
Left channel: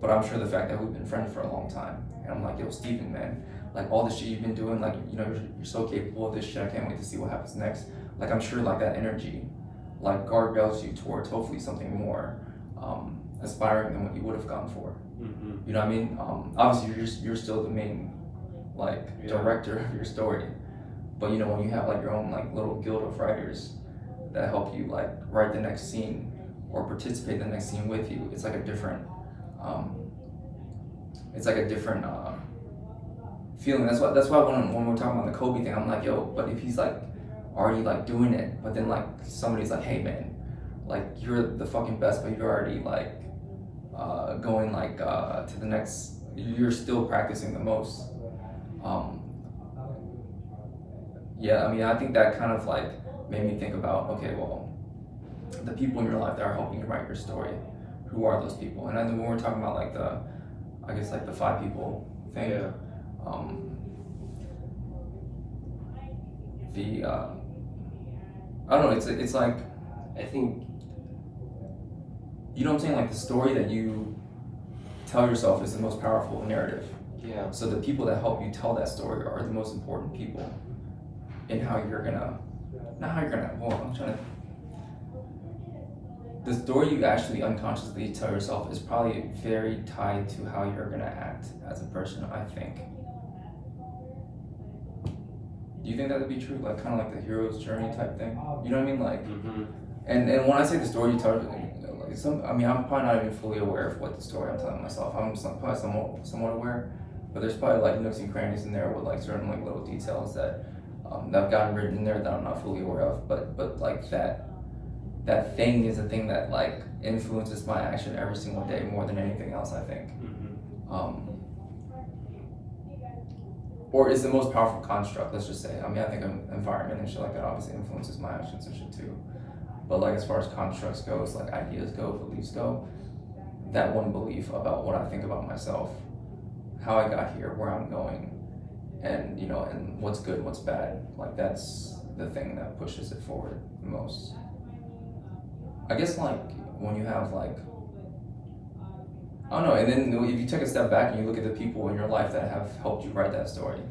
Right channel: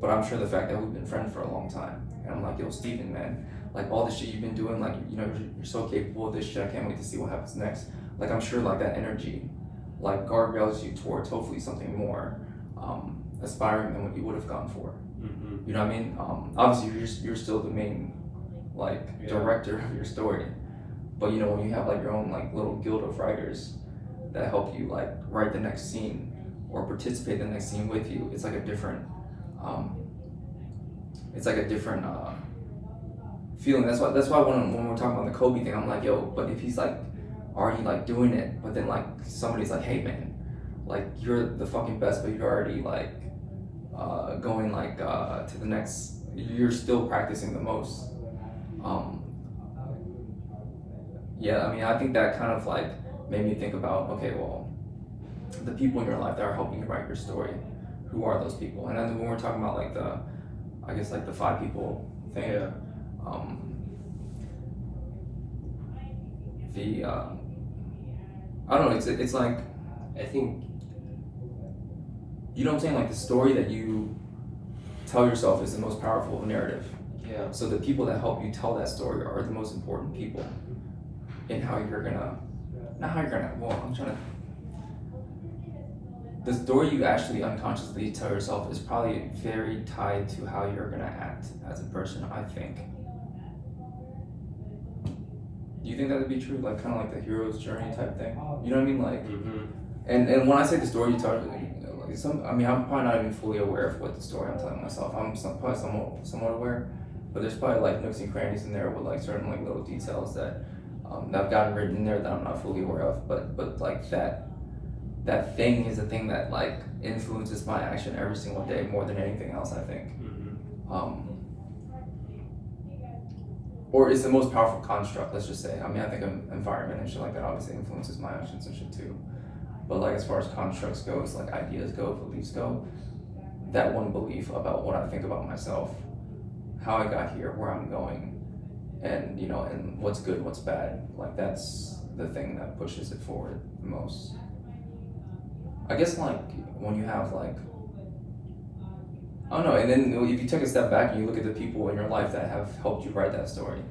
But I'm sure the fact that we've been friends for a long time, and I'm like, yo, Steven, man, like all the shit you've been doing, like, you know, you're so capable of this shit. I can't wait to see what happens next. Like, I'm sure like that energy, like guardrails you towards hopefully something more aspiring than what you would have gone for. You know what I mean? Obviously, you're still the main like director of your story, but you know when you have like your own like little guild of writers that help you like write the next scene or participate in the next scene with you, it's like a different feeling. That's why when we're talking about the Kobe thing, I'm like, yo, but if he's like already like doing it, but then like somebody's like, hey man, like you're the fucking best, but you're already like going like to the next, you're still practicing the most. Yeah, I mean, I think that kind of like made me think about, okay, well, the people in your life that are helping you write your story, who are those people? And then when we're talking about like I guess like the 5 people thing, Yeah. I don't know, it's like, I think, you know what I'm saying? Like the story that you tell yourself is the most powerful narrative. yeah. So the people that help you tell that story are the most important people in how you're gonna, the story you actually unconsciously tell yourself is probably very tied to how you're gonna act as a person, I think. Do you think that would be true? Like kind of like the hero's journey type thing? You know what I mean? Like, and when I say the story you tell, like I'm probably not even fully aware of what the story I'm telling myself. I'm probably somewhat aware, but there's probably like nooks and crannies in there with like certain like little details that I've gotten written in there that I'm not fully aware of. But like that thing is a thing that like influences my action every single day more than anything else, I think. Or is the most powerful construct, let's just say. I mean, I think environment and shit like that obviously influences my actions and shit too. But like as far as constructs goes, like ideas go, beliefs go, that one belief about what I think about myself, how I got here, where I'm going, and you know, and what's good, what's bad, like that's the thing that pushes it forward the most. I guess like when you have like, I don't know, and then if you take a step back and you look at the people in your life that have helped you write that story,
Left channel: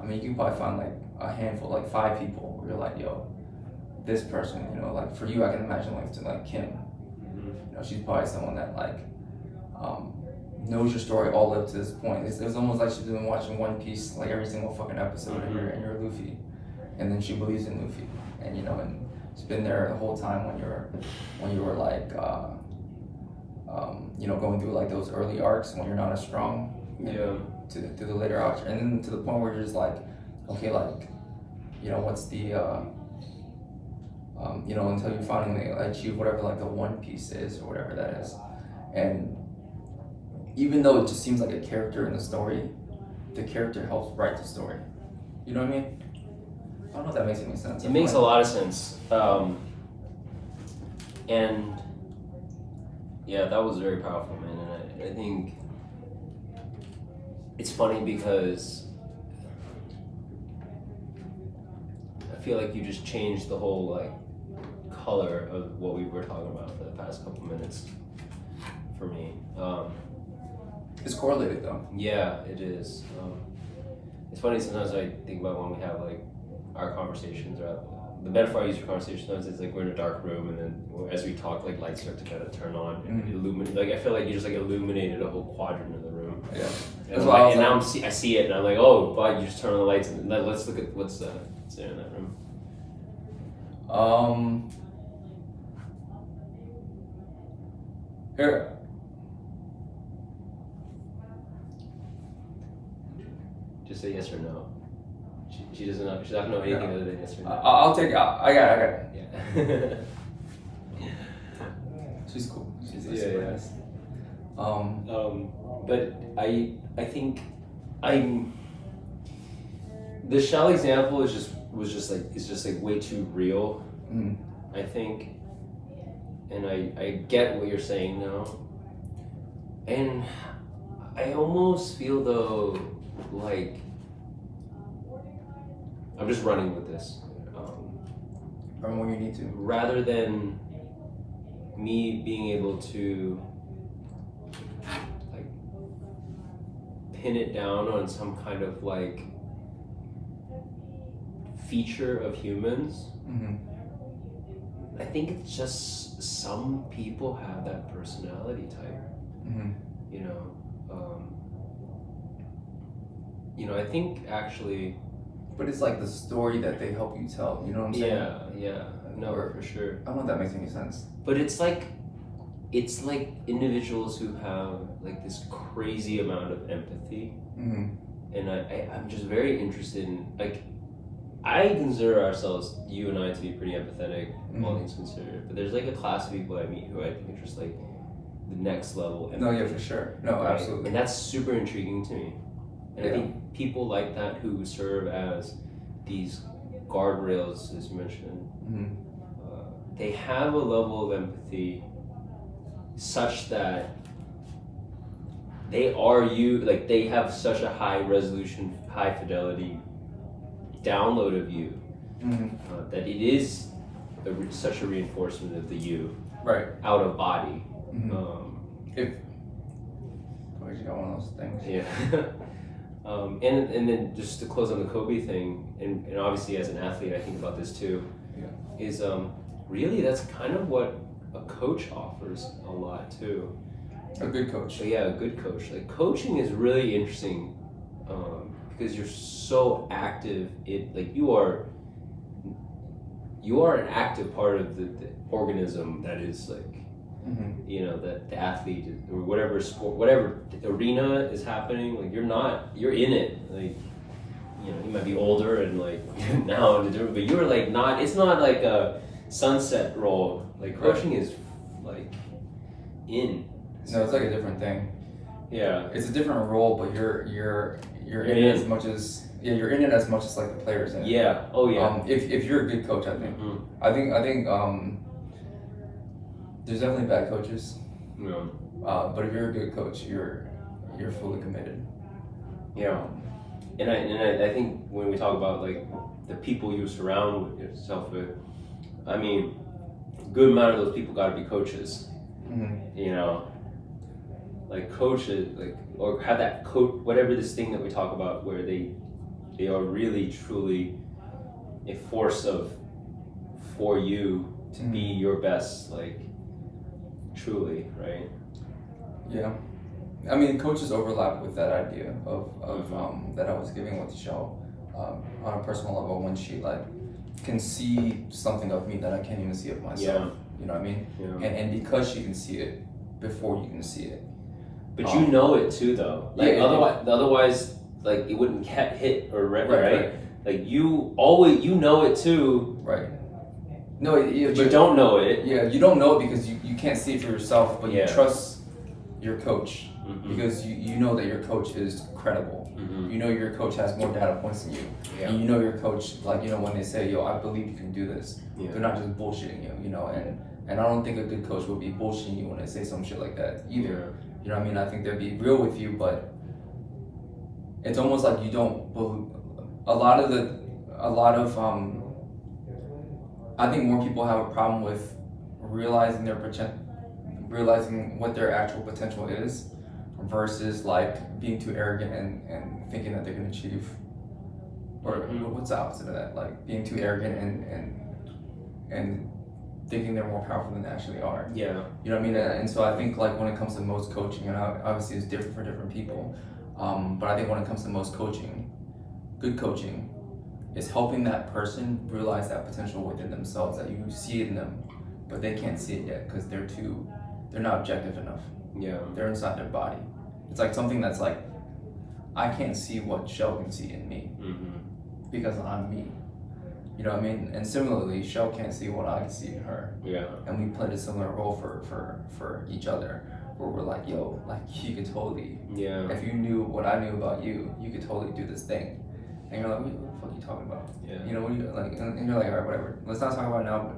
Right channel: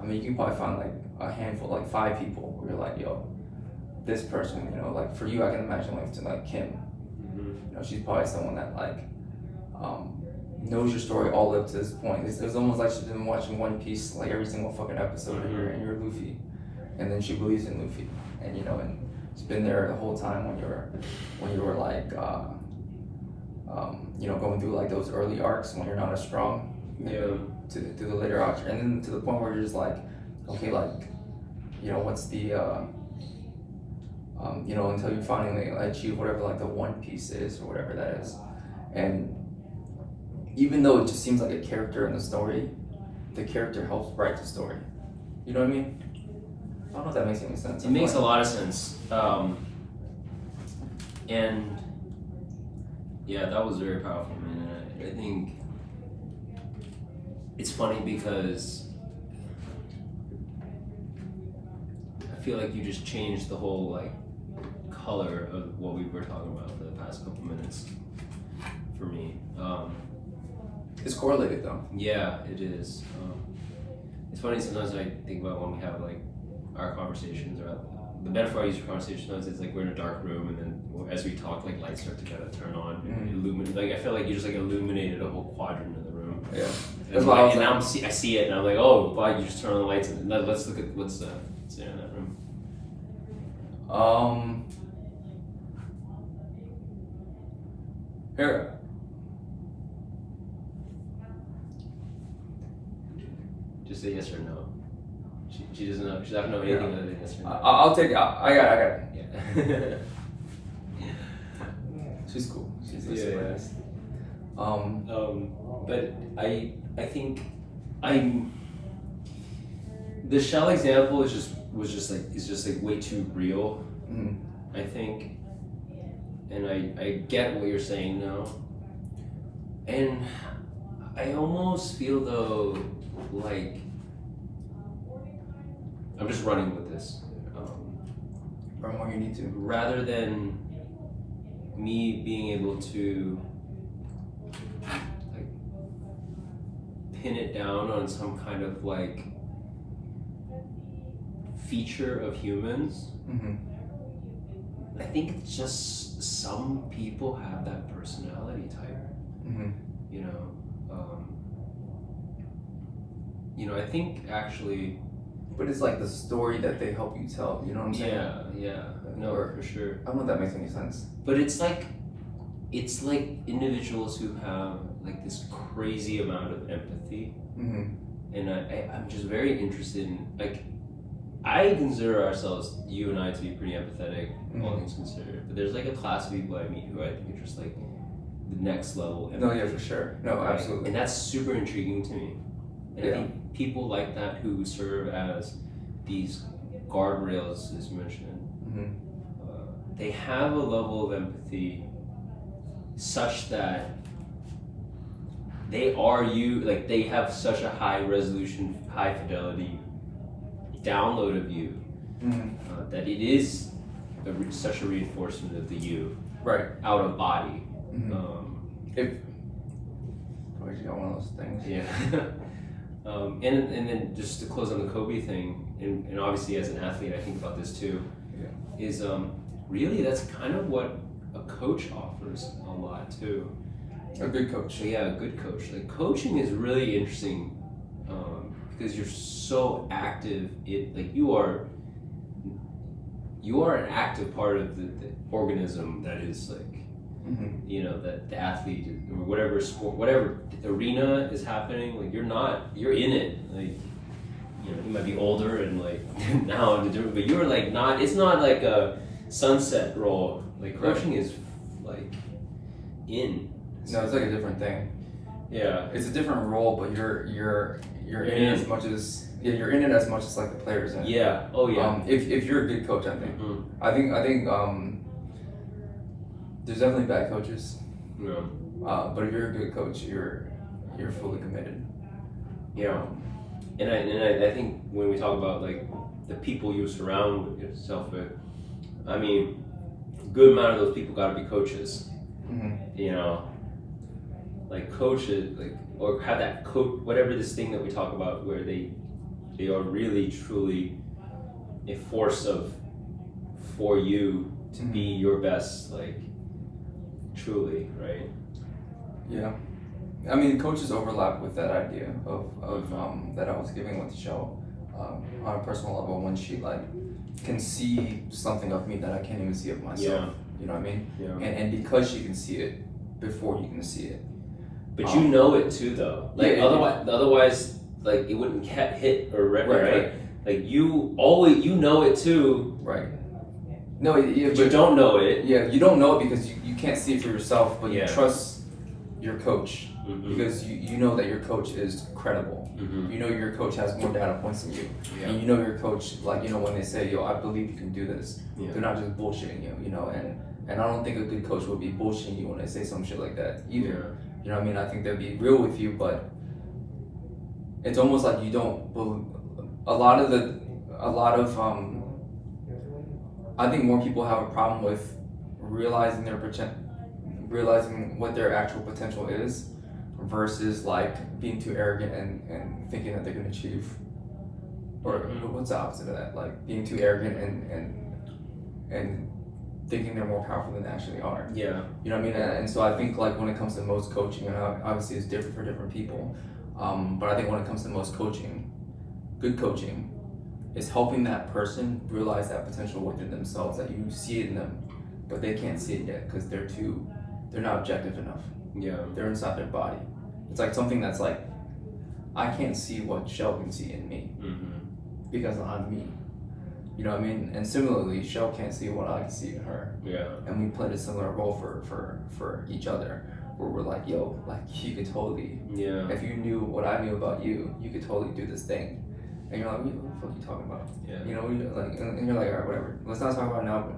I mean, you can probably find like a handful, like 5 people where you're like, yo, this person, you know, like for you, I can imagine like Kim, you know, she's probably someone that like knows your story all up to this point. It's almost like she's been watching One Piece like every single fucking episode, and you're Luffy, and then she believes in Luffy, and you know, and she's been there the whole time when you were like you know, going through like those early arcs when you're not as strong, to the later arcs, and then to the point where you're just like, okay, like, you know, what's the you know, until you finally achieve whatever like the One Piece is or whatever that is. And even though it just seems like a character in the story, the character helps write the story. You know what I mean? I don't know if that makes any sense. It makes a lot of sense. And yeah, that was very powerful, man. And I think it's funny because I feel like you just changed the whole like color of what we were talking about for the past couple minutes for me. It's correlated though. Yeah, it is. It's funny sometimes I think about when we have like our conversations are. The metaphor I use for conversations is like we're in a dark room, and then as we talk, like lights start to kind of turn on and illuminate. Like I feel like you just like illuminated a whole quadrant of the room. Yeah. And, why I like, was and like- I see it, and I'm like, oh, wow, you just turn on the lights, and let's look at what's in that room. Here. Just say yes or no. She doesn't know. She's not gonna know anything other than yes or no. I'll take it. I got it. Yeah. She's cool. She's Yeah, super yeah. nice. But I think the shell example was just like way too real. Mm. I think, and I get what you're saying now, and I almost feel though like I'm just running with this. From when you need to. Rather than me being able to like pin it down on some kind of like feature of humans, Mm-hmm. I think it's just some people have that personality type, Mm-hmm. you know. I think actually, But it's like the story that they help you tell. You know what I'm saying? yeah, no, Or- for sure. I don't know if that makes any sense. But it's like individuals who have like this crazy amount of empathy, Mm-hmm. and I'm just very interested in like I consider ourselves, you and I, to be pretty empathetic, all things considered. But there's like a class of people I meet who I think are just like the next level. No, yeah, for sure. No, Right? absolutely. And that's super intriguing to me. And I Yeah. think people like that who serve as these guardrails, as you mentioned, Mm-hmm. they have a level of empathy such that they are you, like they have such a high resolution, high fidelity download of you Mm-hmm. that it is such a reinforcement of the you Right. out of body. Mm-hmm. Um, Oh, you got one of those things. yeah. And then just to close on the Kobe thing, and obviously as an athlete, I think about this too. Yeah. Is really that's kind of what a coach offers a lot too. A good coach. So yeah, a good coach. Like coaching is really interesting because you're so active. You are an active part of the organism that is like Mm-hmm. that the athlete or whatever sport, whatever arena is happening. Like you're in it. Like you might be older and like now into different, but you're like not. It's not like a sunset role. Like coaching is like in. No, it's like a different thing. Yeah. It's a different role, but you're in it in. as much as you're in it as much as like the players in it. Yeah. Oh yeah. If you're a good coach, I think. Mhm. I think there's definitely bad coaches. Yeah. But if you're a good coach, you're fully committed. Yeah. And I think when we talk about like the people you surround yourself with, I mean, a good amount of those people got to be coaches. Mm-hmm. Like coaches, like or have that coach, whatever this thing that we talk about, where they are really truly a force for you to be your best, like truly, right? Yeah. I mean, coaches overlap with that idea of that I was giving with the show on a personal level, when she like can see something of me that I can't even see of myself. Yeah. You know what I mean? Yeah. And because she can see it before you can see it. But you know it too, though. Like Yeah, otherwise, like it wouldn't hit or right. Right. Like you always know it too, Right. No, yeah, but you don't know it. Yeah, you don't know it because you can't see it for yourself, but Yeah. you trust your coach Mhm. because you know that your coach is credible. Mhm. You know your coach has more data points than you. Yeah. And you know your coach, like, when they say, yo, I believe you can do this, Yeah. they're not just bullshitting you, and I don't think a good coach would be bullshitting you when they say some shit like that either. You know what I mean? I think they'd be real with you, but it's almost like you don't believe. I think more people have a problem with realizing realizing what their actual potential is, versus like being too arrogant and thinking that they're gonna achieve or what's the opposite of that? Like being too arrogant and thinking they're more powerful than they actually are. Yeah. You know what I mean? And so I think like when it comes to most coaching, and obviously it's different for different people, but I think when it comes to most coaching, good coaching is helping that person realize that potential within themselves, that you see it in them, but they can't see it yet because they're not objective enough. Yeah. They're inside their body. It's like something that's like, I can't see what Shell can see in me because I'm me. You know what I mean? And similarly, Shell can't see what I can see in her. Yeah. And we played a similar role for each other, where we're like, yo, like you could totally, Yeah. if you knew what I knew about you, you could totally do this thing. And you're like, what the fuck are you talking about? Yeah. You know, what you like, and you're like, all right, whatever. Let's not talk about it now, but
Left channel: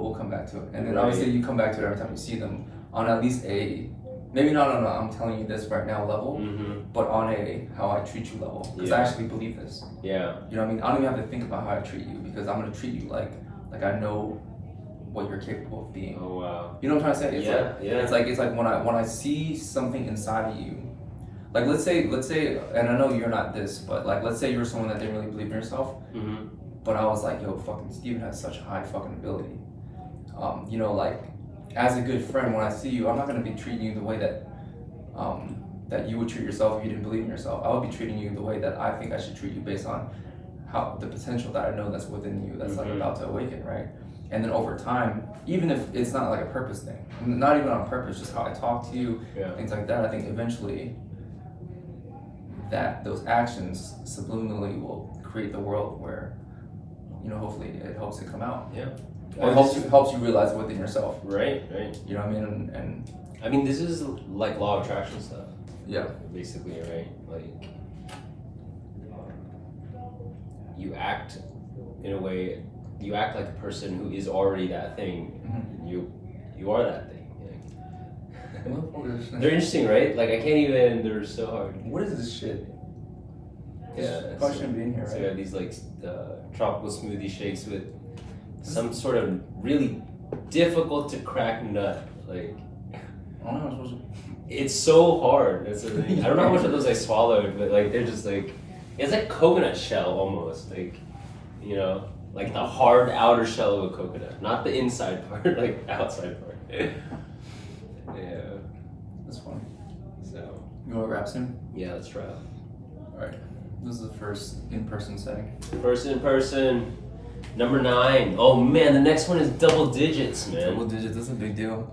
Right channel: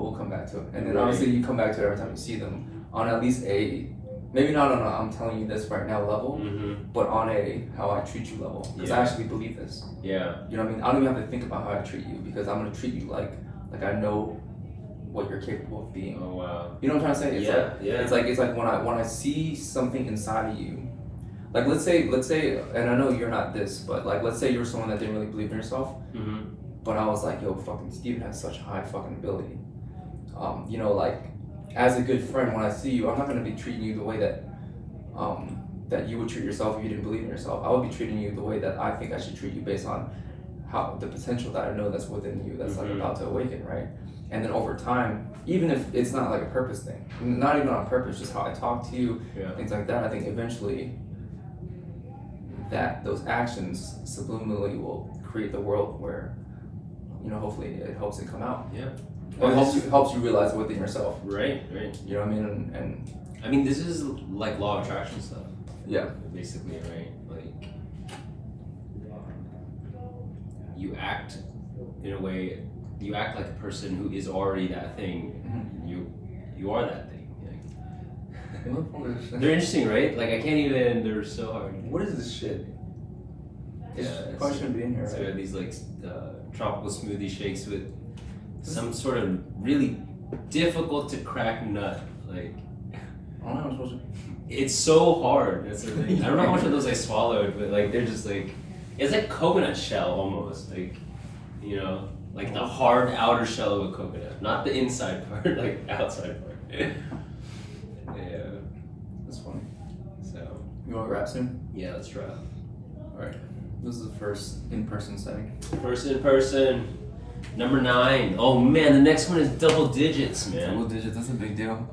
we'll come back to it. And then Right. obviously you come back to it every time you see them on at least a, maybe not on a I'm telling you this right now level, but on a how I treat you level. Because I Yeah. actually believe this. Yeah. You know what I mean? I don't even have to think about how I treat you because I'm gonna treat you like I know what you're capable of being. Oh wow. You know what I'm trying to say? It's Yeah. It's like when I see something inside of you, like let's say, and I know you're not this, but like let's say you're someone that didn't really believe in yourself, but I was like, yo, fucking Steven has such high fucking ability. You know, like as a good friend, when I see you, I'm not gonna be treating you the way that that you would treat yourself if you didn't believe in yourself. I would be treating you the way that I think I should treat you based on how the potential that I know that's within you, that's like about to awaken, right? And then over time, even if it's not like a purpose thing, not even on purpose, just how I talk to you, things like that, I think eventually that those actions subliminally will create the world where, you know, hopefully it helps it come out. Yeah. Or it helps you realize it within yourself. Right. You know what I mean? And I mean, this is like law of attraction stuff. yeah. Basically, right? Like you act in a way, you act like a person who is already that thing. You are that thing. They're interesting, right? Like I can't even. They're so hard. What is this shit? Yeah, This probably shouldn't be in here, So right? we have these like tropical smoothie shakes with some sort of really difficult to crack nut. Like I don't know how I'm supposed to. it's so hard. That's the thing. I don't know how much of those I swallowed, but like they're just like it's like coconut shell almost. Like you know, like the hard outer shell of a coconut, not the inside part, like outside part. Yeah. That's funny. So You want to grab soon? yeah, let's try. Alright. This is the first in-person setting. First in person, number 9. Oh man, the next one is double digits, man. Double digits, that's a big deal.